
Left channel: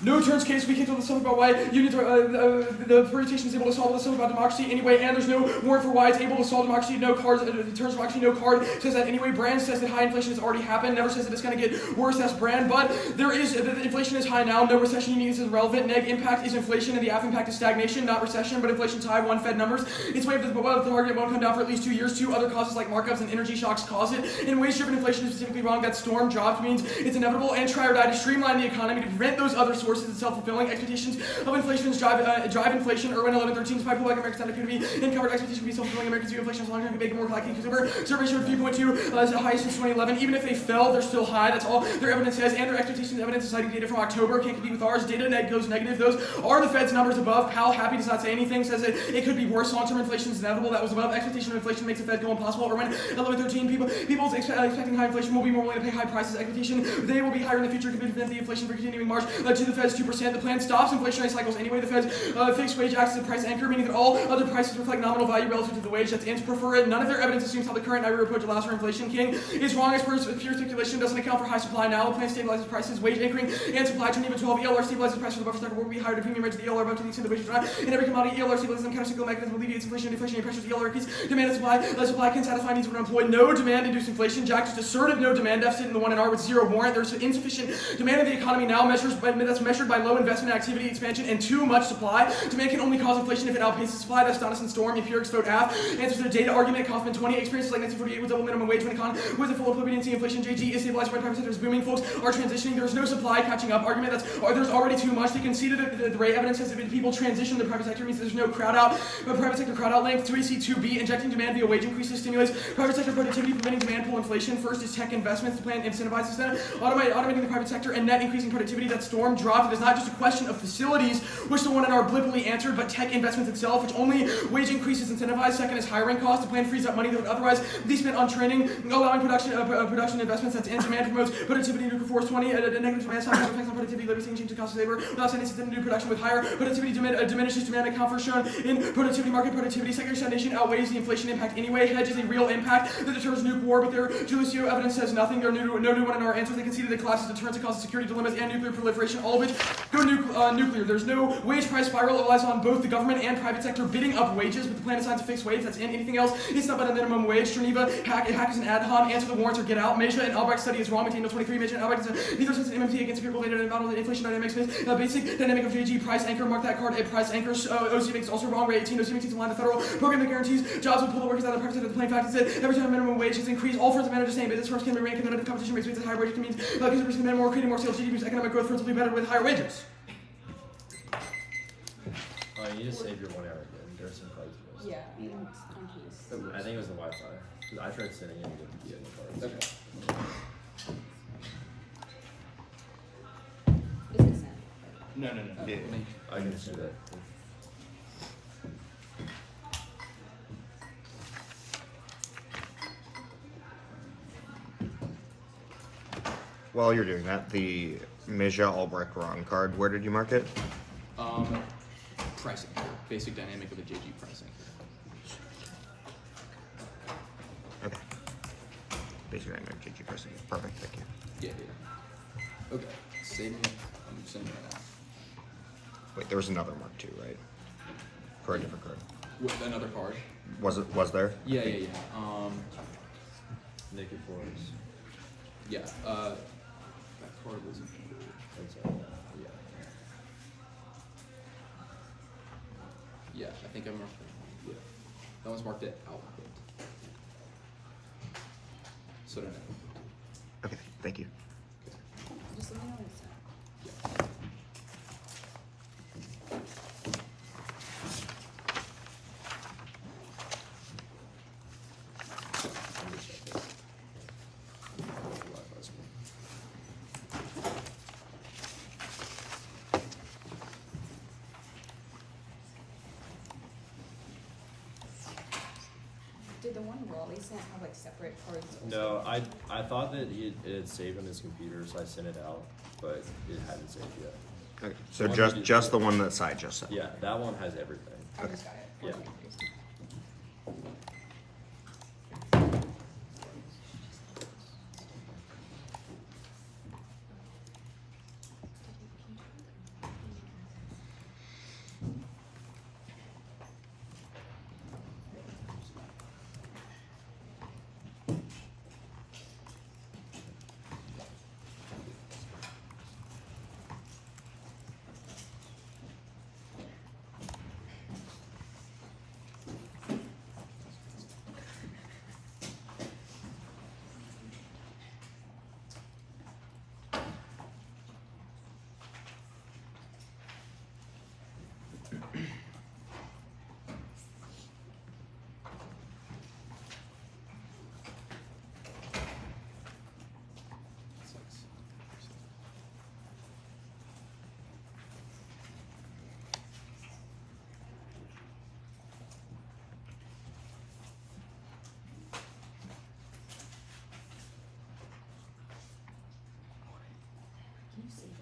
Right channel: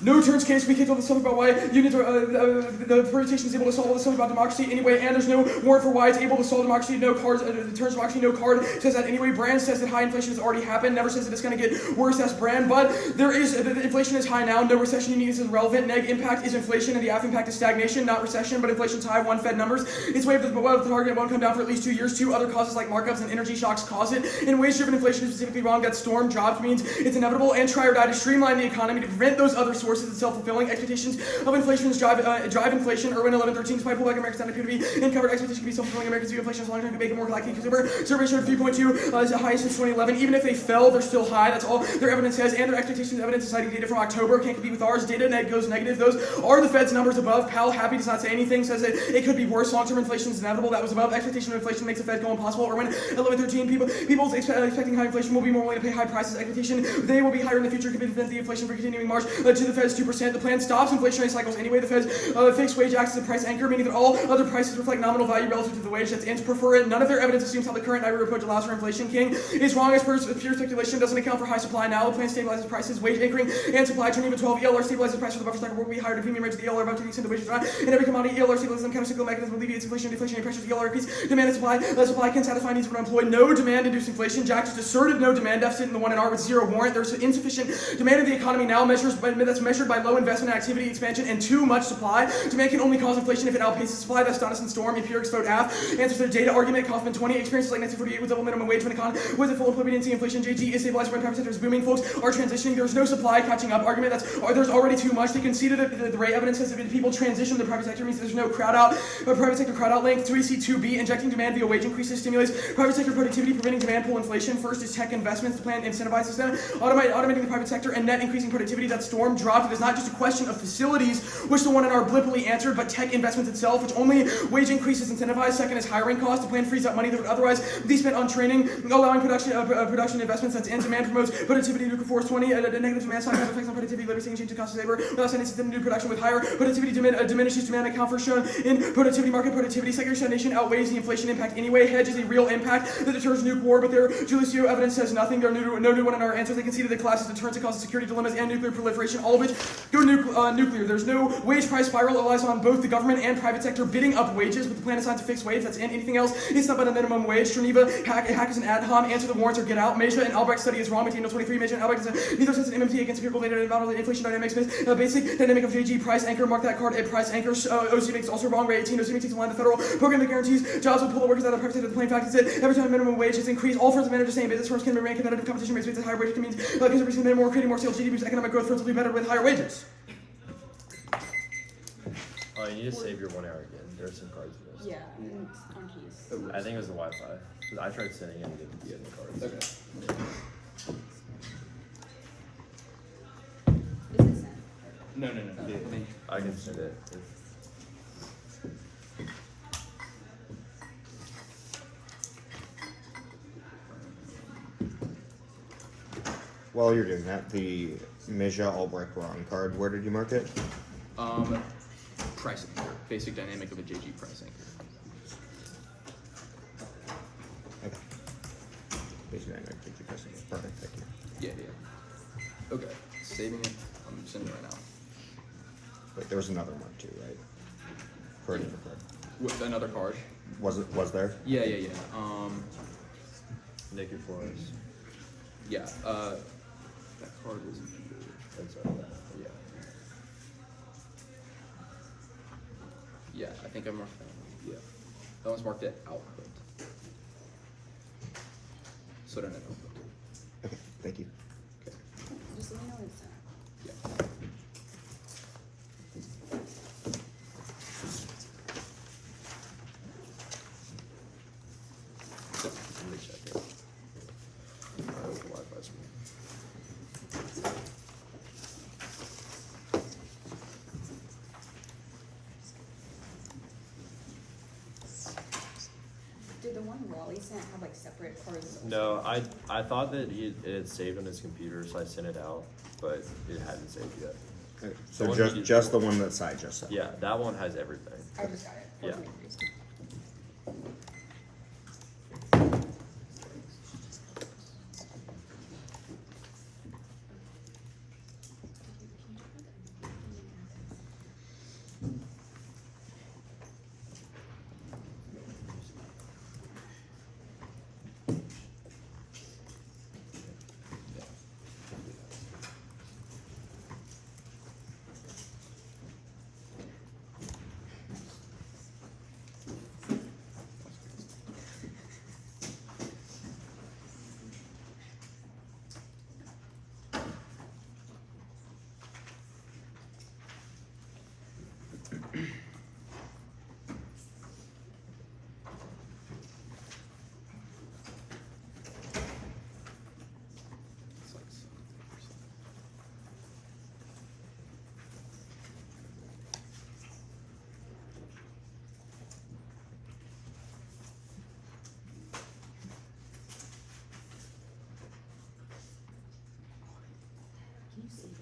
No turns case, we kicked all the stuff about why unions are, the permutation is able to solve all the stuff about democracy anyway, and there's no warrant for why it's able to solve democracy, no cards, turns democracy, no card says that anyway. Brand says that high inflation has already happened, never says that it's going to get worse, that's Brand, but inflation is high now, no recession unions is relevant, neg impact is inflation, and the F impact is stagnation, not recession, but inflation's high, one Fed numbers, it's way above the target, won't come down for at least 2 years, 2 other causes like markups and energy shocks cause it, and wage-driven inflation is specifically wrong, that storm, jobs means it's inevitable, and try or die to streamline the economy to prevent those other sources of self-fulfilling expectations of inflation drive inflation. Irwin 1113 despite pullback American standard appear to be uncovered expectation to be self-fulfilling. Americans view inflation as long-term to make it more likely to consumer. Survey showed 3.2 is the highest since 2011. Even if they fell, they're still high. That's all their evidence says. And their expectations evidence is citing data from October can't compete with ours. Data net goes negative. Those are the Fed's numbers above. Powell happy does not say anything. Says that it could be worse. Long-term inflation is inevitable. That was above. Expectation of inflation makes the Fed go impossible. Irwin 1113 people expecting high inflation will be more willing to pay high prices. Expectation they will be higher in the future to prevent the inflation from continuing march to the Fed. Fed's 2%. The plan stops inflationary cycles anyway. The Fed's fixed wage acts as a price anchor, meaning that all other prices reflect nominal value relative to the wage that's in. Prefer it. None of their evidence assumes how the current NIRU approach allows for inflation. King is wrong as pure speculation. Doesn't account for high supply now. The plan stabilizes prices, wage anchoring, and supply. Turn even 12. ELR stabilizes price for the buffer stock will be higher to premium rates of the ELR above to the extent the wages rise. In every commodity, ELR stabilizes them. Countercyclical mechanism alleviates inflation and deflationary pressures. ELR increase demand and supply. Supply can satisfy needs when unemployed. No demand-induced inflation. Jack just asserted no demand deficit in the 1NR with zero warrant. There's insufficient demand of the economy now that's measured by low investment activity expansion and too much supply. Demand can only cause inflation if it outpaces supply. That's Donaldson Storm. Empirics vote half. Answers their data argument. Kaufman 20. Experiences like 1948 with double minimum wage when economy was it full of liquidity. Inflation. JG is stabilized when private sector is booming. Folks are transitioning. There's no supply catching up argument. There's already too much. They conceded that the rate evidence says that people transition to the private sector means there's no crowd out. Private sector crowd out link. 3C2B. Injecting demand via wage increases stimulates private sector productivity, preventing demand pull inflation. First is tech investments. The plan incentivizes them, automating the private sector and net increasing productivity. That Storm dropped. It is not just a question of facilities, which the 1NR blithely answered, but tech investments itself, which only wage increases incentivize. Second is hiring costs. The plan frees up money that would otherwise be spent on training, allowing production investments. That's in. Demand promotes productivity. Nuclear force 20. A negative demand side effects on productivity, labor change to cost of labor. Without sending system new production with higher productivity diminishes demand account for shown in productivity market productivity. Secondary stagnation outweighs the inflation impact anyway. Hedge is a real impact that deters nuke war, but their Julicio evidence says nothing. There are no new 1NR answers. They conceded that collapses deterrence and causes security dilemmas and nuclear proliferation, all of which go nuclear. There's no wage price spiral. It relies on both the government and private sector bidding up wages, but the plan assigns a fixed wage. That's in. Anything else is not by the minimum wage. Geneva, hack is an ad hom. Answer the warrants or get out. Measure and Albrecht study is wrong. McDaniel 23. Measure and Albrecht is neither sense an MMT against empirical data and model inflation dynamics. Basic dynamic of JG price anchor. Mark that card. A price anchor. OC makes also wrong. Rate 18. OC makes in line the federal program that guarantees jobs will pull the workers out of the private sector. The plain fact is that every time minimum wage is increased, all firms manage the same. Business firms can remain competitive. Competition makes wages at higher wages. Can mean increasing demand more, creating more sales. GDP boosts economic growth. Firms will be better with higher wages. Oh, you need to save your 1 hour again. There are some cards you missed. Yeah, and on case. I think it was the Wi-Fi. 'Cause I tried sending in to get the end cards. Okay. Is it sent? No. Yeah. I can send it. While you're doing that, the Meja Albrecht Ron card, where did you mark it? Price anchor. Basic dynamic of a JG price anchor. Okay. Basically, I'm going to GG person. Perfect, thank you. Yeah. Okay. Saving it. I'm sending it right now. Wait, there was another mark too, right? For a different card. With another card. Was there? Yeah. Naked Forest. Yeah. That card was. Inside of that. Yeah. Yeah, I think I marked that one. Yeah. That one's marked at output. So don't have output. Okay, thank you. Okay. Just let me know when it's sent. Yeah. So, let me check it. I hope the Wi-Fi's working. Did the one Wally sent have like separate cards? also? No, I thought that it had saved on his computer, so I sent it out, but it hadn't saved yet. Okay, The so one just you did- just the one that Sai just said. Yeah, that one has everything. I just got it. Yeah. 14 It's like 73%. Can you save it?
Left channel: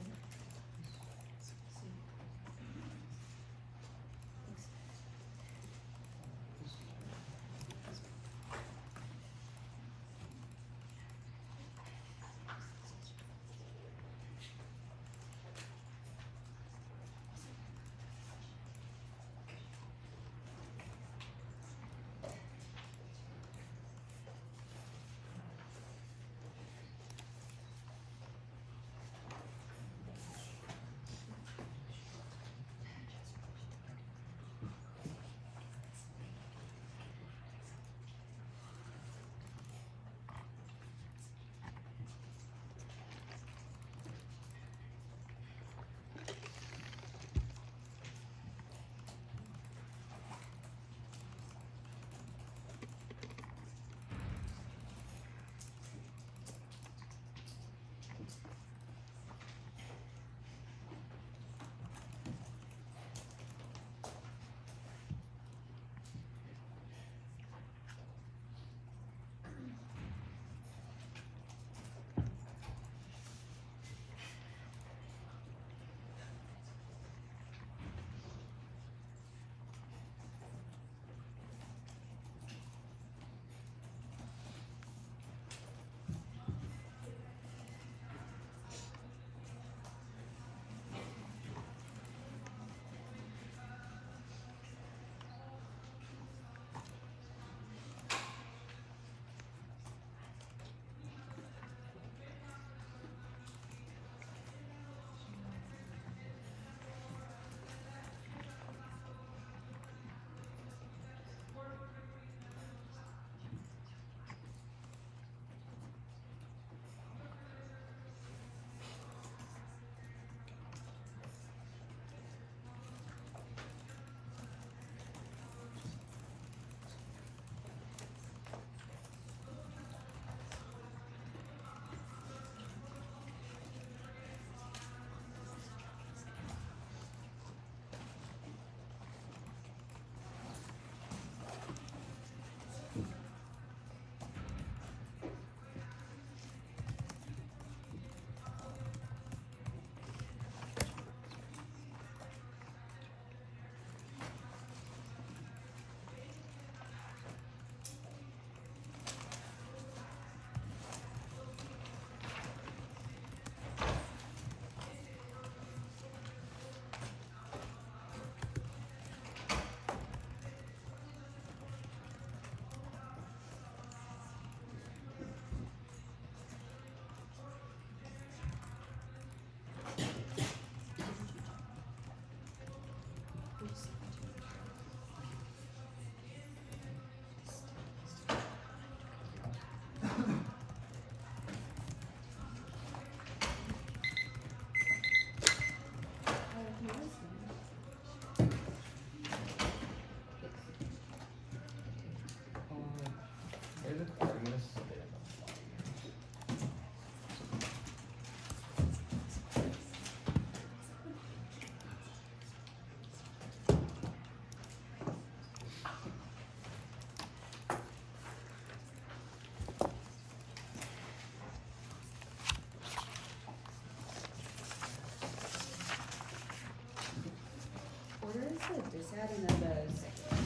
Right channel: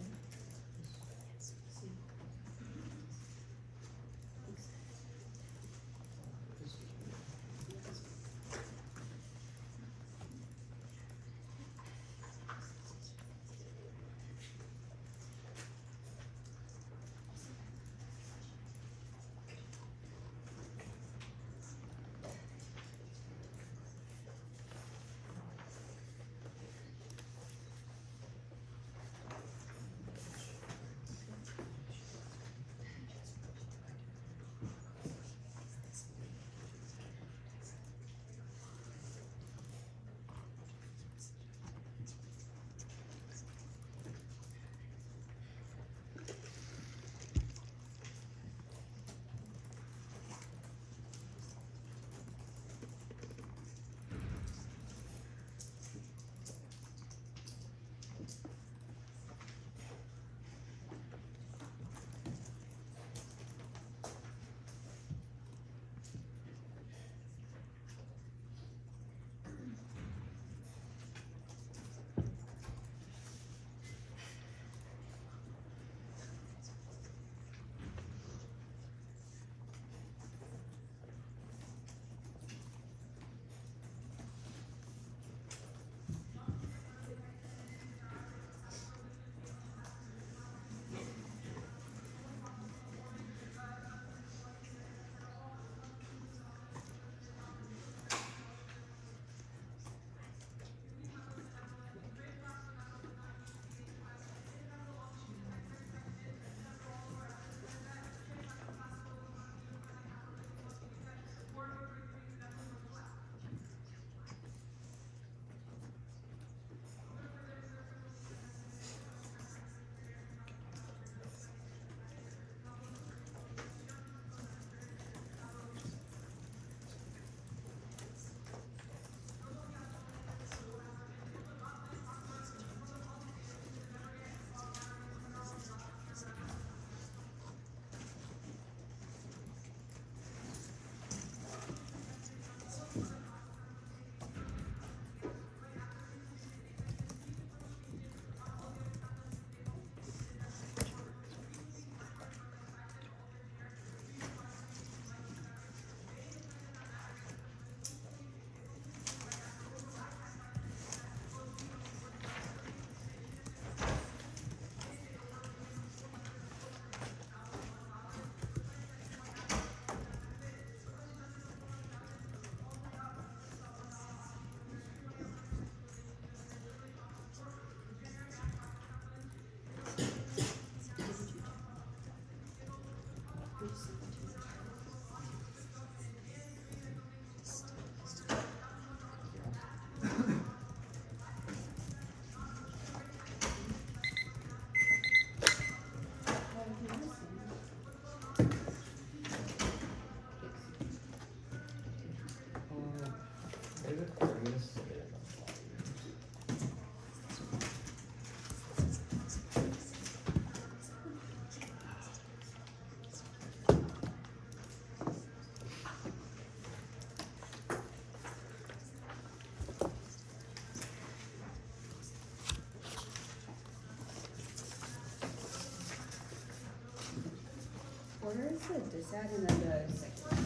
just said, and then the secular.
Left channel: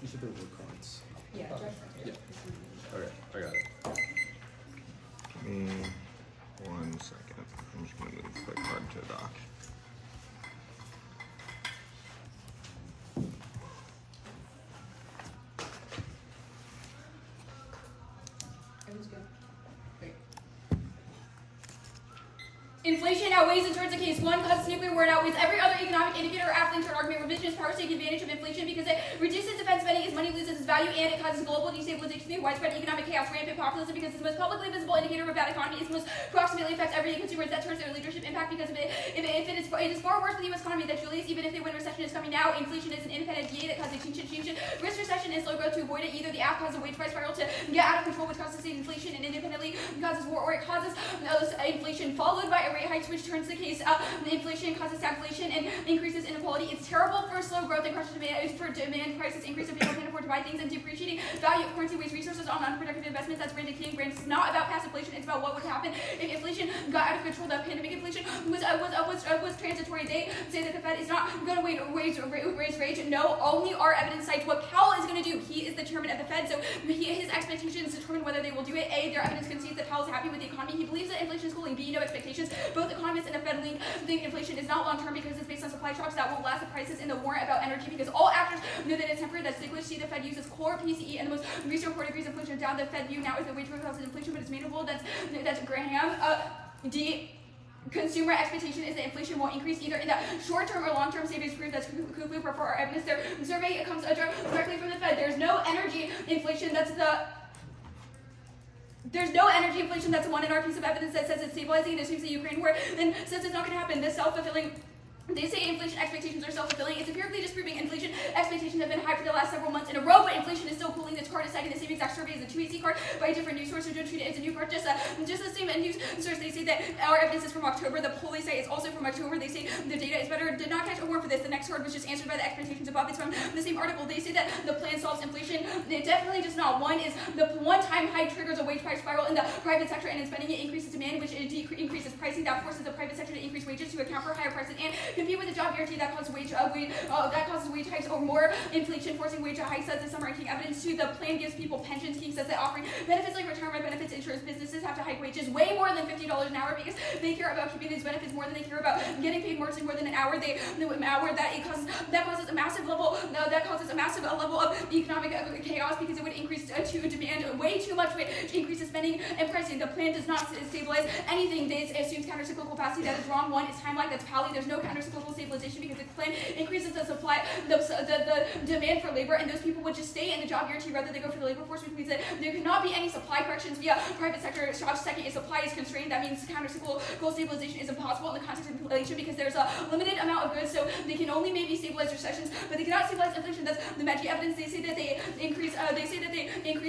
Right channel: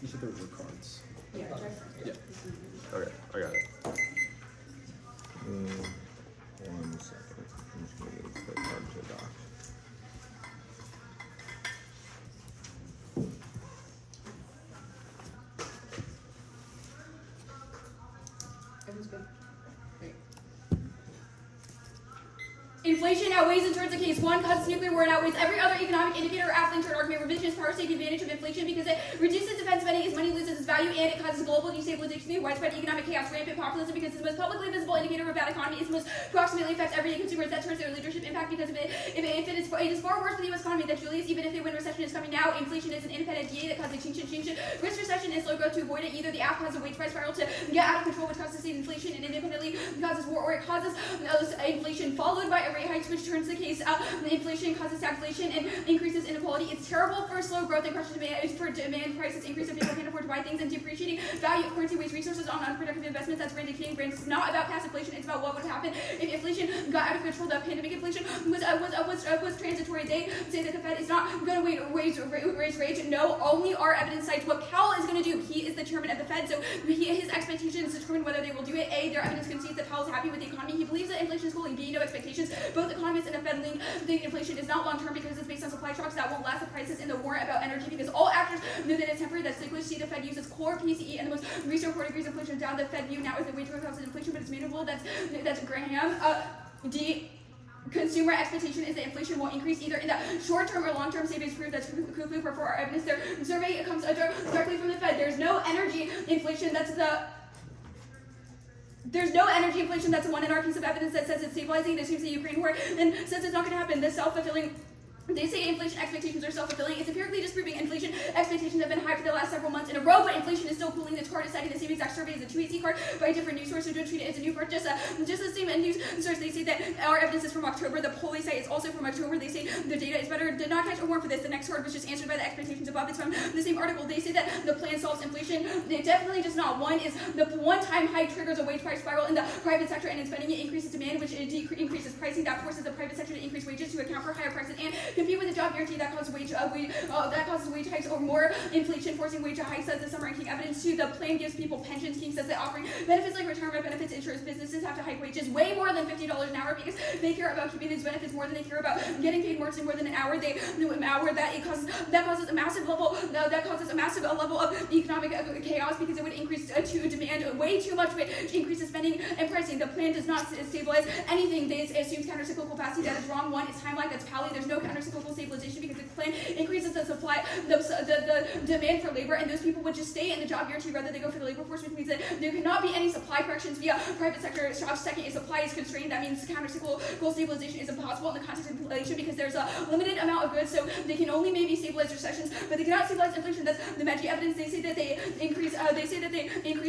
You said there were cards. Yeah, just. Yeah. Okay, I got it. Give me 1 second. I'm just gonna move the card to the dock. Everything's good. Great. Inflation outweighs in terms of case one, causes nuclear war, and outweighs every other economic indicator or affluent or argument. Revisionist powers take advantage of inflation because it reduces defense spending as money loses its value, and it causes global destabilization through widespread economic chaos, rampant populism because it's the most publicly visible indicator of a bad economy. It's the most proximately affects everyday consumers. That turns their leadership impact because of it. If it is far worse for the U.S. economy than Julius, even if they win recession is coming now. Inflation is an independent DA that causes extinction. Risk recession is slow growth to avoid it. Either the app causes a wage price spiral to get out of control, which causes sustained inflation and independently causes war, or it causes inflation followed by a rate hike, which turns the case inflation causes stagflation and increases inequality. It's terrible for slow growth and crushes demand, for demand prices increase so people can't afford to buy things, and depreciating value of currency wastes resources on unproductive investments. That's brand decaying brands. It's not about past inflation, it's about what would happen if inflation got out of control. The pandemic inflation was transitory. They say that the Fed is not going to raise rates. No, only our evidence cites what Powell is going to do. He is the chairman of the Fed, so his expectations determine whether they will do it. A, their evidence concedes that Powell's happy with the economy. He believes that inflation is cooling. B, no expectations. Both economists and the Fed think inflation is not long-term because it's based on supply shocks that won't last. The prices in the war about energy because all actors know that it's temporary. That's cyclical. See, the Fed uses core PCE and the most recent report agrees inflation down. The Fed view now is the wage growth causes inflation, but it's manageable. That's Graham. D. Consumer expectation is that inflation will increase either in the short-term or long-term savings period. That's Cuckoo for our evidence. Their survey comes directly from the Fed. There's no energy inflation. There's no energy inflation. That's the one in our piece of evidence that says it's stabilizing. It assumes the Ukraine war and says it's not going to happen. This self-fulfilling. They say inflation expectations are self-fulfilling. It's empirically disproving inflation expectations have been high for the last several months in a row, but inflation is still cooling. This card is citing the same exact survey as a 2AC card by a different news source, so don't treat it as a new card. Just the same news source. They say that our evidence is from October. The poll they say is also from October. They say the data is better. Did not catch a warrant for this. The next card was just answered by the expectations above. It's from the same article. They say that the plan solves inflation. It definitely does not. One is the one-time hike triggers a wage price spiral in the private sector, and in spending it increases demand, which increases pricing. That forces the private sector to increase wages to account for higher prices and compete with the job guarantee. That causes wage hikes or more inflation, forcing wage hikes. As the summer ranking evidence to the plan gives people pensions. King says that offering benefits like retirement benefits, insurance businesses have to hike wages way more than $50 an hour because they care about keeping these benefits more than they care about getting paid more than an hour. That causes a massive level of economic chaos because it would increase to demand way too much, which increases spending and pricing. The plan does not stabilize anything. They assumes countercyclical capacity. That is wrong. One is timeline. That's Pally. There's no countercyclical stabilization because the plan increases the supply, the demand for labor, and those people would just stay in the job guarantee rather than go for the labor force, which means that there cannot be any supply corrections via private sector jobs. Second is supply is constrained. That means countercyclical stabilization is impossible in the context of inflation because there's a limited amount of goods, so they can only maybe stabilize recessions, but they cannot stabilize inflation. That's the Maggi evidence. They say that they increase.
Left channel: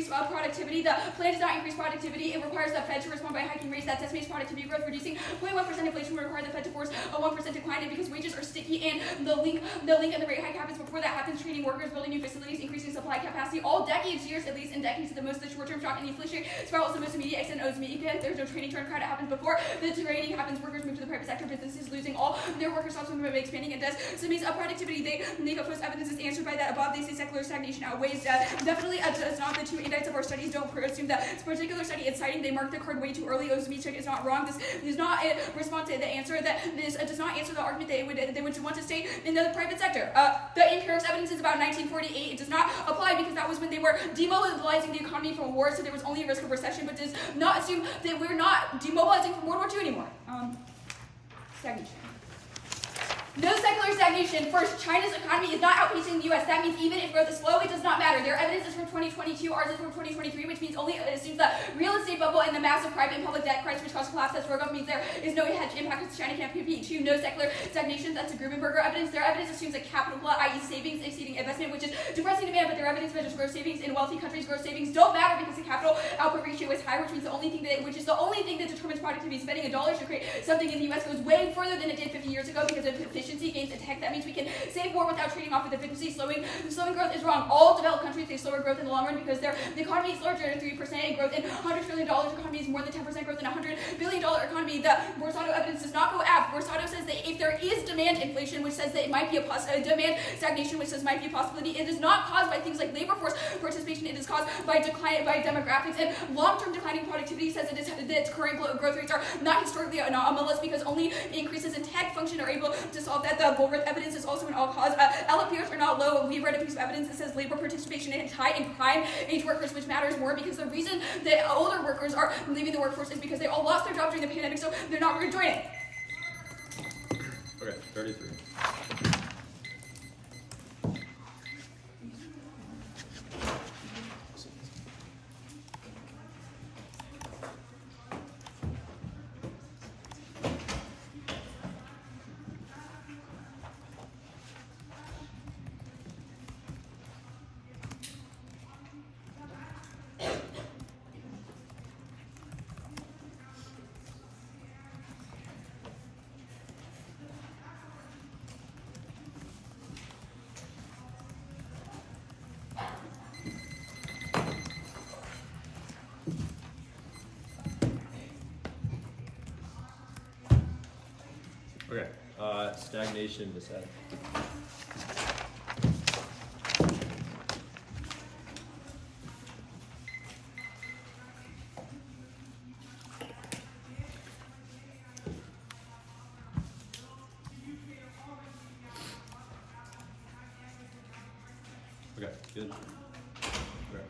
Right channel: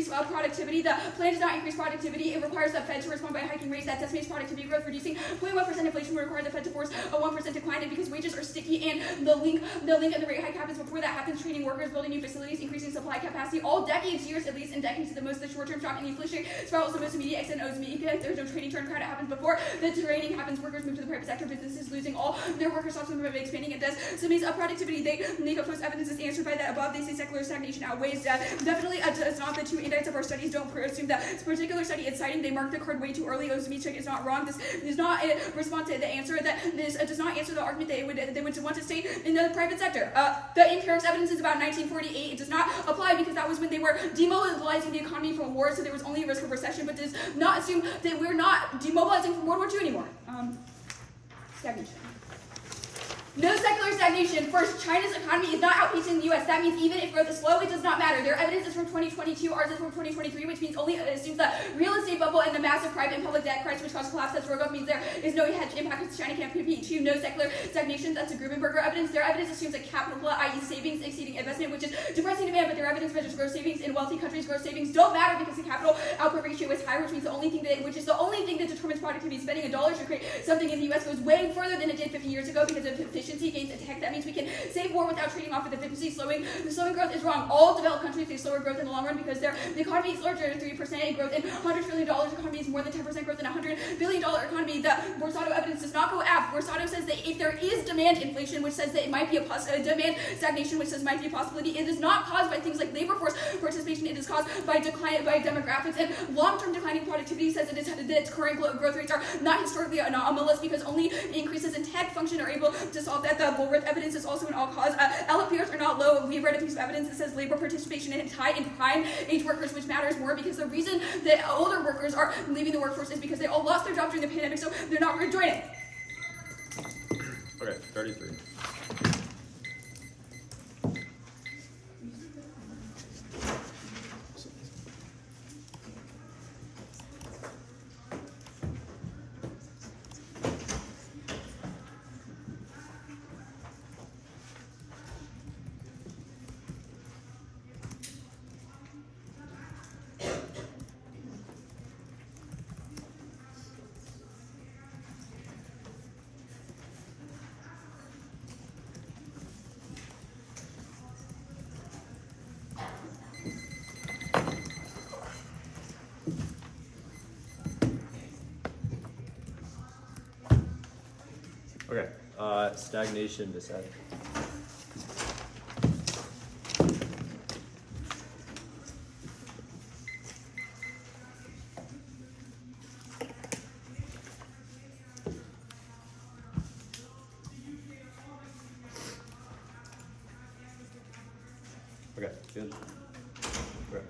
Productivity. The plan does not increase productivity. It requires the Fed to respond by hiking rates. That estimates productivity growth, reducing 0.1% inflation would require the Fed to force a 1% decline, and because wages are sticky and the link and the rate hike happens before that happens, training workers, building new facilities, increasing supply capacity, all decades, years, at least in decades, to the most, the short-term shock and the inflationary spiral is the most immediate extent owes me because there's no training turn crowd. It happens before the training happens, workers move to the private sector, businesses losing all their workers, also expanding. It does, so it means productivity. They make up post evidence is answered by that above. They say secular stagnation outweighs definitely does not. The two indices of our studies don't assume that this particular study is citing. They marked the card way too early. Ozemi is not wrong. This does not respond to the answer that this does not answer the argument that they would want to stay in the private sector. The empirics evidence is about 1948. It does not apply because that was when they were demobilizing the economy from war, so there was only a risk of recession, but does not assume that we're not demobilizing from World War II anymore. Stagnation. No secular stagnation. First, China's economy is not outpacing the U.S. That means even if growth is slow, it does not matter. Their evidence is from 2022, ours is from 2023, which means only assumes the real estate bubble and the massive private and public debt crisis which caused collapse. That's Rogoff means there is no hedge impact because China can't compete. Two, no secular stagnation. That's a Grubenberger evidence. Their evidence assumes a capital glut, i.e. savings exceeding investment, which is depressing demand, but their evidence measures gross savings. In wealthy countries, gross savings don't matter because the capital output ratio is higher, which means the only thing that determines productivity. Spending $1 should create something in the U.S. goes way further than it did 50 years ago because of efficiency efficiency gains in tech. That means we can save more without trading off with efficiency. Slowing growth is wrong. All developed countries face slower growth in the long run because the economy is larger than 3% growth in $100 trillion economy is more than 10% growth in a $100 billion economy. The Borsato evidence does not go up. Borsato says that if there is demand inflation, which says that it might be demand stagnation, which says might be a possibility, it is not caused by things like labor force participation. It is caused by demographics and long-term declining productivity. Says that current growth rates are not historically anomalous because only increases in tech function are able to solve that. The Bullworth evidence is also an all-cause. LPRs are not low. We read a piece of evidence that says labor participation is high in prime age workers, which matters more because the reason that older workers are leaving the workforce is because they all lost their jobs during the pandemic, so they're not rejoining. Okay, 33. Okay, stagnation descent. Okay, good. Okay.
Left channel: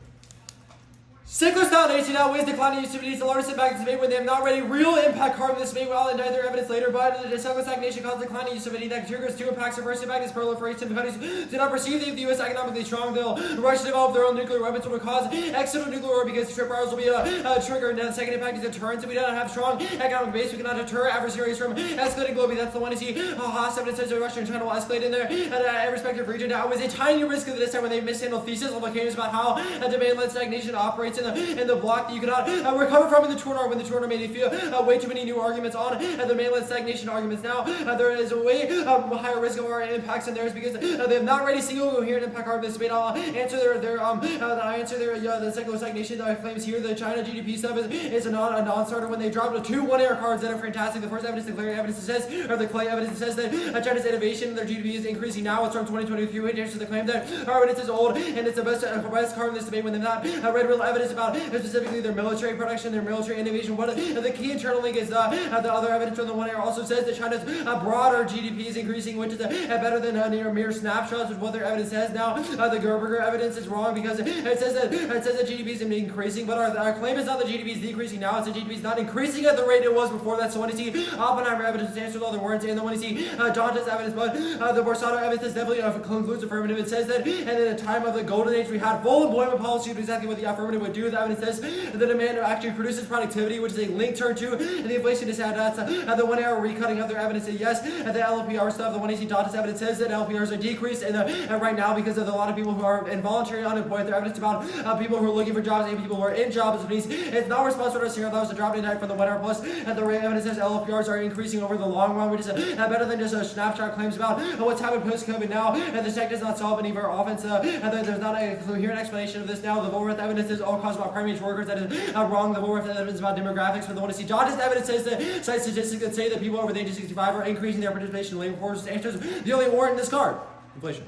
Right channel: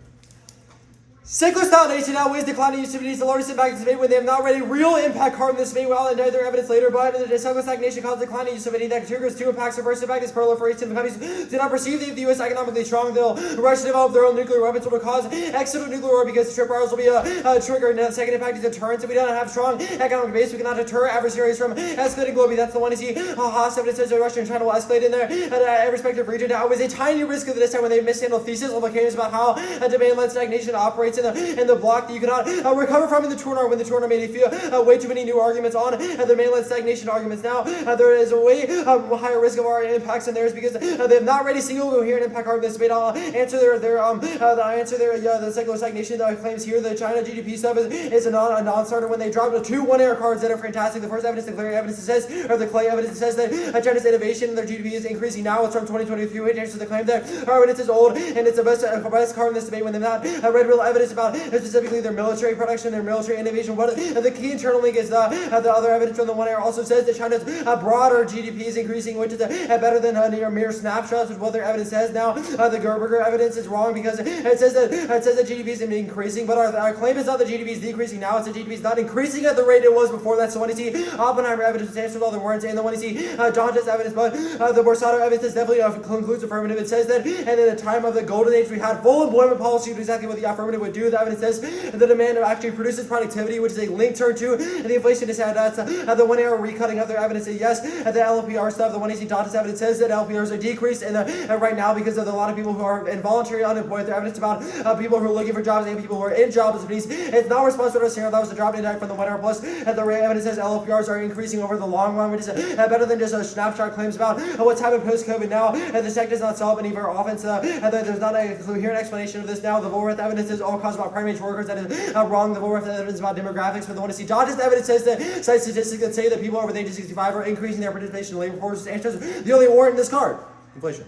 Secular stagnation outweighs declining utilities. The largest impact is made when they have not already real impact carbon this may well indict their evidence later, but the secular stagnation causes declining utility that triggers two impacts. The first impact is proliferation. The countries do not perceive the U.S. economically strong. They'll rush to develop their own nuclear weapons, which will cause external nuclear war because the trip rivals will be a trigger. And the second impact is deterrence. If we don't have strong economic base, we cannot deter adversaries from escalating globally. That's the one you see. Haas evidence says Russia and China will escalate in their respective region. Now, always a tiny risk of this time when they mishandle thesis implications about how demand-led stagnation operates in the block that you cannot recover from in the tour when the tour made you feel way too many new arguments on the mainland stagnation arguments. Now there is a way higher risk of our impacts in theirs because they have not ready single coherent impact arguments. May not answer the secular stagnation claims here. The China GDP stuff is a non-starter when they drop the two one-air cards that are fantastic. The first evidence, the clear evidence that says, or the clay evidence that says that China's innovation in their GDP is increasing now. It's from 2023, which answers the claim that our evidence is old and it's the best card in this debate when they've not read real evidence about specifically their military production, their military innovation. What the key internal link is the other evidence from the one air also says that China's broader GDP is increasing, which is better than mere snapshots, which is what their evidence says. Now the Gerberger evidence is wrong because it says that GDP is increasing, but our claim is not that GDP is decreasing now. It's that GDP is not increasing at the rate it was before that. So when you see Oppenheimer evidence, it answers all the words, and then when you see John's evidence, but the Borsato evidence is definitely concludes affirmative. It says that, and in the time of the golden age, we had full employment policy, exactly what the affirmative would do. The evidence says the demand actually produces productivity, which is a link term to the inflation discount. That's the one arrow recutting of their evidence. Yes, the LPR stuff, the 1AC Dot's evidence says that LPRs are decreased and right now because of a lot of people who are involuntary unemployed. Their evidence about people who are looking for jobs and people who are in jobs. It's not responsible to that was a drop in from the one hour plus. The evidence says LPRs are increasing over the long run, which is better than just a snapshot claims about what's happened post-COVID now. The tech does not solve any of our offense. There's not a coherent explanation of this now. The Woolworth evidence is all caused about primary workers. That is wrong. The Woolworth evidence about demographics for the one to see. Dodge's evidence says that cite statistics that say that people over the age of 65 are increasing their participation in labor force. Answers the only warrant in this card. Inflation.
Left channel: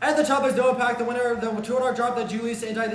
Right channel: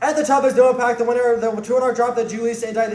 At the top, there's no impact. The winner, the 200 drop that Julius indict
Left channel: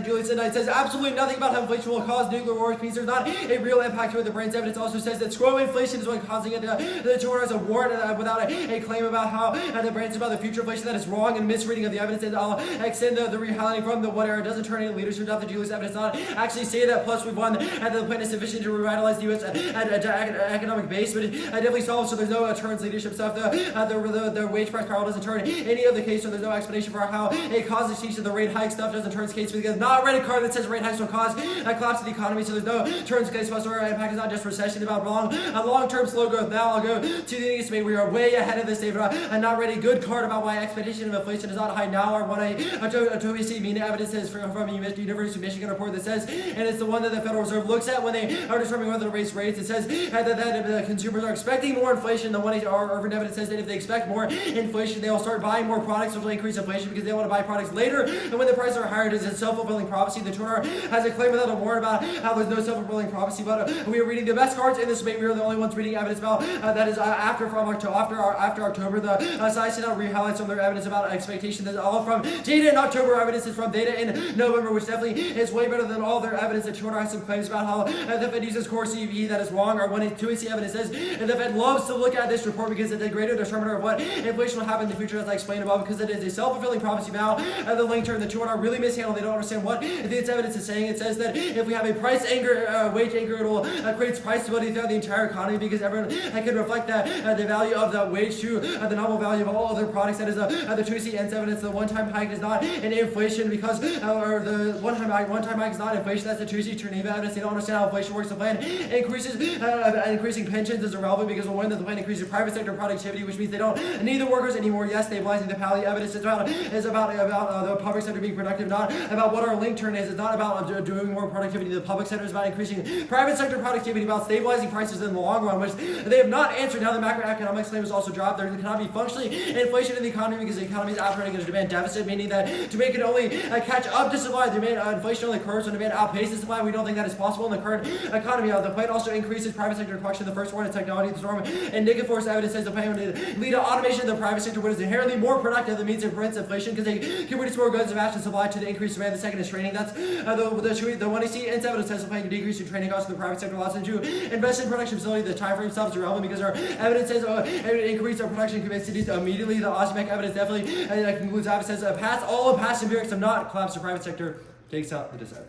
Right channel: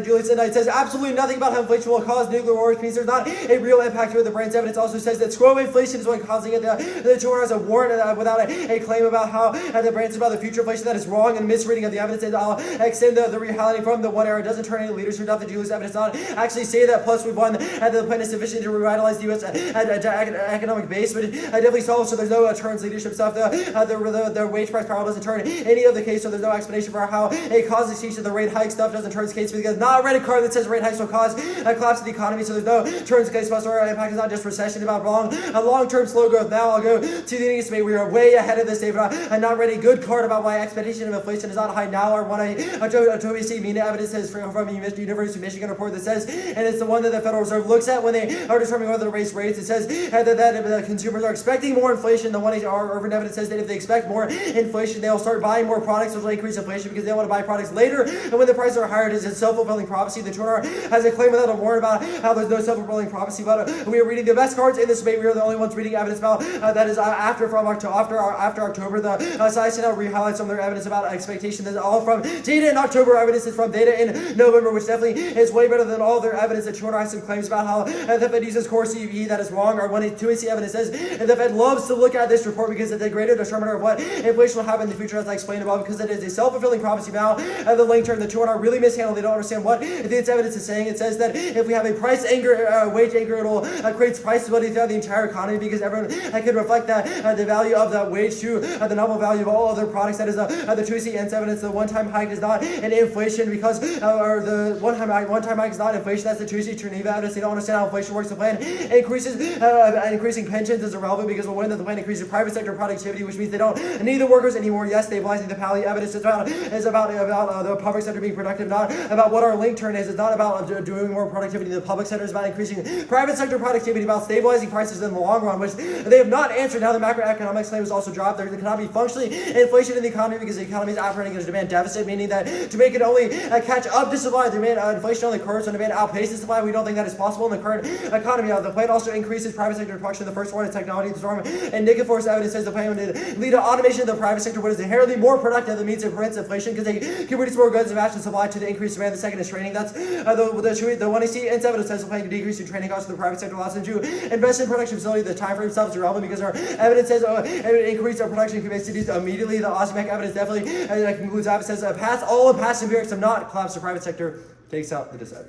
says absolutely nothing about how inflation will cause nuclear war, which means there's not a real impact to it. The brain's evidence also says that scroll inflation is what causing it. The 200 has a warrant without a claim about how the brain's about the future inflation. That is wrong and misreading of the evidence. And I'll extend the reality from the one error. It doesn't turn any leadership out. The Julius evidence not actually say that. Plus, we've won, and the plan is sufficient to revitalize the U.S. Economic base, but it definitely solves. So there's no turns leadership stuff. The wage price power doesn't turn any of the case. So there's no explanation for for how it causes change to the rate hike stuff doesn't turn its case because not read a card that says rate hikes will cause a collapse of the economy. So there's no turns case whatsoever. Impact is not just recession about long-term slow growth. Now I'll go to the next debate. We are way ahead of this debate. I'm not ready. Good card about why expectation of inflation is not high now, or what a TOEC mean evidence is from the University of Michigan report that says, and it's the one that the Federal Reserve looks at when they are determining whether to raise rates. It says that the consumers are expecting more inflation. The one urban evidence says that if they expect more inflation, they'll start buying more products, which will increase inflation because they want to buy products later. And when the prices are higher, it is a self-fulfilling prophecy. The Turner has a claim without a warrant about how there's no self-fulfilling prophecy. But we are reading the best cards in this debate. We are the only ones reading evidence about that is after October. The science now re-highlights some of their evidence about expectation. That's all from data in October. Evidence is from data in November, which definitely is way better than all their evidence. The Turner has some claims about how the Fed uses core CPI that is wrong, or when TOEC evidence says the Fed loves to look at this report because it's a greater determiner of what inflation will happen in the future, as I explained above, because it is a self-fulfilling prophecy about the long term. The Turner really mishandled. They don't understand what this evidence is saying. It says that if we have a price anger, wage anger, it'll create price stability throughout the entire economy because everyone can reflect that the value of the wage to the nominal value of all other products. That is the TOEC evidence. The one-time hike is not an inflation because, or the one-time hike is not inflation. That's the TOEC Geneva evidence. They don't understand how inflation works. The plan increasing pensions is irrelevant because when the plan increases private sector productivity, which means they don't need the workers anymore. Yes, stabilizing the Pally evidence is about the public sector being productive, not about what our link turn is. It's not about doing more productivity. The public sector is about increasing private sector productivity, about stabilizing prices in the long run, which they have not answered. Now the macroeconomics claim is also dropped. There cannot be functionally inflation in the economy because the economy is operating at a demand deficit, meaning that to make it only catch up to supply, inflation only occurs when demand outpaces supply. We don't think that is possible in the current economy. The plan also increases private sector production. The first one is technology. The storm and Nikifor's evidence says the plan would lead to automation of the private sector, what is inherently more productive. That means it prevents inflation because they can produce more goods and match the supply to the increased demand. The second is training. That's the one I see. And evidence says the plan to decrease the training costs of the private sector allows them to invest in production facility. The time frame itself is irrelevant because our evidence says increase our production capacities immediately. The OSMEC evidence definitely concludes that. It says all past empirics have not collapsed the private sector. Takes out the dissent.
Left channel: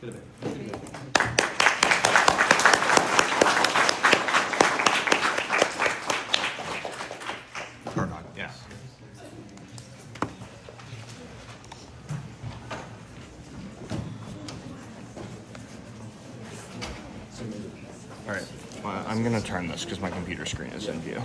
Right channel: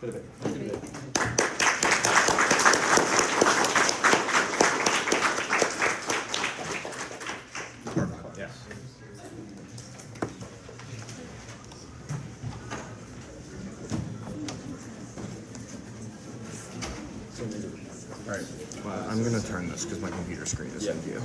Good debate. Good debate. Yes. All right. I'm gonna turn this because my computer screen is in view.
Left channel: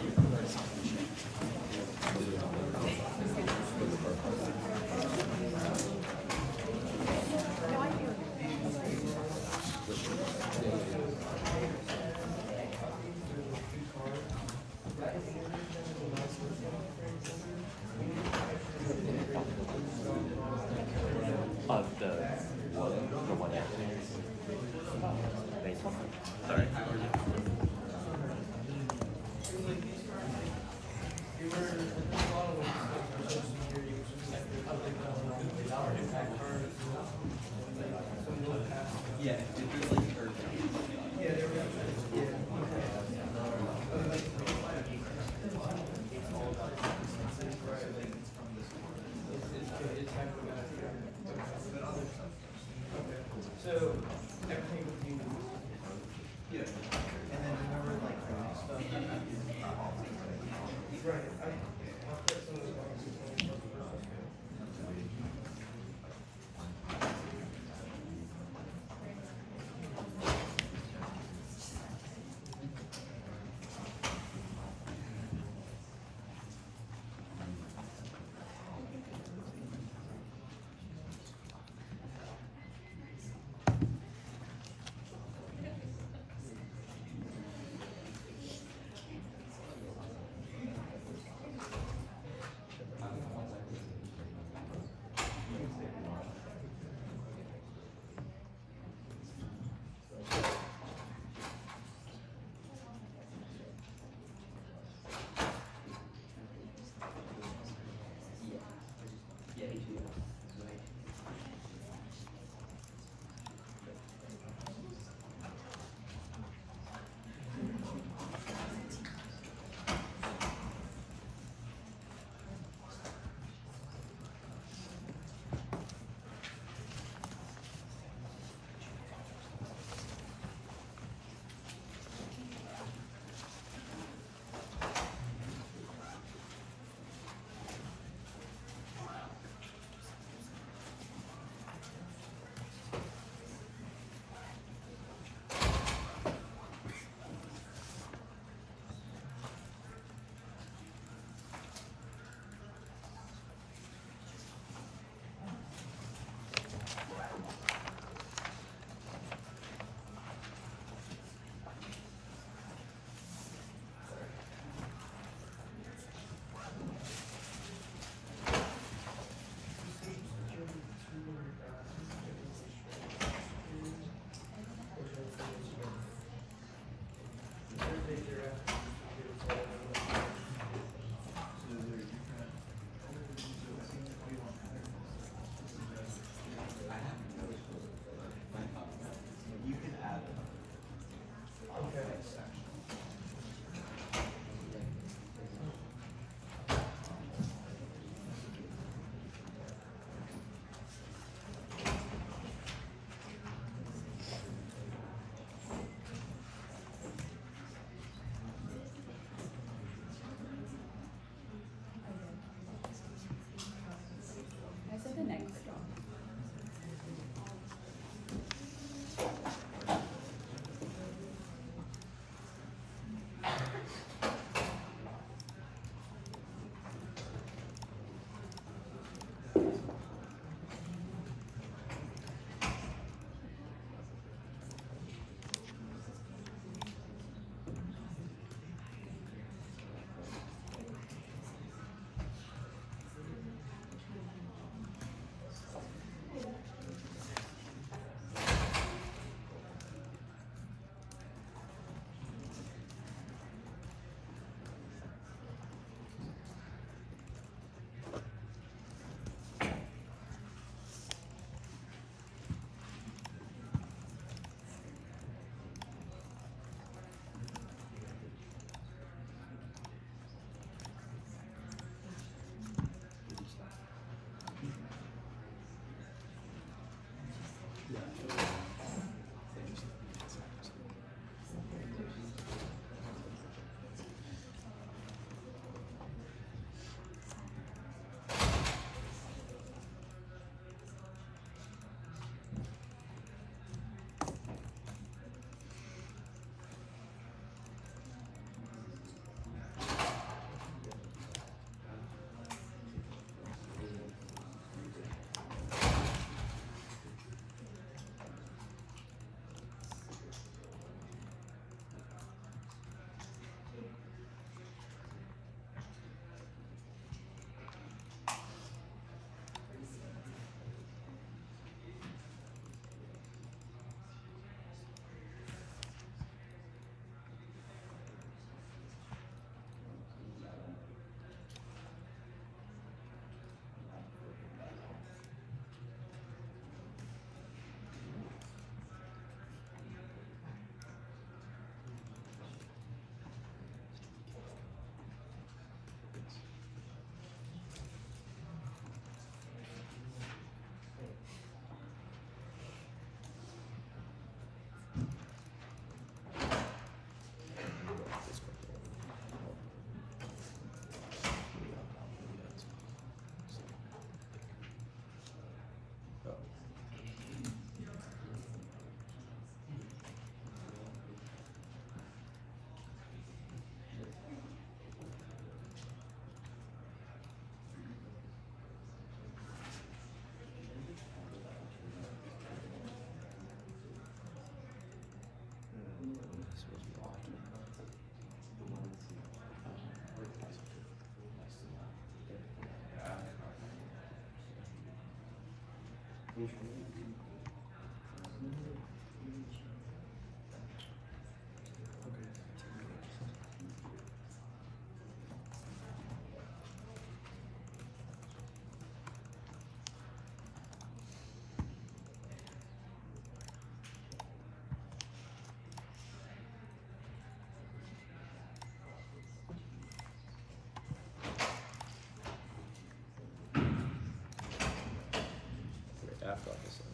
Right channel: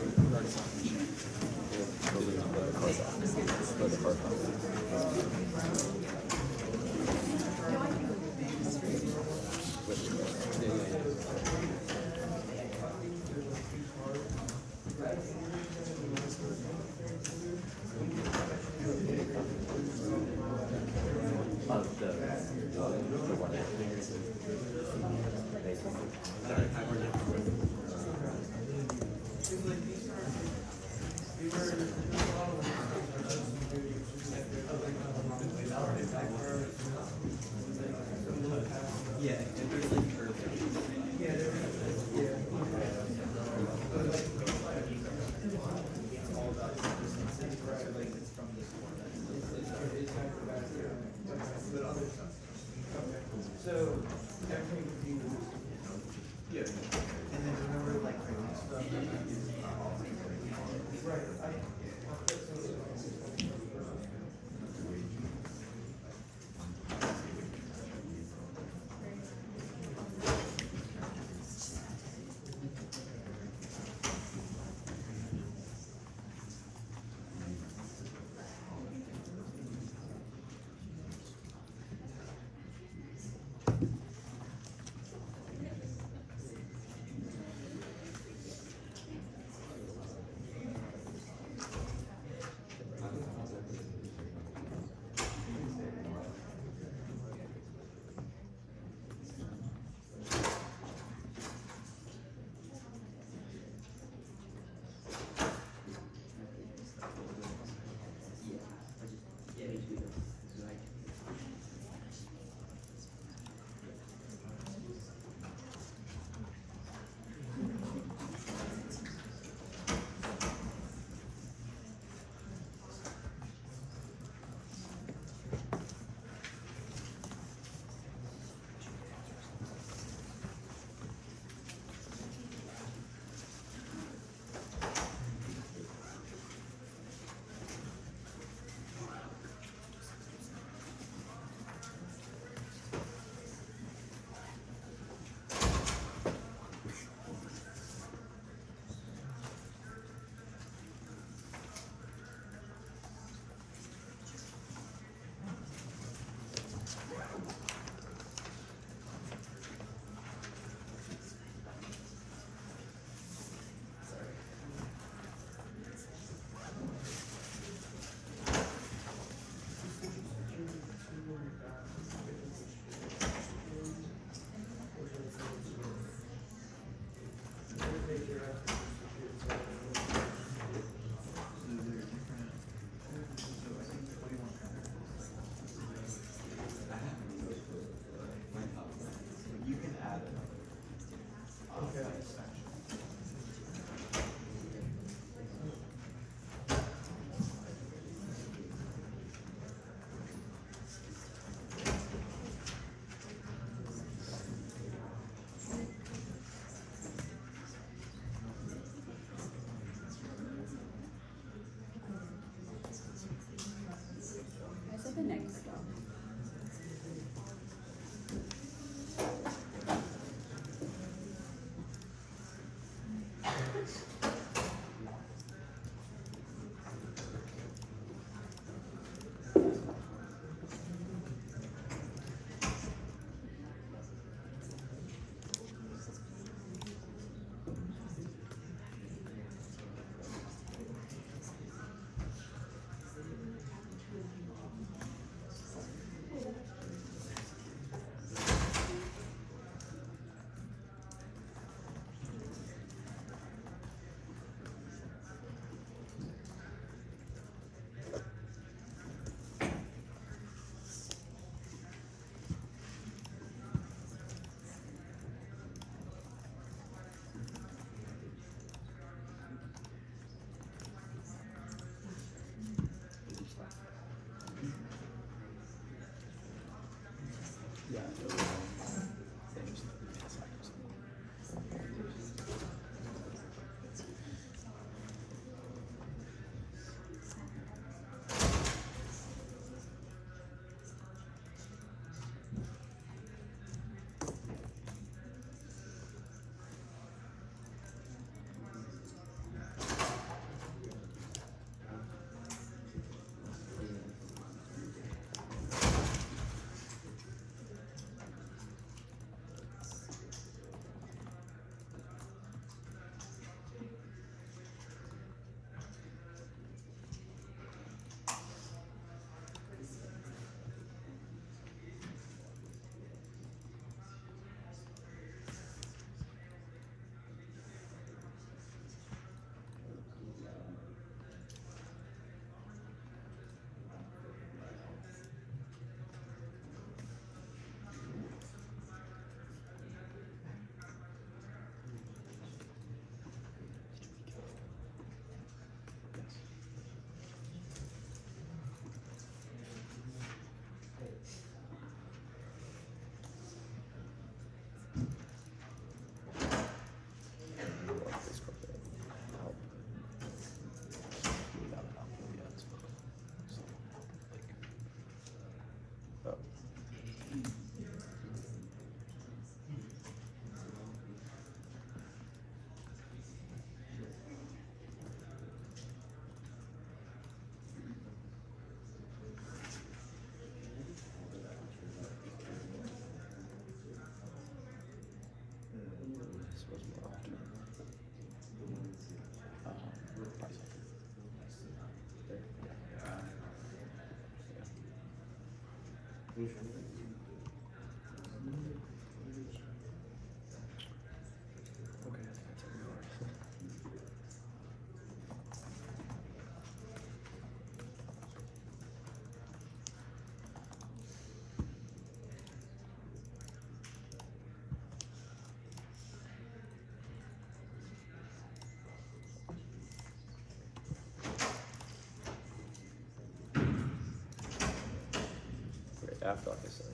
Okay, after like I said.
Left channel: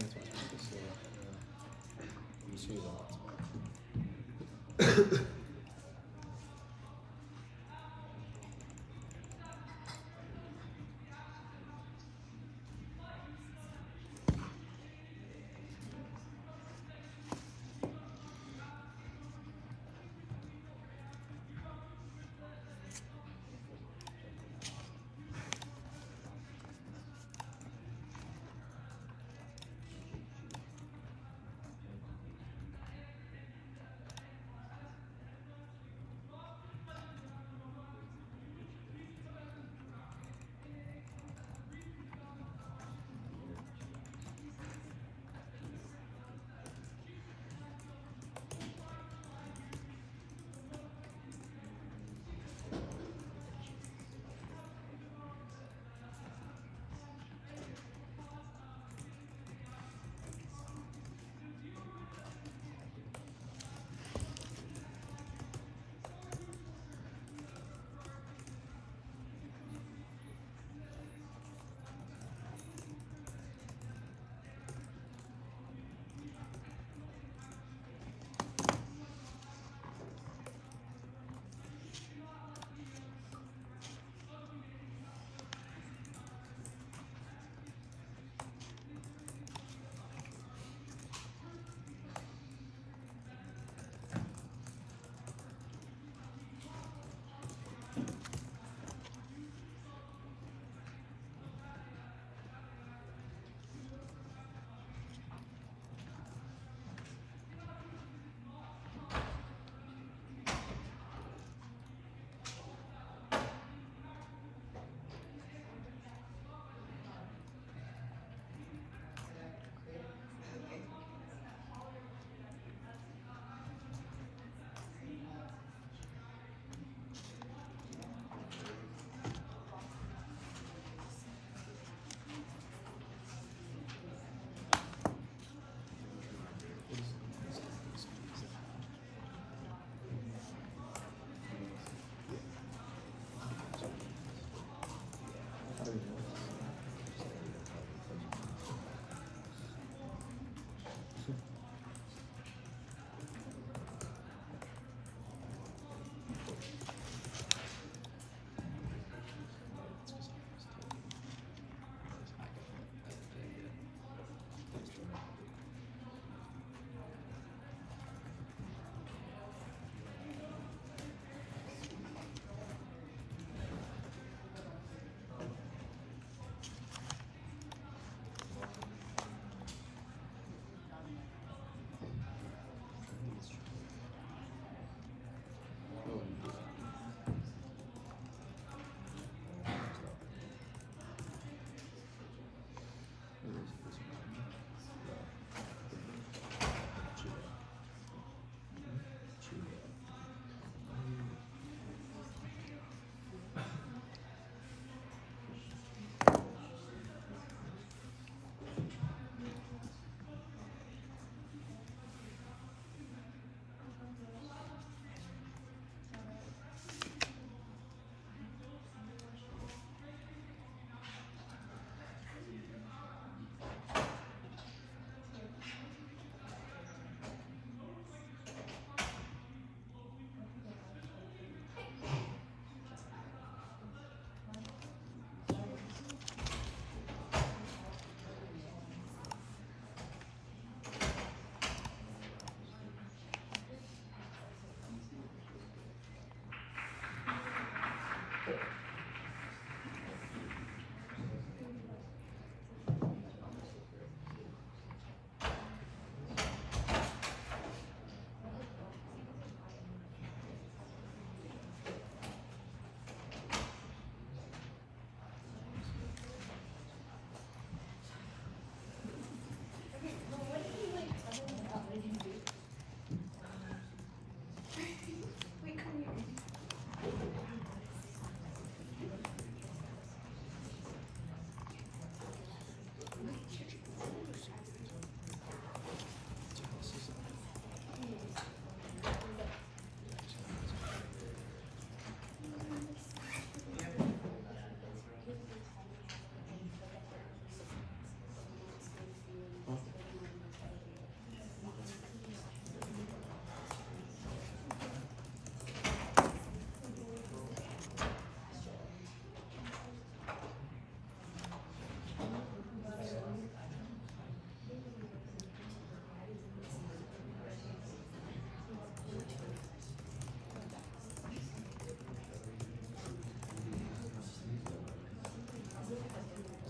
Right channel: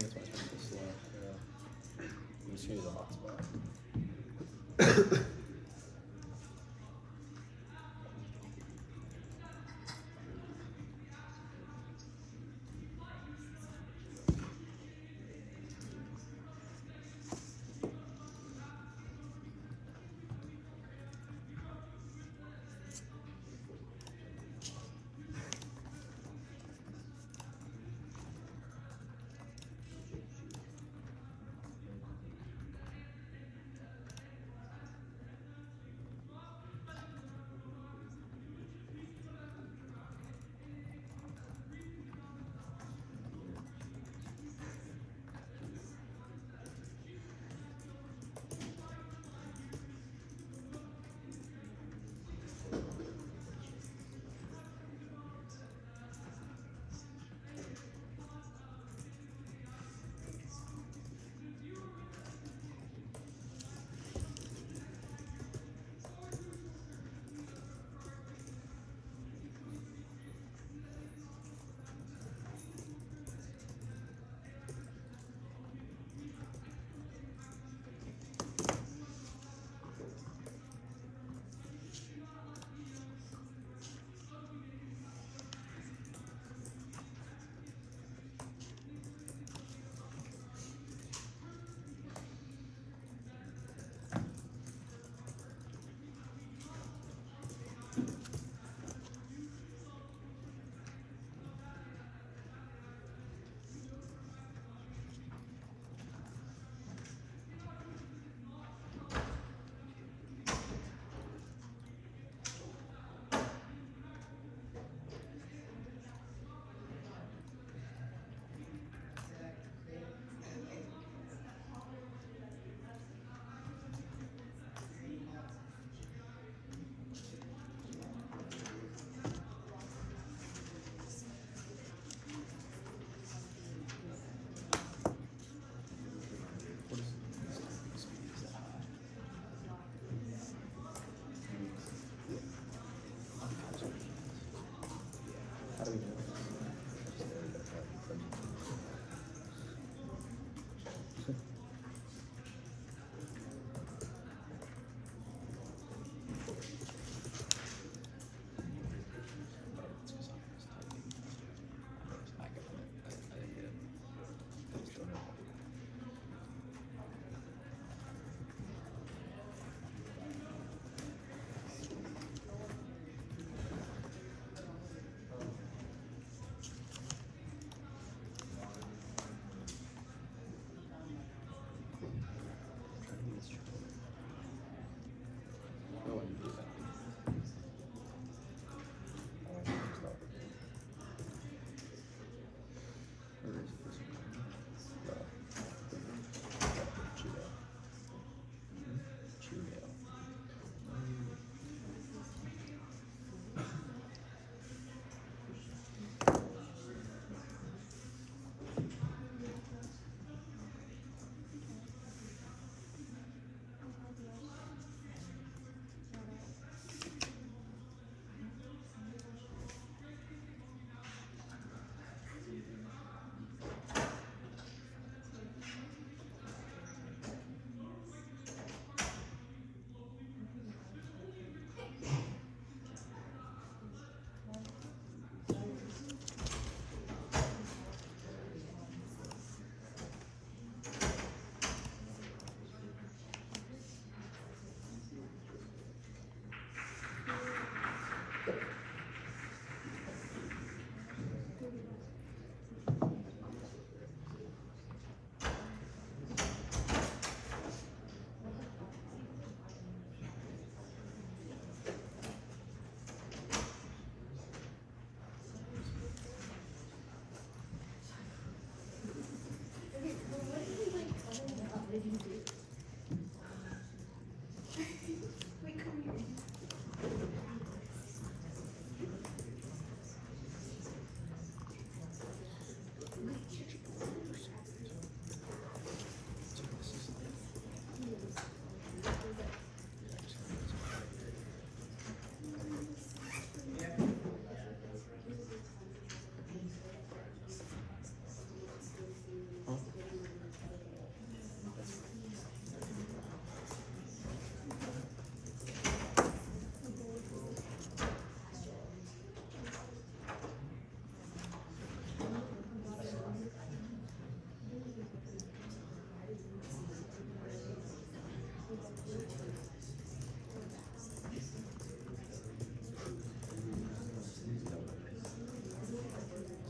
think it's much too slow. Yeah. I'm just gonna use a hotspot.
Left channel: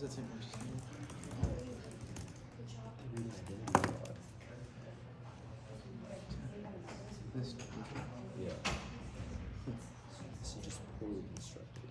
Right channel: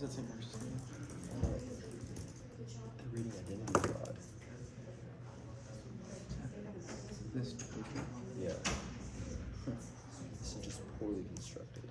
that same person? Reading identity fraud. This. Yeah. This is just poorly constructed.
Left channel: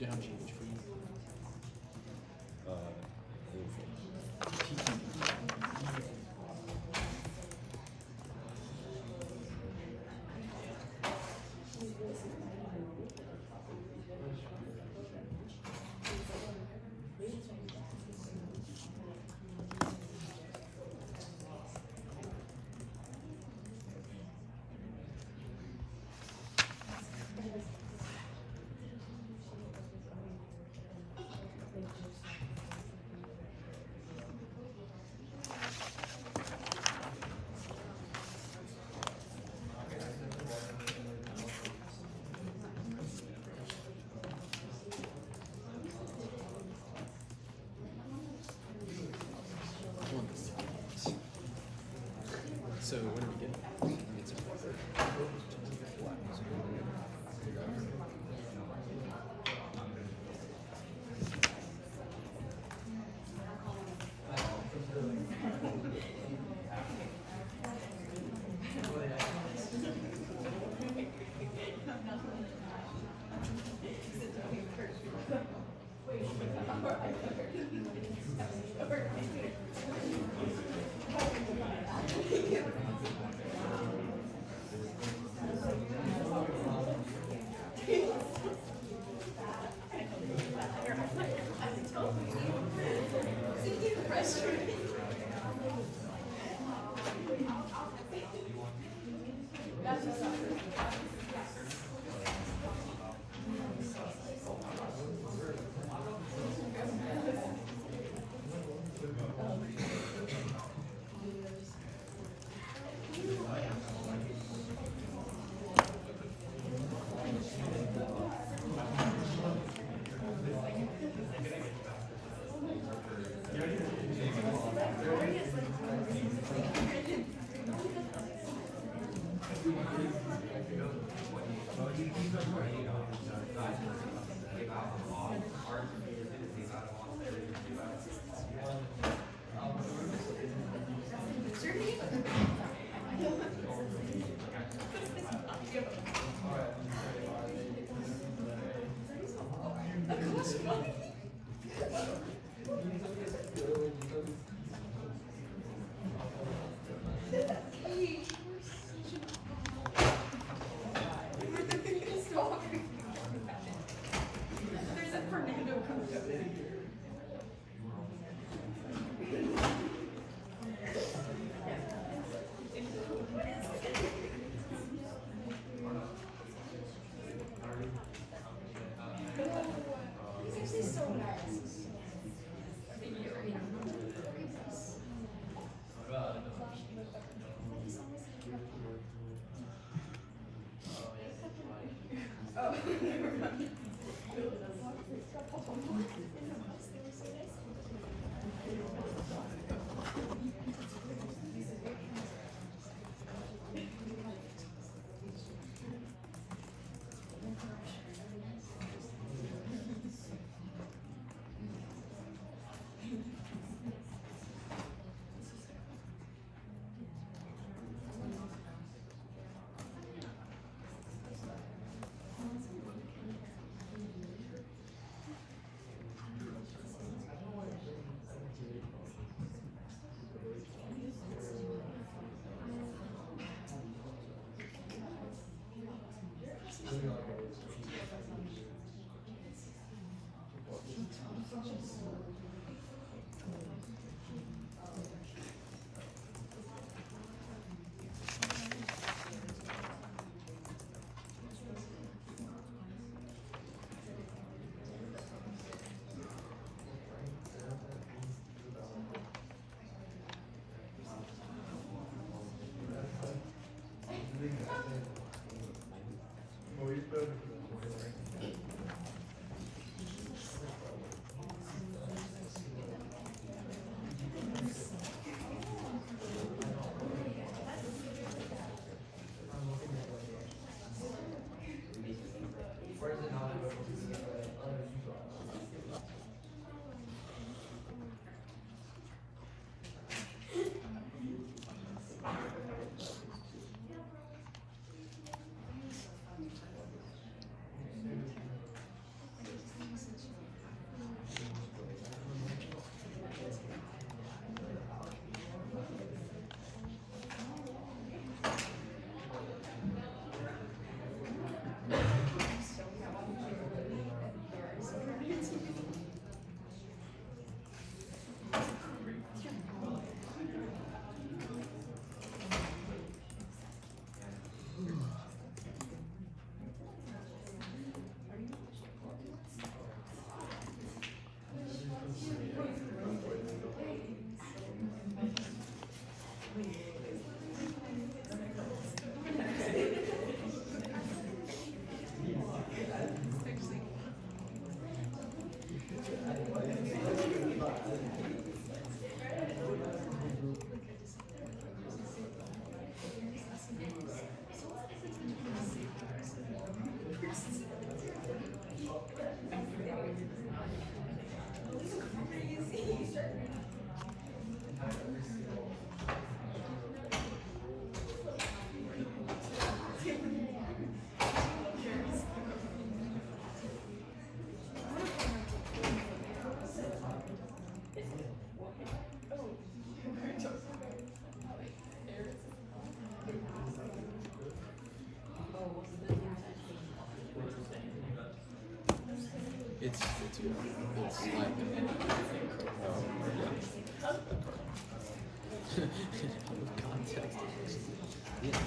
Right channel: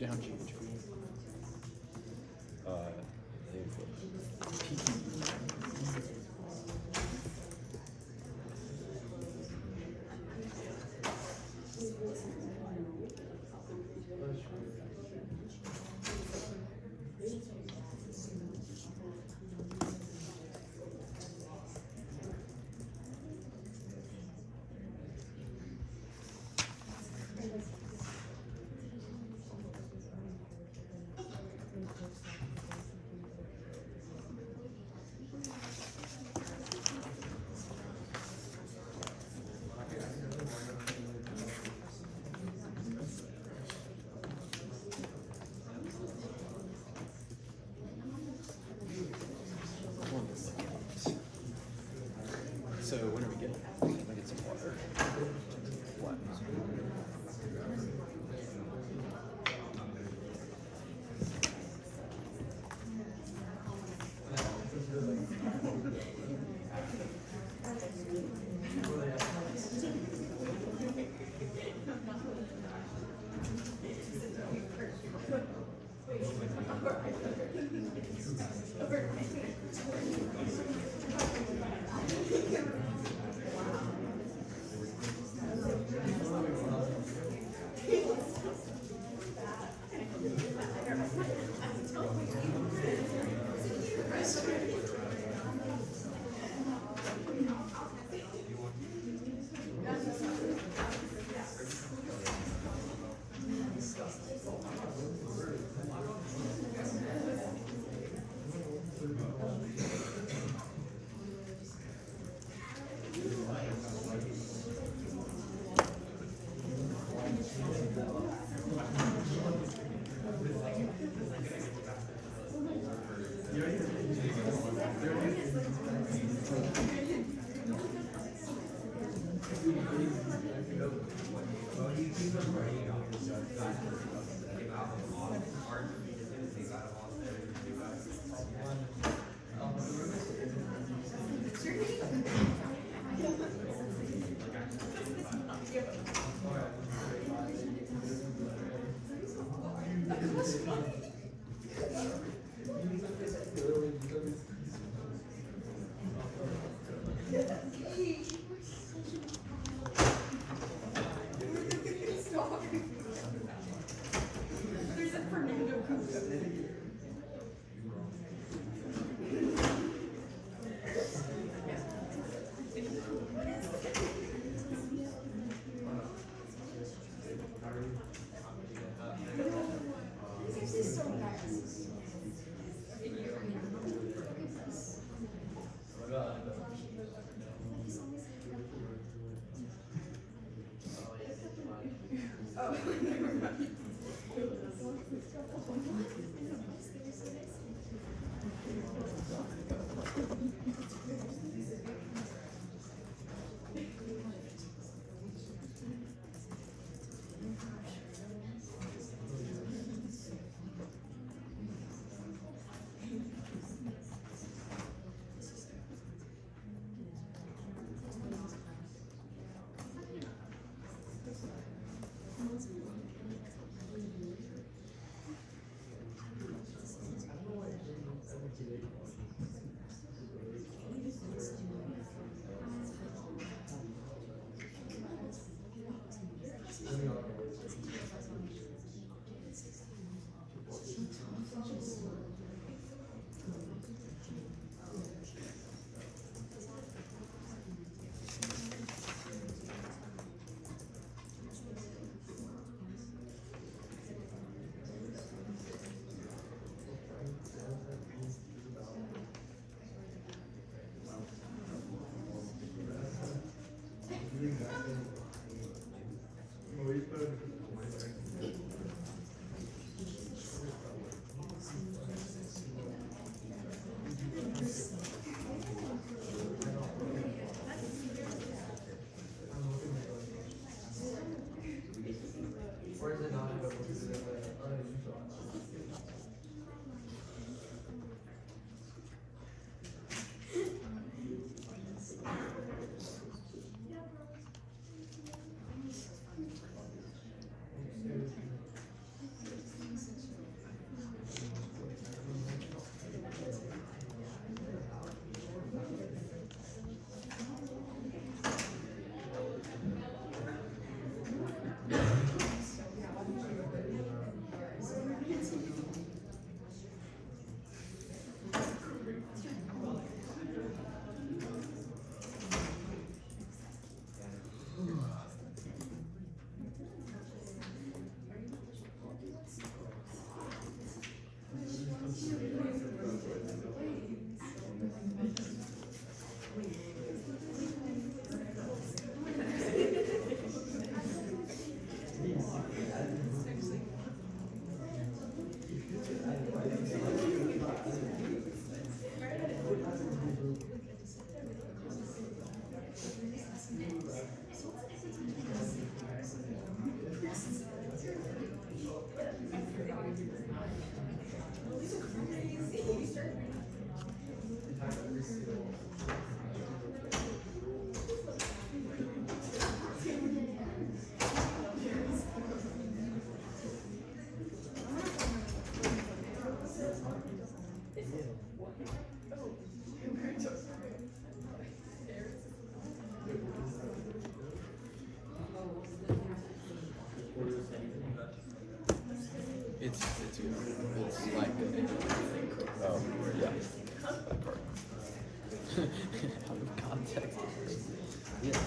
Do you have GHB? I think so. It's good. It's like yeah, that card. Out of context. Yeah.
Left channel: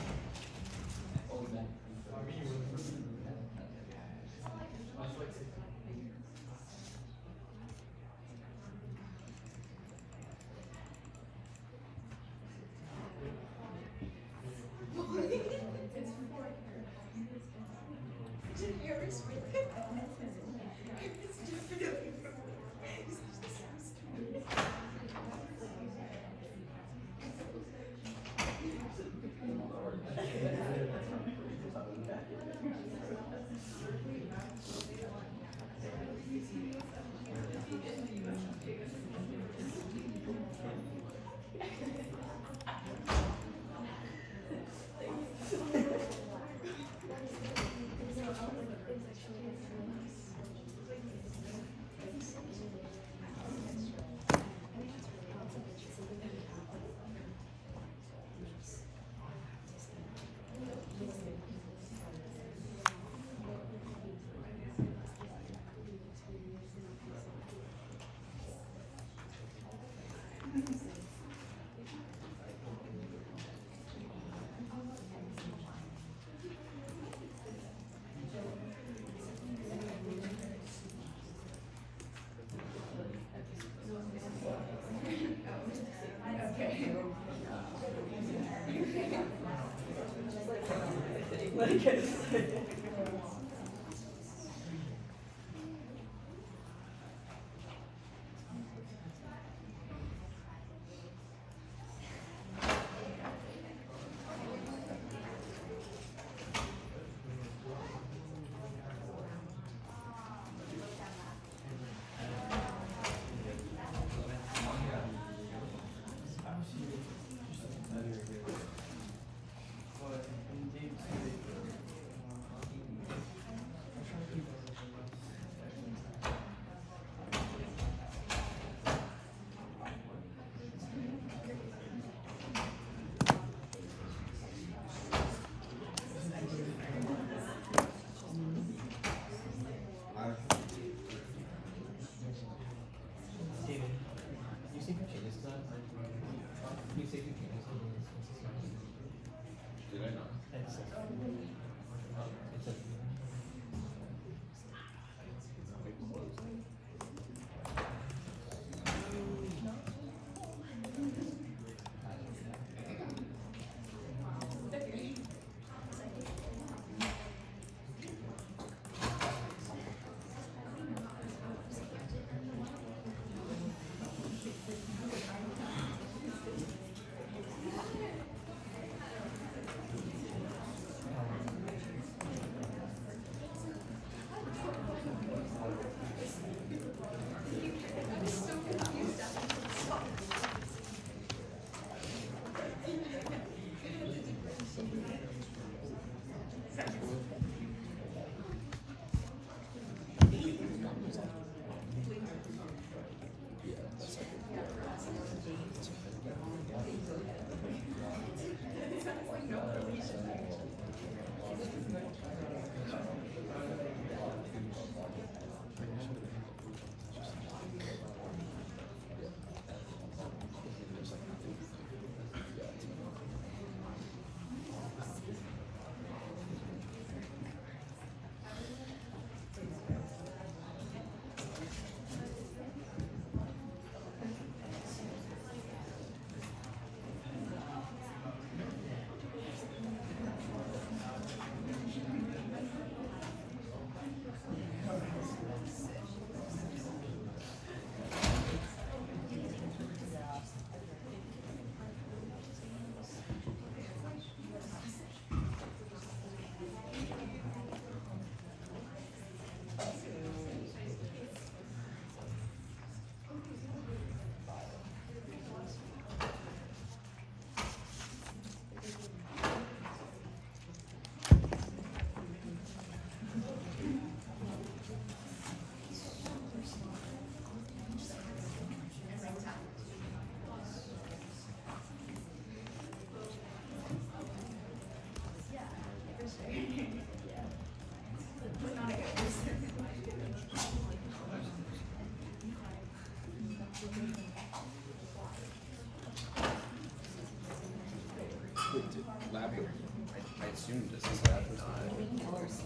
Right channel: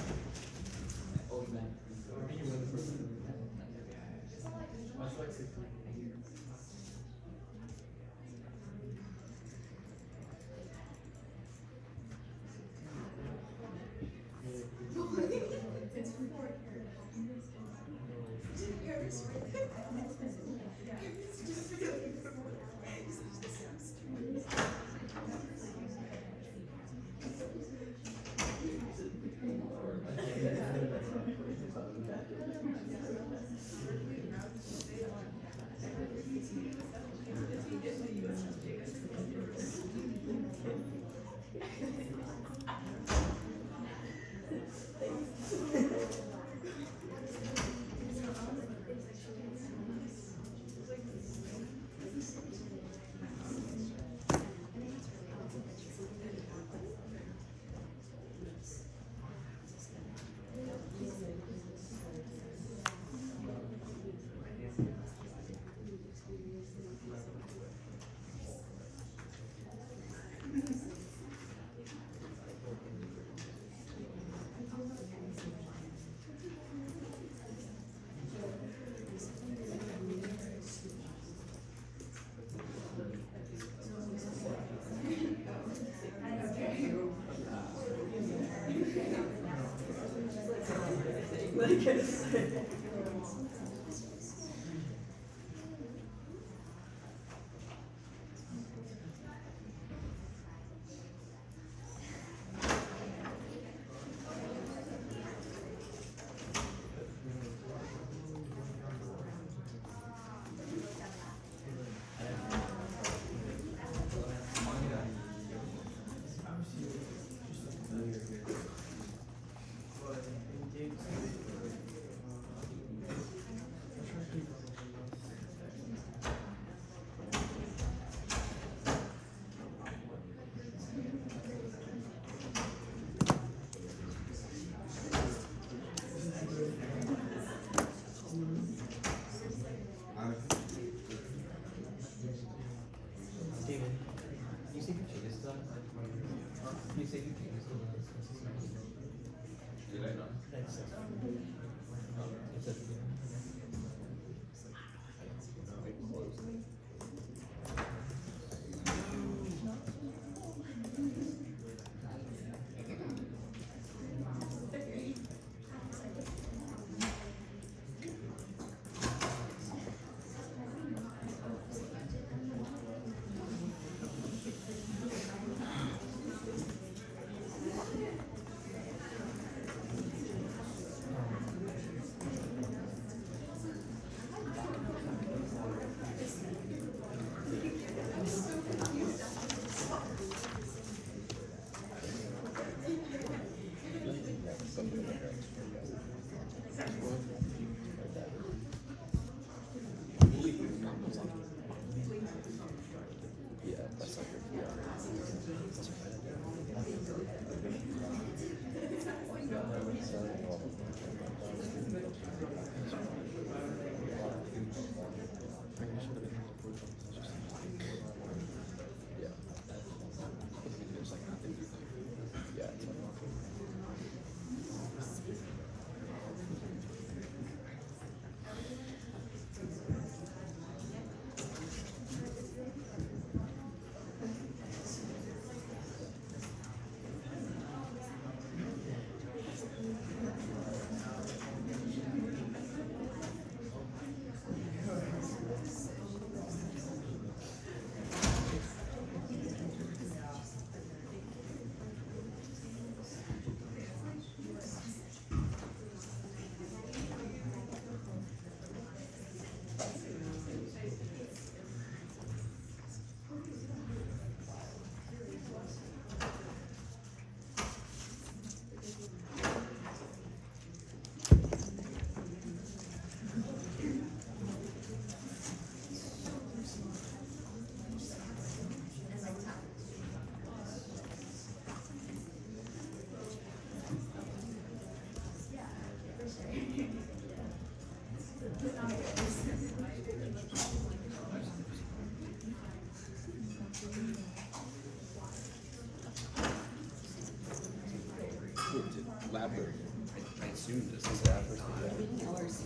I assume this is lab versus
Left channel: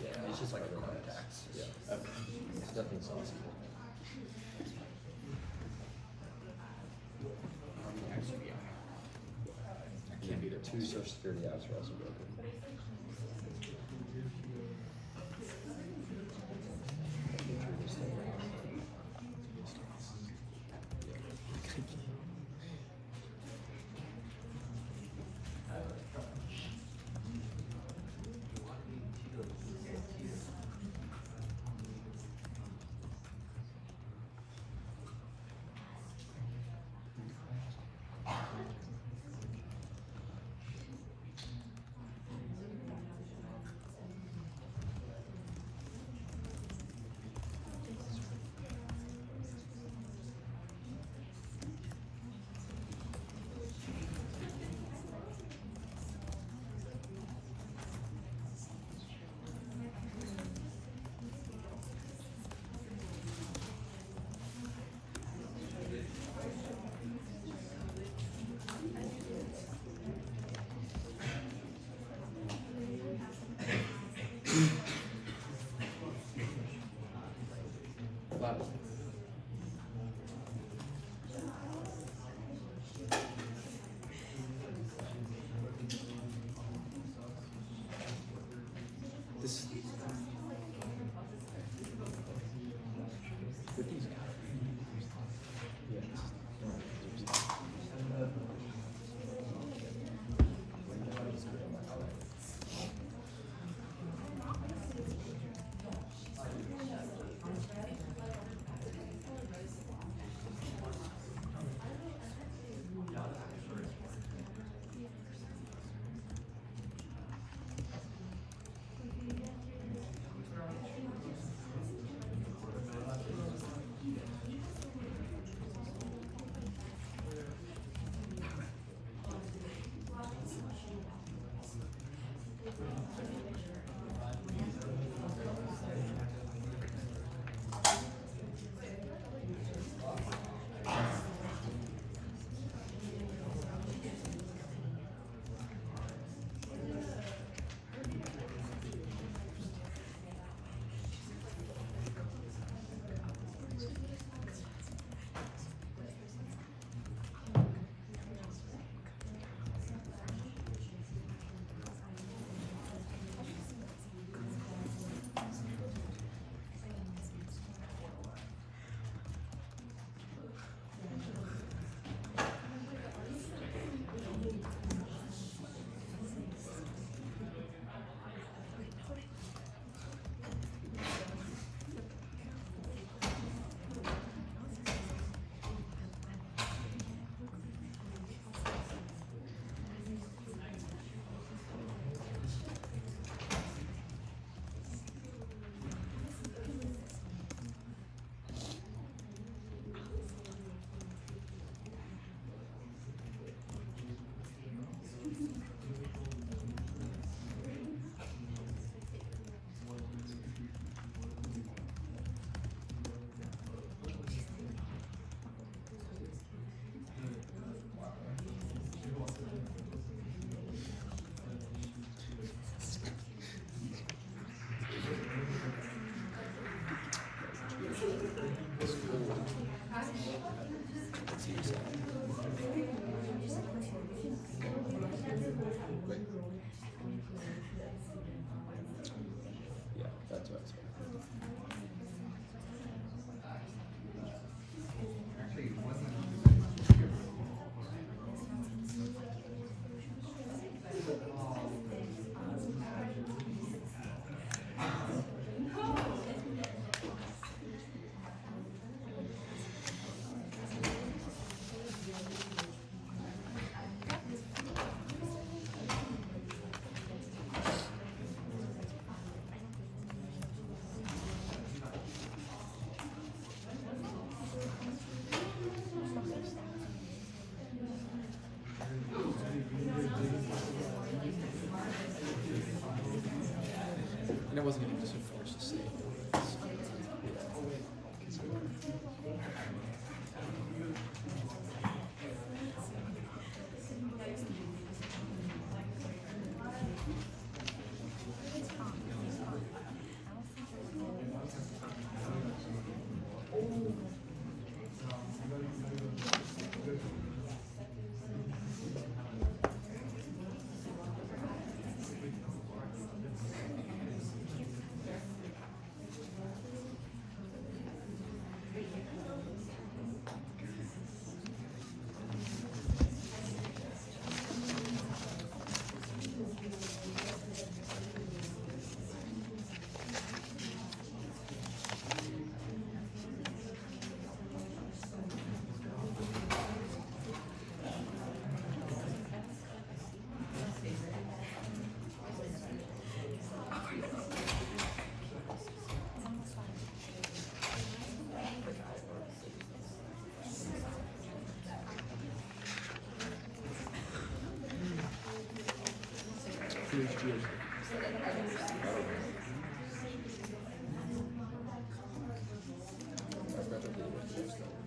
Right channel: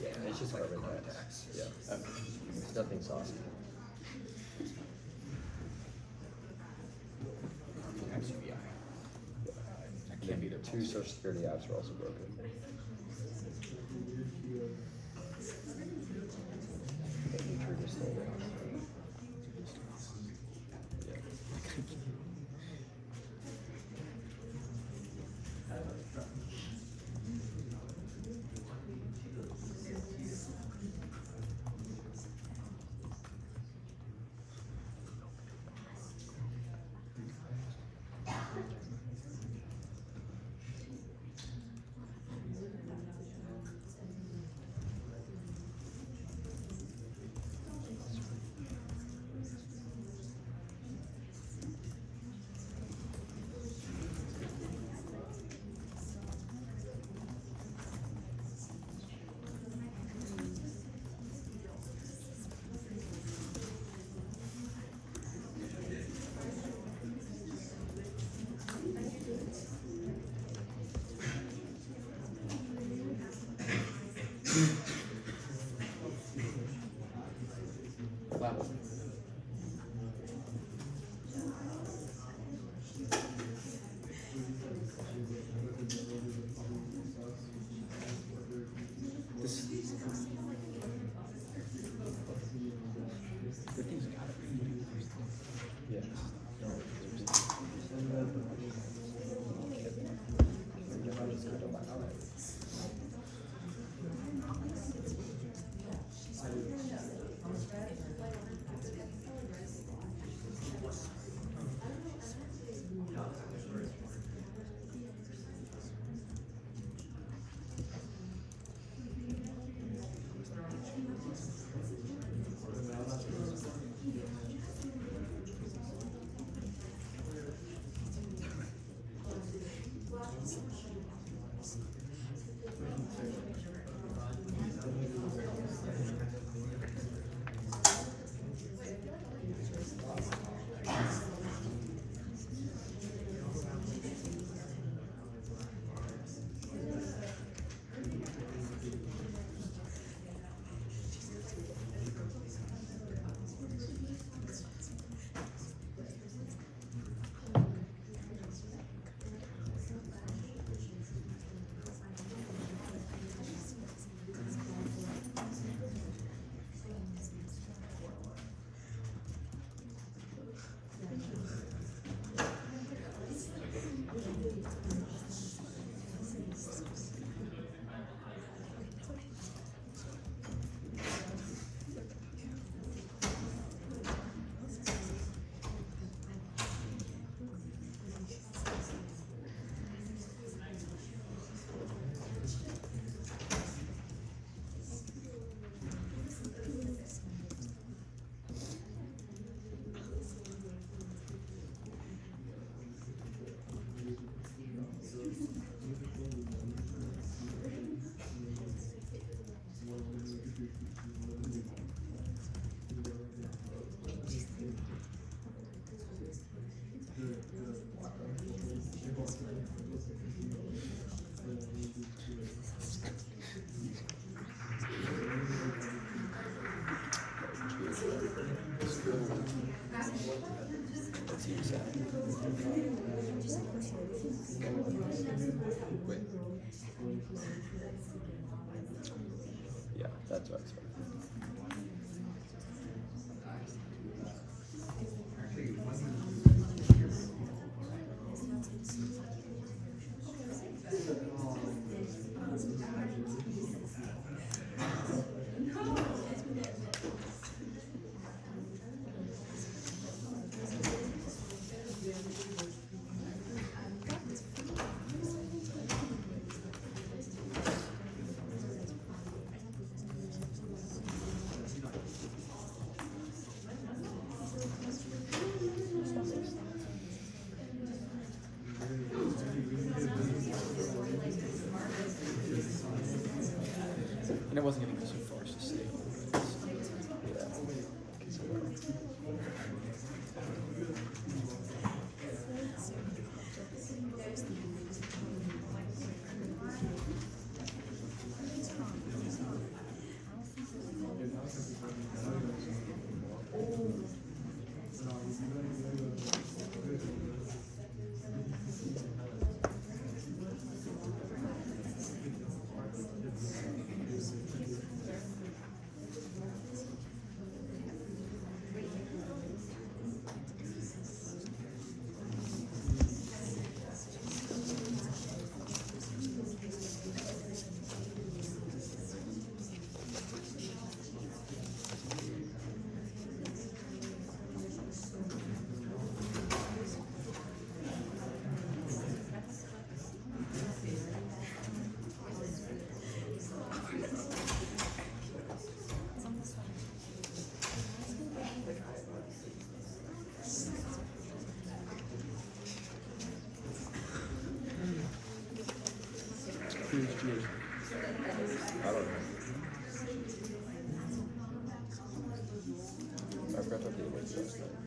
Yeah, it's just carbon tax. Yeah. It's nothing saucy. can't be the Two social security apps are also broken. That we previously And it wasn't going to go so far as to say. Cheers. I don't know. I forgot to update it last night.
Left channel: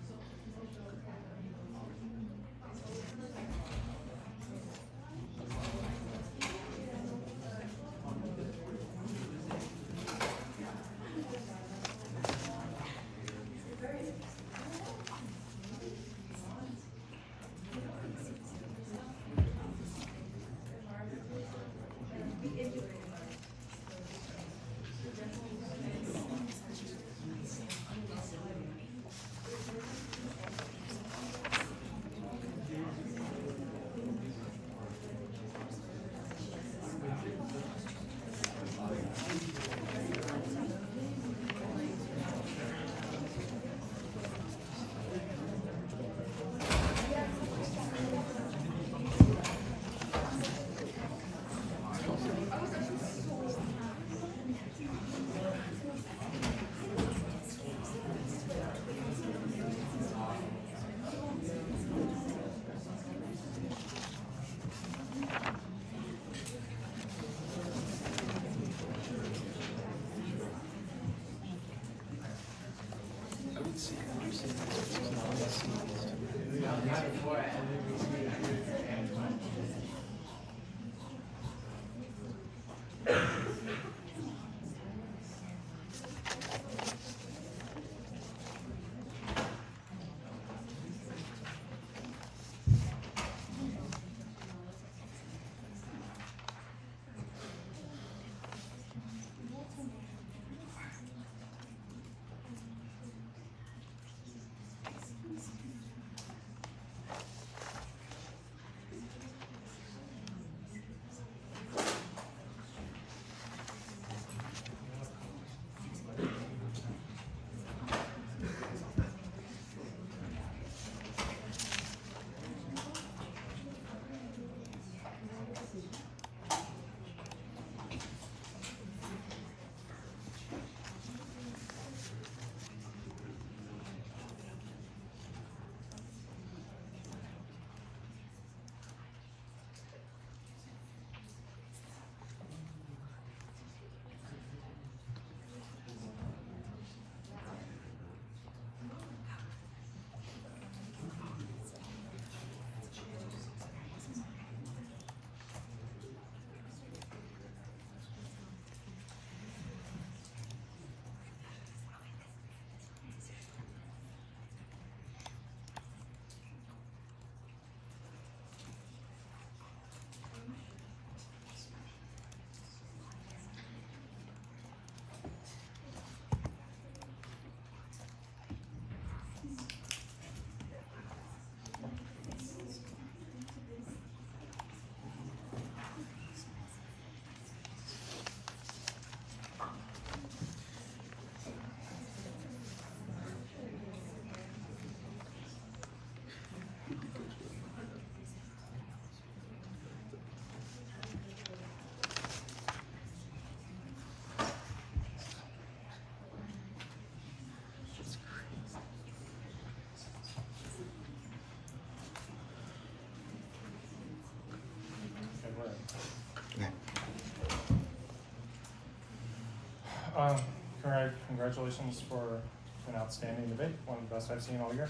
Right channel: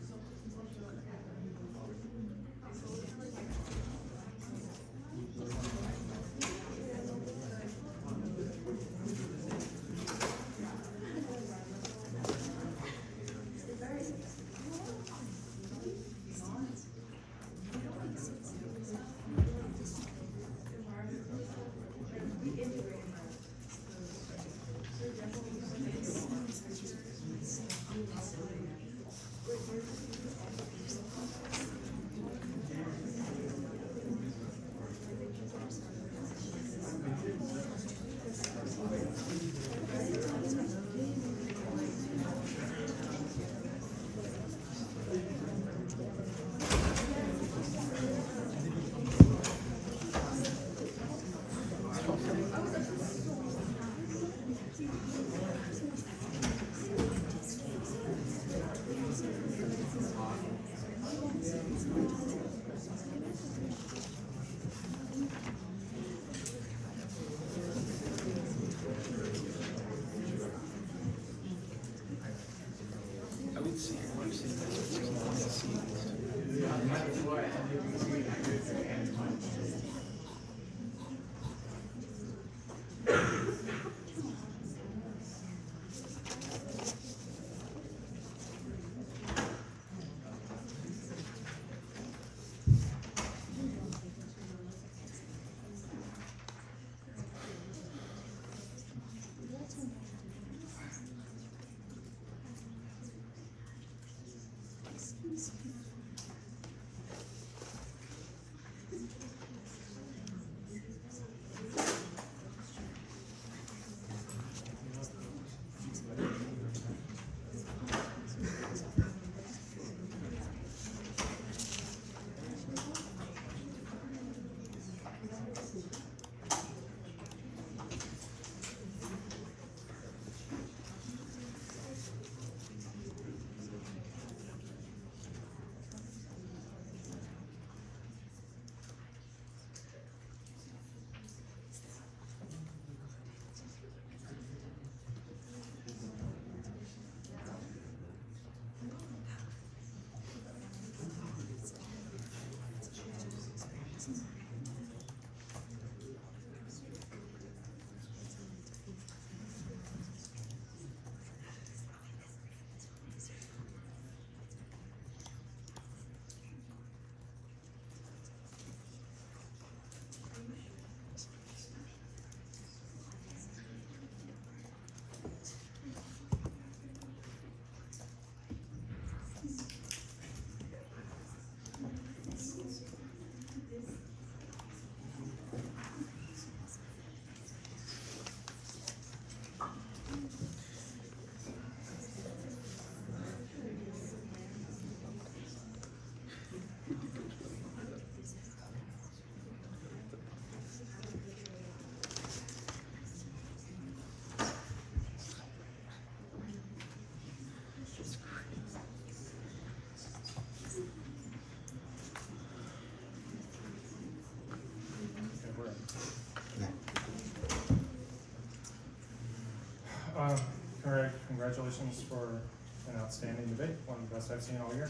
Greg, congratulations for an outstanding debate, one of the best I've seen all year.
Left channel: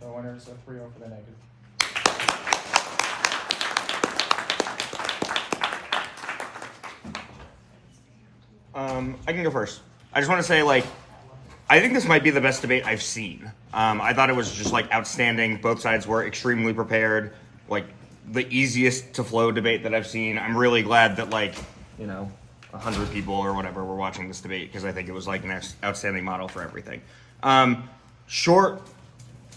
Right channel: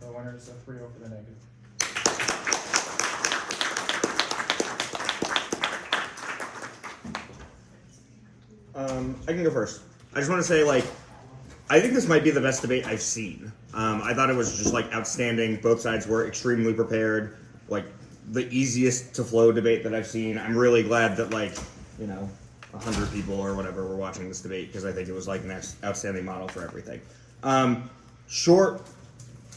The winner is a 3-0 for the negative. I can go first. I just want to say, like, I think this might be the best debate I've seen. I thought it was just, like, outstanding. Both sides were extremely prepared. Like, the easiest to flow debate that I've seen. I'm really glad that, like, 100 people or whatever were watching this debate, because I think it was, like, an outstanding model for everything. Short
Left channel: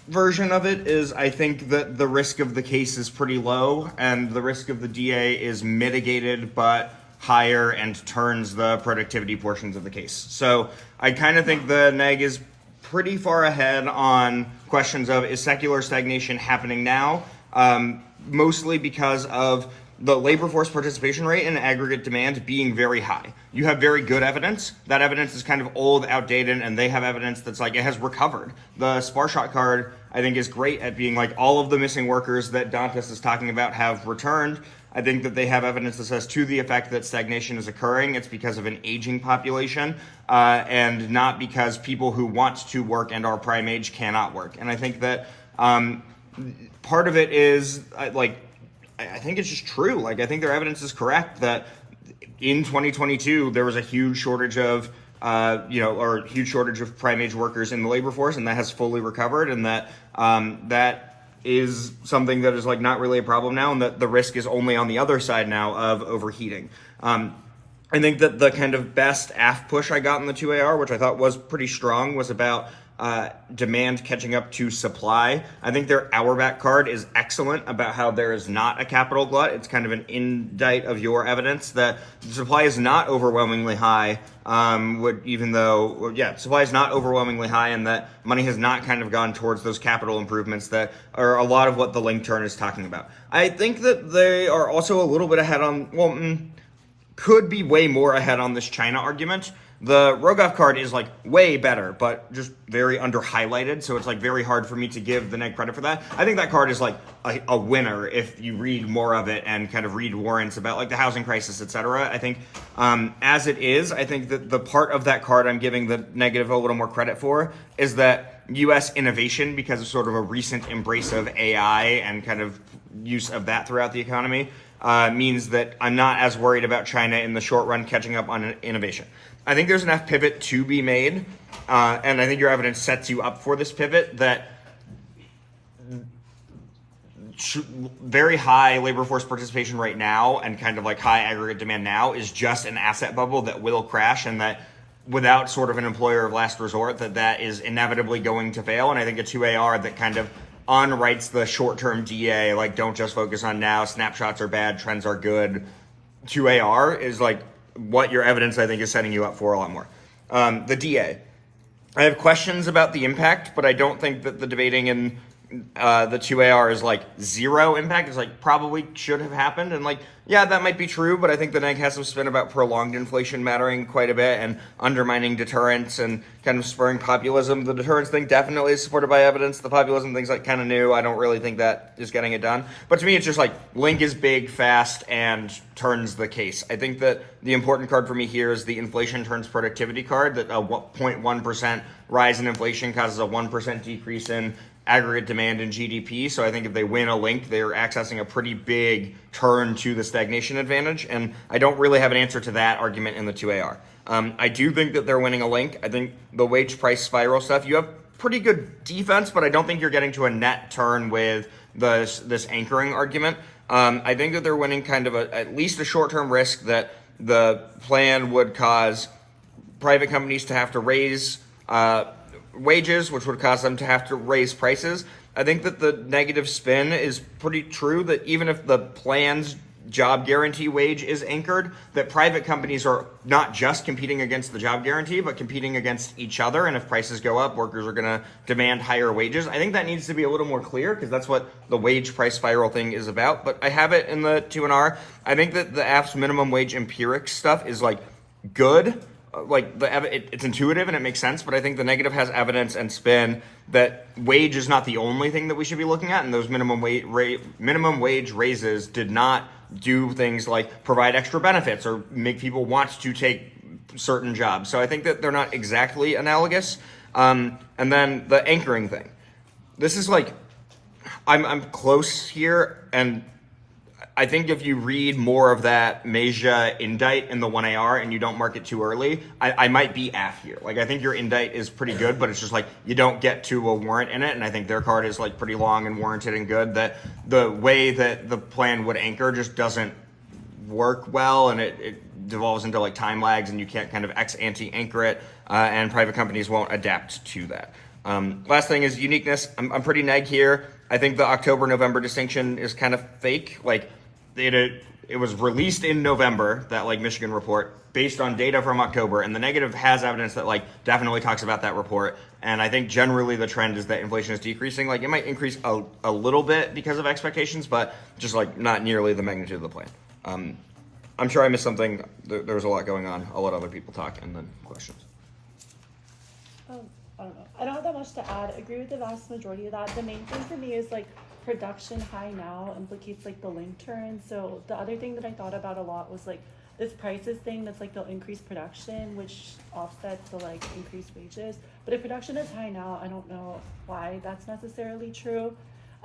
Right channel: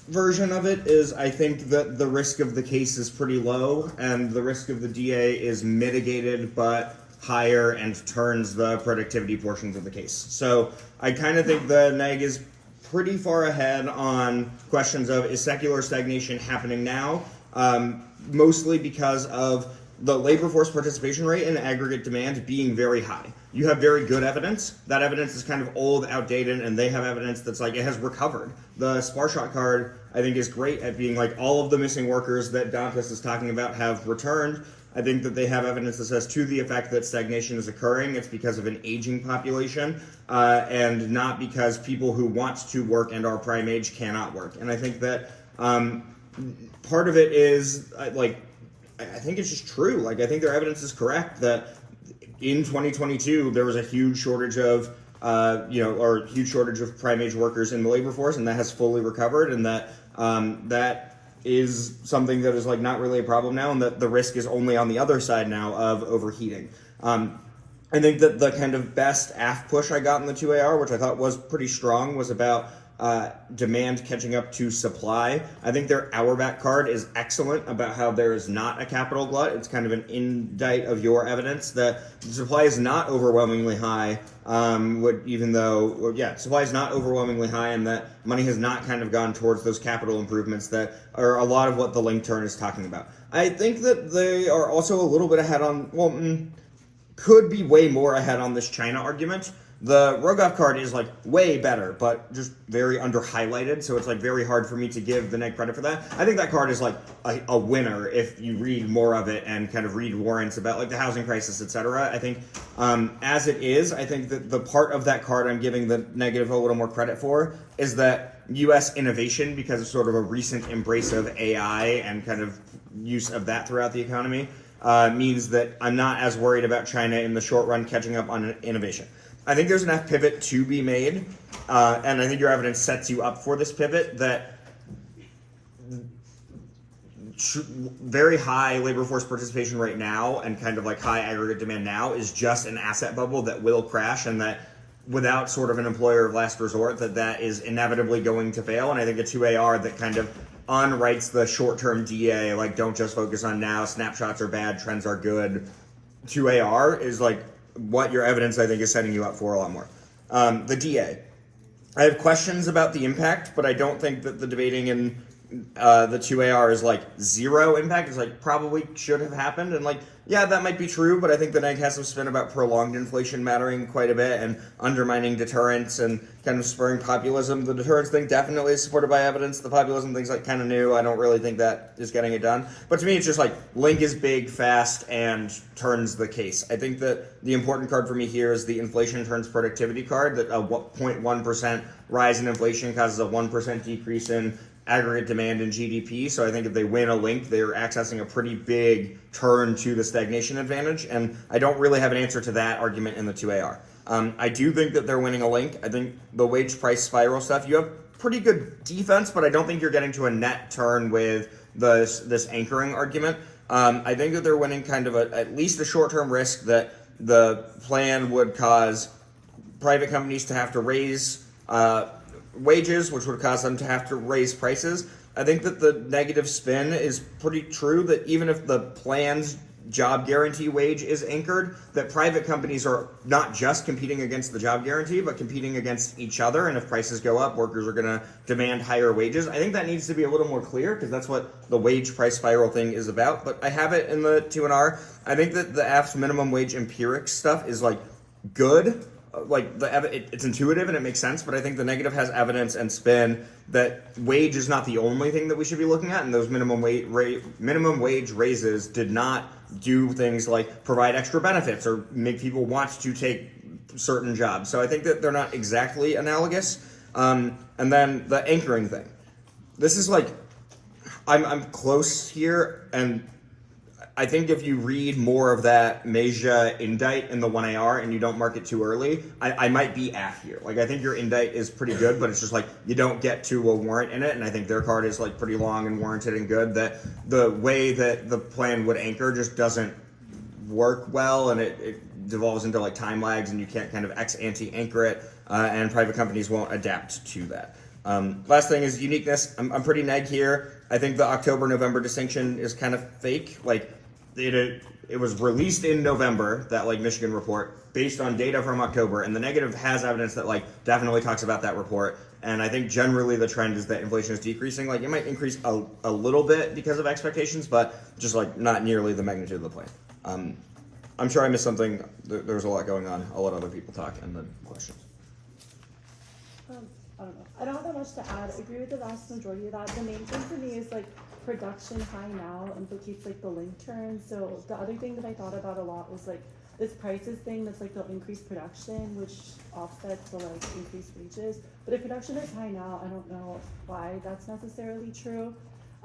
version of it is, I think that the risk of the case is pretty low, and the risk of the DA is mitigated, but higher, and turns the productivity portions of the case. So I kind of think the neg is pretty far ahead on questions of, is secular stagnation happening now? Mostly because of the labor force participation rate and aggregate demand being very high. You have very good evidence. That evidence is kind of old, outdated, and they have evidence that's like, it has recovered. The Sparshot card, I think, is great at being like, all of the missing workers that Dantas is talking about have returned. I think that they have evidence that says, to the effect that stagnation is occurring, it's because of an aging population, and not because people who want to work and are prime age cannot work. And I think that part of it is, I think it's just true. Like, I think their evidence is correct that in 2022 there was a huge shortage of, huge shortage of prime age workers in the labor force, and that has fully recovered, and that that is something that is like not really a problem now, and that the risk is only on the other side now of overheating. I think that the kind of best AF push I got in the 2AR, which I thought was pretty strong, was about demand catching up to supply. I think their Auerbach card is excellent about how there is not a capital glut. It's kind of an indictment of your evidence that the supply is not overwhelmingly high, supply is not overwhelmingly high, and that money has not kind of gone towards those capital improvements that are a lot of what the link turn is talking about. I think that they are also a little bit ahead on, could be way more ahead on this China argument. The Rogoff card is like way better, but just very under highlighted, so it's like very hard for me to give the neg credit for that. I think that card is like a winner if you read more of it and kind of read warrants about like the housing crisis, etc. I think as it is, I think that the part of that card I'm giving the negative a little more credit for is that US innovation, because of sort of a recent embrace of AI and kind of use of that throughout the economy, means that I'm not as worried about China in the short run catching up on innovation. I think there's enough pivot to be made, and I think your evidence sets you up for this pivot, that very high labor force participation right now and kind of like high aggregate demand now is just an asset bubble that will crash, and that without sort of an employer of last resort, that is inevitably going to fail. And I think a 2AR that kind of unwrites the short-term DA, like don't just focus on now, snapshots are bad, trends are good. 2AR is like what your evidence, I think, is setting you up for a lot more. The DA. I have questions about the impact, but I don't think that the debating in the 2AR is like zero impact. It's like probably should have happened, and like, yeah, that might be true, but I think the neg has some spin about prolonged inflation mattering quite a bit and undermining deterrence and kind of spurring populism. The deterrence thing definitely is supported by evidence. The populism thing's like kind of new. I don't really think that is getting it done. But to me, it's just like link is big, fast, and turns the case. I think that the important card for me here is the inflation turns productivity card, that a 0.1% rise in inflation causes a 1% decrease in aggregate demand in GDP. So I think if they win a link, they're accessing a pretty big turn to the stagnation advantage. And I don't really have an answer to that argument in the 2AR. I do think that they're winning a link. I think the wage price spiral stuff, you have pretty good defense, but I don't think you're getting to a net turn with this anchoring argument. I think that they're winning kind of at least a short-term risk that the plan would cause private companies to have to raise wages, which would cause them to have to raise prices. I think that the negative spin is pretty true, that even if the plan's job guarantee wage is anchored, that private companies are not just competing against the job guarantee, but competing against each other. And if prices go up, workers are going to demand higher wages. I think that needs to be a little more clear, because that's what the wage price spiral thing is about. But I have it in the 2NR. I think that the AF's minimum wage empiric stuff is like good. Like it's intuitive and it makes sense, but I think the negative has evidence and spin that wage is not the only thing that we should be looking at, and those minimum wage raises did not do things like provide extra benefits or make people want to take certain jobs. So I think that they're not exactly analogous. And then the anchoring thing. This is like, I'm close here, and I think if you read more of that Meja indite in the 1AR and you don't mark it too early, I might be AF here. Like, I think your indite is pretty good, but it's just like you don't get to a warrant in it, and I think their card is like pretty long and warranted and good. That the way that the plan would anchor just doesn't work well, and it devolves into like time lags, and you can't kind of ex-ante anchor it, and private companies won't adapt to that. Last thing is uniqueness. I'm pretty neg here. I think the October-November distinction is kind of fake. Like, it was released in November, that like Michigan report, based on data from October, and the negative has evidence that like definitely talks about that report. And I think generally the trend is that inflation is decreasing. Like, it might increase a little bit because of expectations, but just like not nearly the magnitude of the plan. I'm sure I missed something. There was a lot going on. I'll let other people talk and then questions. I don't know. I don't have that much to add. I agree with the vast majority of that. The main thing for me is like production high now implicates like the link turn. So the other thing that I thought about a lot was like this prices thing that's like they'll increase production, which offsets the like increased wages. But if production is high now, I don't know why that's necessarily true.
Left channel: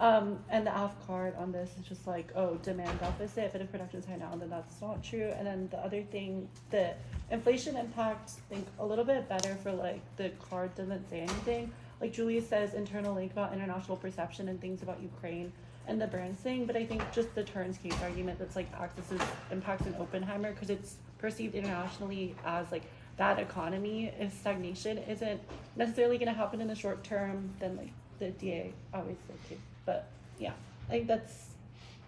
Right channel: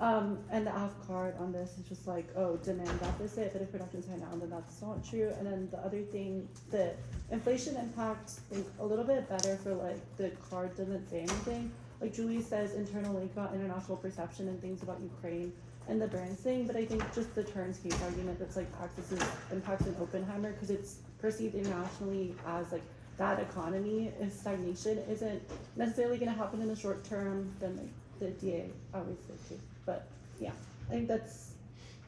And the AF card on this is just like, oh, demand deficit, but if production's high now, then that's not true. And then the other thing, the inflation impact, I think a little bit better for like the card doesn't say anything. Like Julia says, internal link about international perception and things about Ukraine and the Burns thing, but I think just the Turns case argument that's like Axis's impacts in Oppenheimer, because it's perceived internationally as like that economy, if stagnation isn't necessarily going to happen in the short term, then like the DA always said too. But yeah, I think that's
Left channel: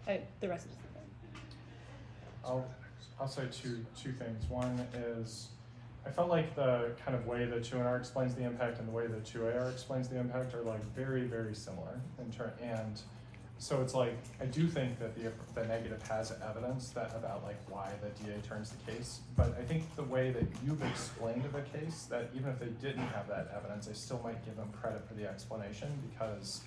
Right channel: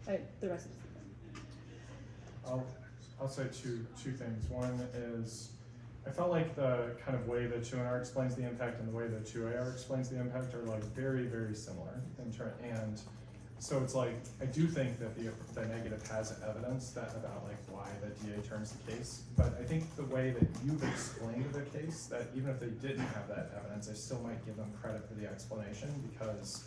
the rest of it. I'll say two things. One is, I felt like the kind of way the 2NR explains the impact and the way the 2AR explains the impact are like very, very similar and so it's like, I do think that the negative has evidence that about like why the DA turns the case, but I think the way that you've explained the case, that even if they didn't have that evidence, I still might give them credit for the explanation because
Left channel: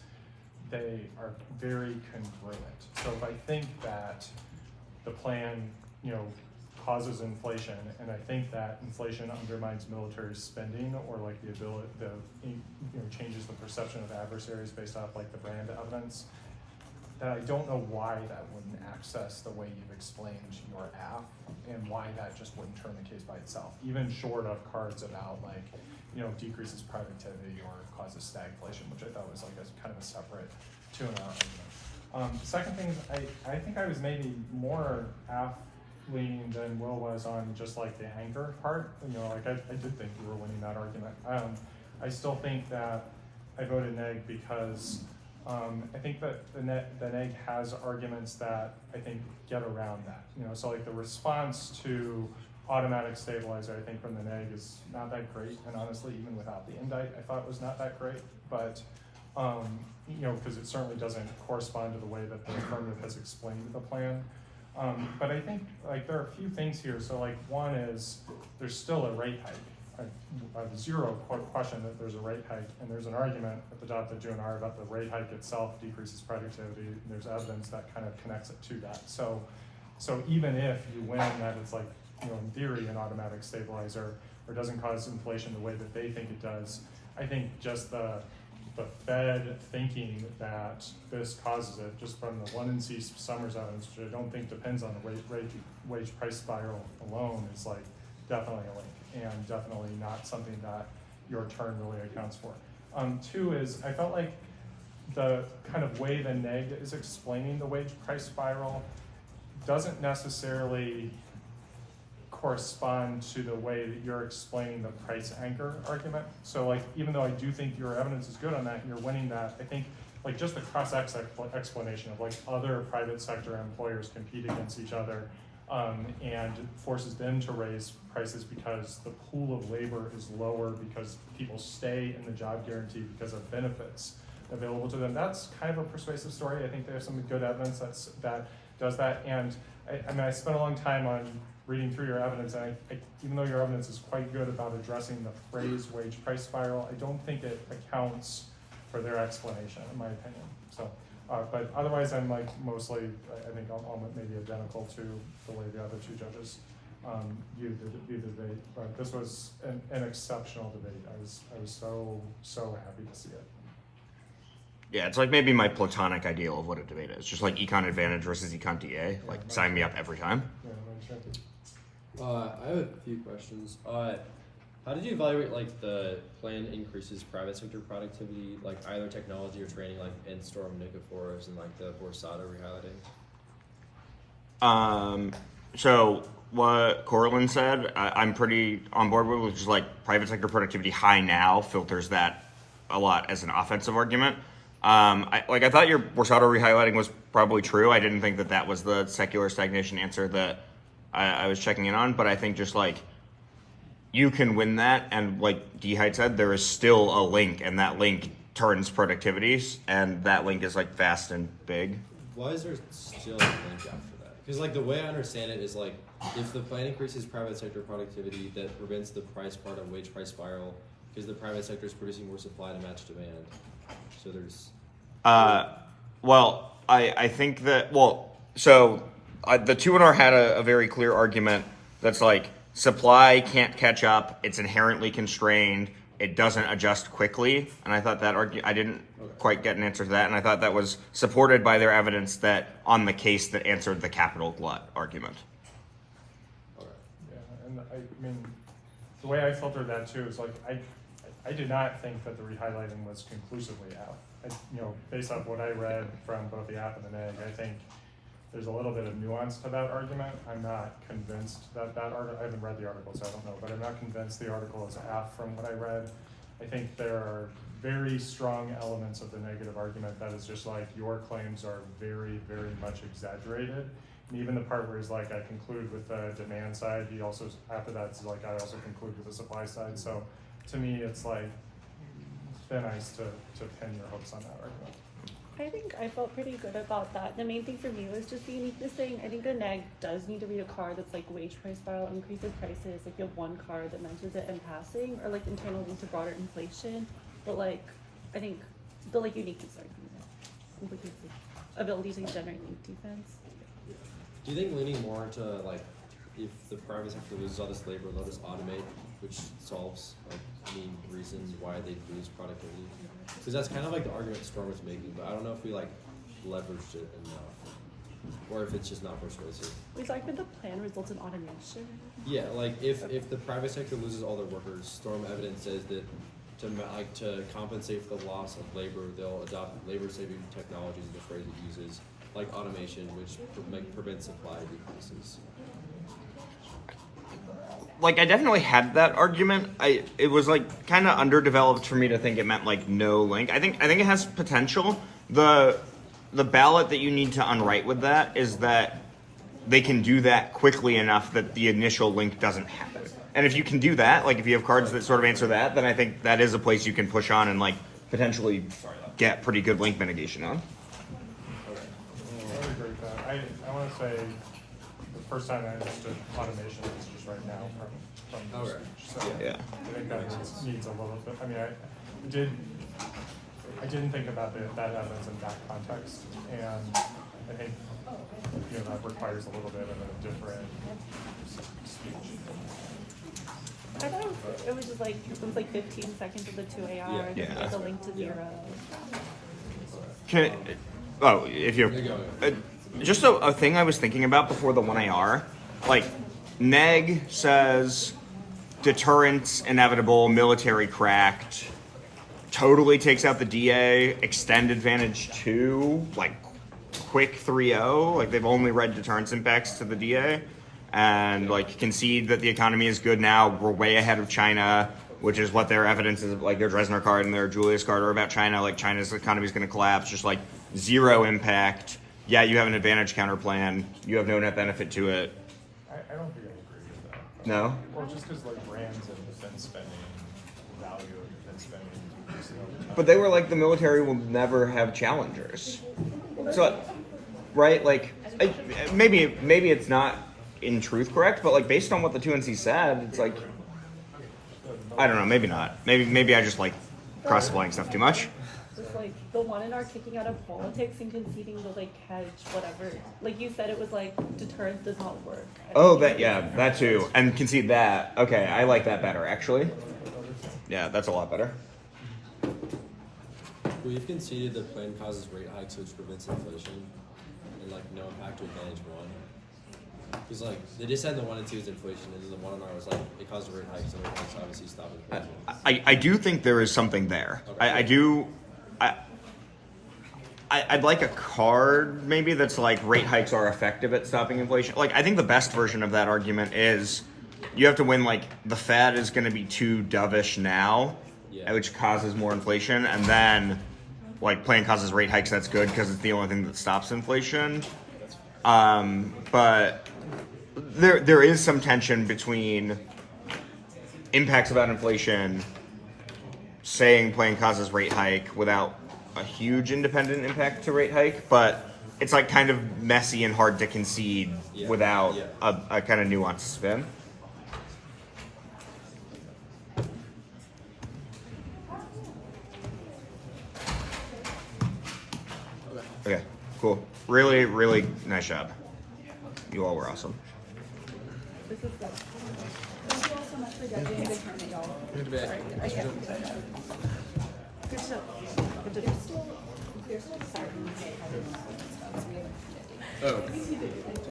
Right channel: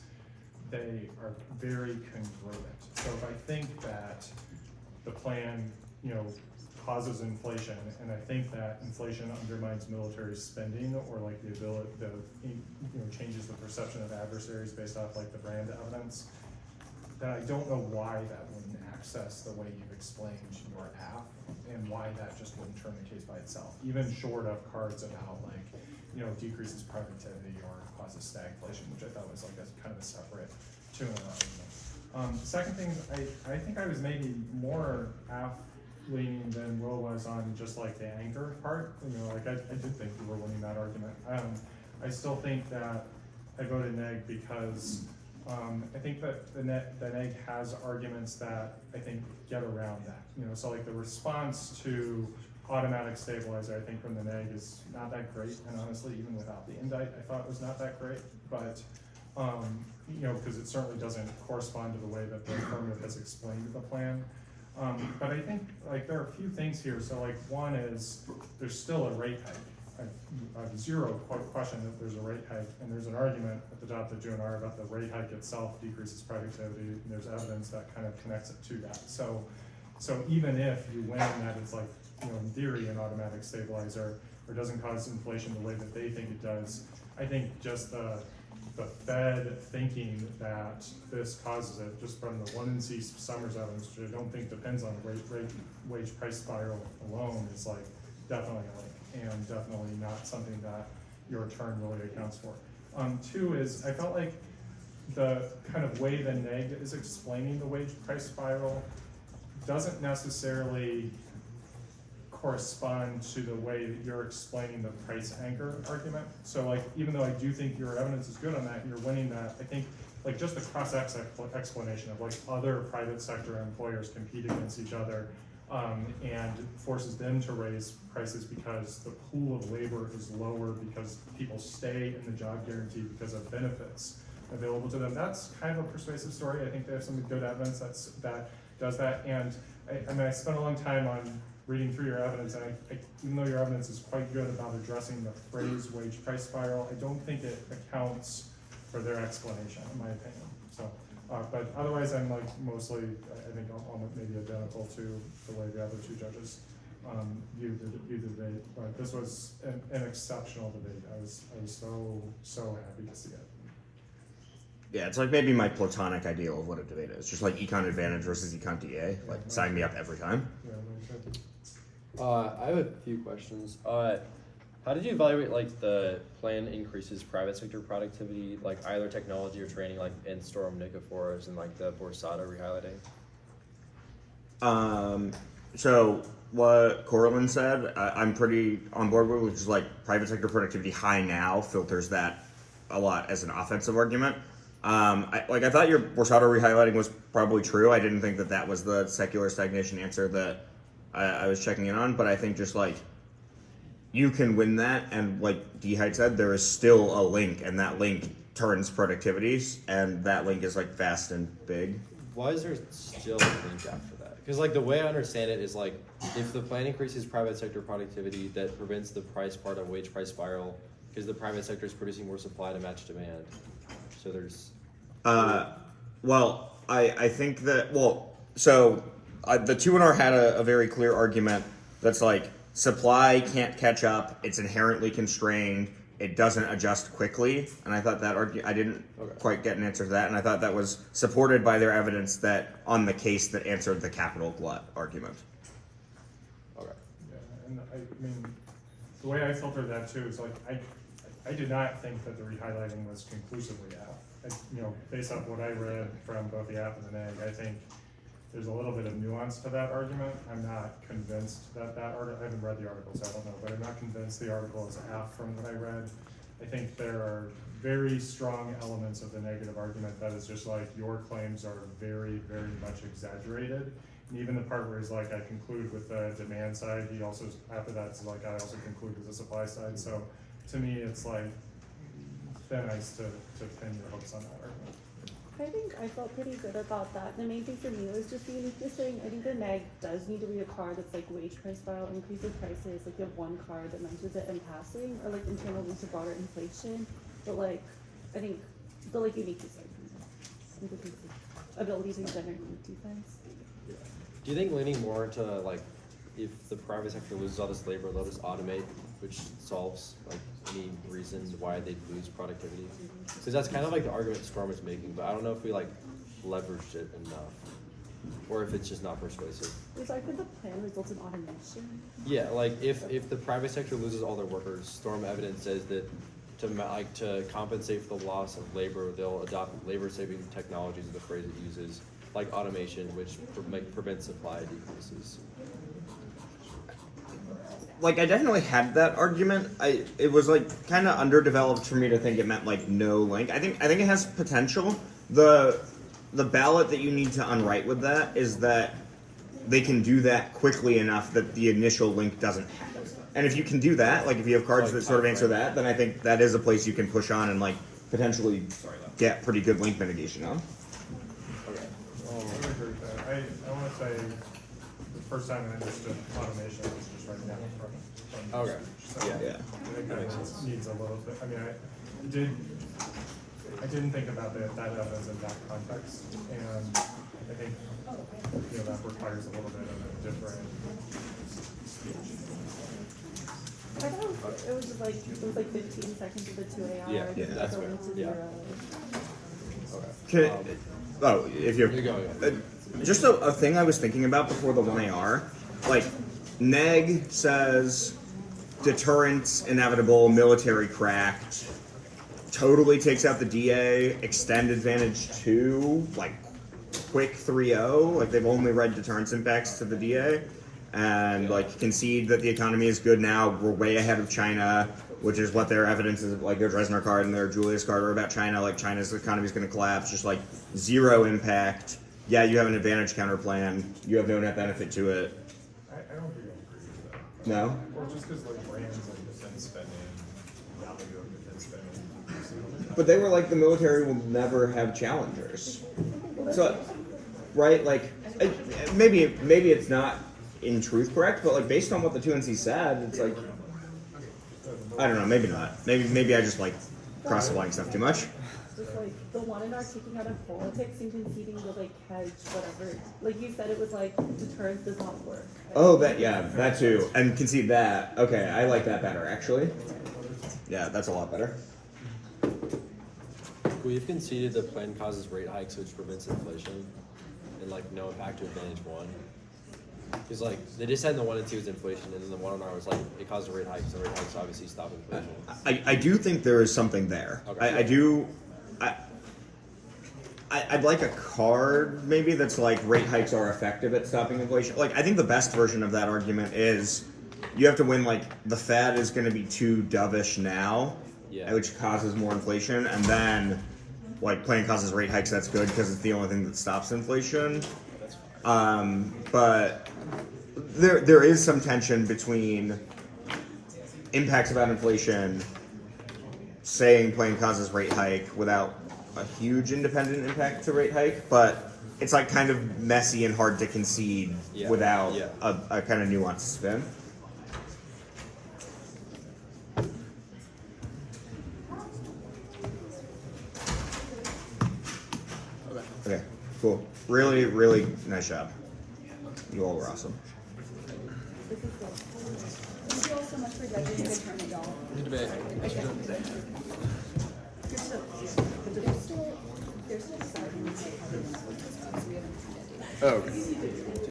they are very congruent. So if I think that the plan, causes inflation, and I think that inflation undermines military spending or like the ability, changes the perception of adversaries based off like the brand evidence, then I don't know why that wouldn't access the way you've explained your AF, and why that just wouldn't turn the case by itself, even short of cards about like, decreases productivity or causes stagflation, which I thought was like a kind of a separate 2NR argument. The second thing is I think I was maybe more AF leaning than Will was on just like the anchor part. Like I did think you were winning that argument. I still think that I voted neg because I think that the neg has arguments that I think get around that. So like the response to automatic stabilizer, I think from the neg is not that great, and honestly, even without the indite, I thought it was not that great. But because it certainly doesn't correspond to the way that the affirmative has explained the plan. But I think like there are a few things here. So like one is there's still a rate hike. I have zero question that there's a rate hike, and there's an argument at the top of the 2NR about the rate hike itself decreases productivity. And there's evidence that kind of connects it to that. So even if you win that it's like, in theory an automatic stabilizer or doesn't cause inflation the way that they think it does, I think just the Fed thinking that this causes it, just from the 1NC Summers evidence, which I don't think depends on the wage price spiral alone, is like definitely a link, and definitely not something that your turn really accounts for. Two is, I felt like the kind of way the neg is explaining the wage price spiral doesn't necessarily correspond to the way that you're explaining the price anchor argument. So like, even though I do think your evidence is good on that and you're winning that, I think like just the cross-X explanation of like other private sector employers compete against each other and forces them to raise prices because the pool of labor is lower because people stay in the job guarantee because of benefits available to them. That's kind of a persuasive story. I think they have some good evidence that does that. And I spent a long time on reading through your evidence, and even though your evidence is quite good about addressing the phrase wage price spiral, I don't think it accounts for their explanation, in my opinion. So, but otherwise I'm like mostly, I think I'm maybe identical to the way the other two judges view the debate, but this was an exceptional debate. I was so happy to see it. Yeah, it's like maybe my platonic ideal of what a debate is. Just like econ advantage versus econ DA. Like, sign me up every time. Yeah, no shit. I have a few questions. How did you evaluate like the plan increases private sector productivity, like either technology or training, like in Storm Nikifor's and like the Borsado rehighlighting? So what Corlin said, I'm pretty on board with, which is like private sector productivity high now filters that a lot as an offensive argument. I thought your Borsado rehighlighting was probably true. I didn't think that was the secular stagnation answer that I was checking in on, but I think just like you can win that, and like D-Hyde said, there is still a link, and that link turns productivities, and that link is like fast and big. Why is there still a link after that? Because like the way I understand it is like if the plan increases private sector productivity, that prevents the price part of wage price spiral because the private sector is producing more supply to match demand. So there's. Well, I think that the 2NR had a very clear argument that's like supply can't catch up. It's inherently constrained. It doesn't adjust quickly, and I thought that I didn't quite get an answer to that, and I thought that was supported by their evidence that on the case that answered the capital glut argument. Okay. Yeah, and I mean, the way I filtered that too is like I did not think that the rehighlighting was conclusively out. Based off what I read from both the app and the neg, I think there's a little bit of nuance to that argument. I'm not convinced that article, I haven't read the article, so I don't know, but I'm not convinced the article is apt from what I read. I think there are very strong elements of the negative argument that is just like your claims are very, very much exaggerated. And even the part where he's like, I conclude with the demand side, he also, after that's like, I also conclude with the supply side. So to me, it's like thin ice to pin your hopes on that argument. I think I felt pretty good about that. The main thing for me was just the uniqueness thing. I think the neg does need to read a card that's like wage price spiral, increases prices. Like you have one card that mentions it in passing, or like internal links to broader inflation. But like, I think the like uniqueness argument, ability to generate link defense. Yeah. Do you think leaning more into like if the private sector loses all this labor, they'll just automate, which solves like any reason why they lose productivity? Because that's kind of like the argument Storm is making, but I don't know if we like leveraged it enough, or if it's just not persuasive. Was that could the plan result in automation? Yeah, like if the private sector loses all their workers, Storm evidence says that to compensate for the loss of labor, they'll adopt labor-saving technologies, is the phrase it uses, like automation, which prevents supply decreases. Like I definitely had that argument. It was like kind of underdeveloped for me to think it meant like no link. I think it has potential. The ballot that you need to unwrite with that is that they can do that quickly enough that the initial link doesn't happen. And if you can do that, like if you have cards that sort of answer that, then I think that is a place you can push on and like potentially get pretty good link mitigation on. Okay. I would agree with that. I want to say the first time I understood automation was just right now from Okay. So Yeah. I think that needs a little bit. I mean, I didn't think about that evidence in that context, and I think that requires a little bit of a different speech. I thought it was just like it was like 15 seconds of the 2AR, Yeah, and that's the link to Yeah. 0. Okay. If you're just a thing I was thinking about before the 1AR, like neg says deterrence inevitable, military cracked, totally takes out the DA, extend advantage 2, like quick 3-0, like they've only read deterrence impacts to the DA, and like concede that the economy is good now, we're way ahead of China, which is what their evidence is, like their Dresdner card and their Julius card are about China, like China's economy is going to collapse, just like zero impact. Yeah, you have an advantage counter plan, you have no net benefit to it. I don't think I agree with that. No? Or just because like brands and defense spending, value of defense spending. But they were like, the military will never have challengers. So, right, like, maybe it's not in truth correct, but like based on what the 2NC said, it's like, I don't know, maybe not. Maybe I just like cross-applying stuff too much. Just like the one in our kicking out of politics and conceding the like hedge, whatever. Like you said, it was like deterrence does not work. Oh, that too, and concede that. Okay, I like that better actually. Yeah, that's a lot better. We've conceded the plan causes rate hikes, which prevents inflation, and like no impact to advantage one. Because like they just said the 1 and 2 is inflation, and then the 1 and R was like it caused a rate hike, so rate hikes obviously stop inflation. I do think there is something there. Okay. I'd like a card maybe that's like rate hikes are effective at stopping inflation. Like I think the best version of that argument is you have to win like the Fed is going to be too dovish now, which causes more inflation, and then like plan causes rate hikes. That's good because it's the only thing that stops inflation. But there is some tension between impacts about inflation, saying plan causes rate hike without a huge independent impact to rate hike, but it's like kind of messy and hard to concede without a kind of nuanced spin. Okay, cool. Really, really nice job. You all were awesome. Thank you all so much for judging the tournament, y'all. Good debate. There's still deciding how they want to work this out, so we haven't. Oh, okay.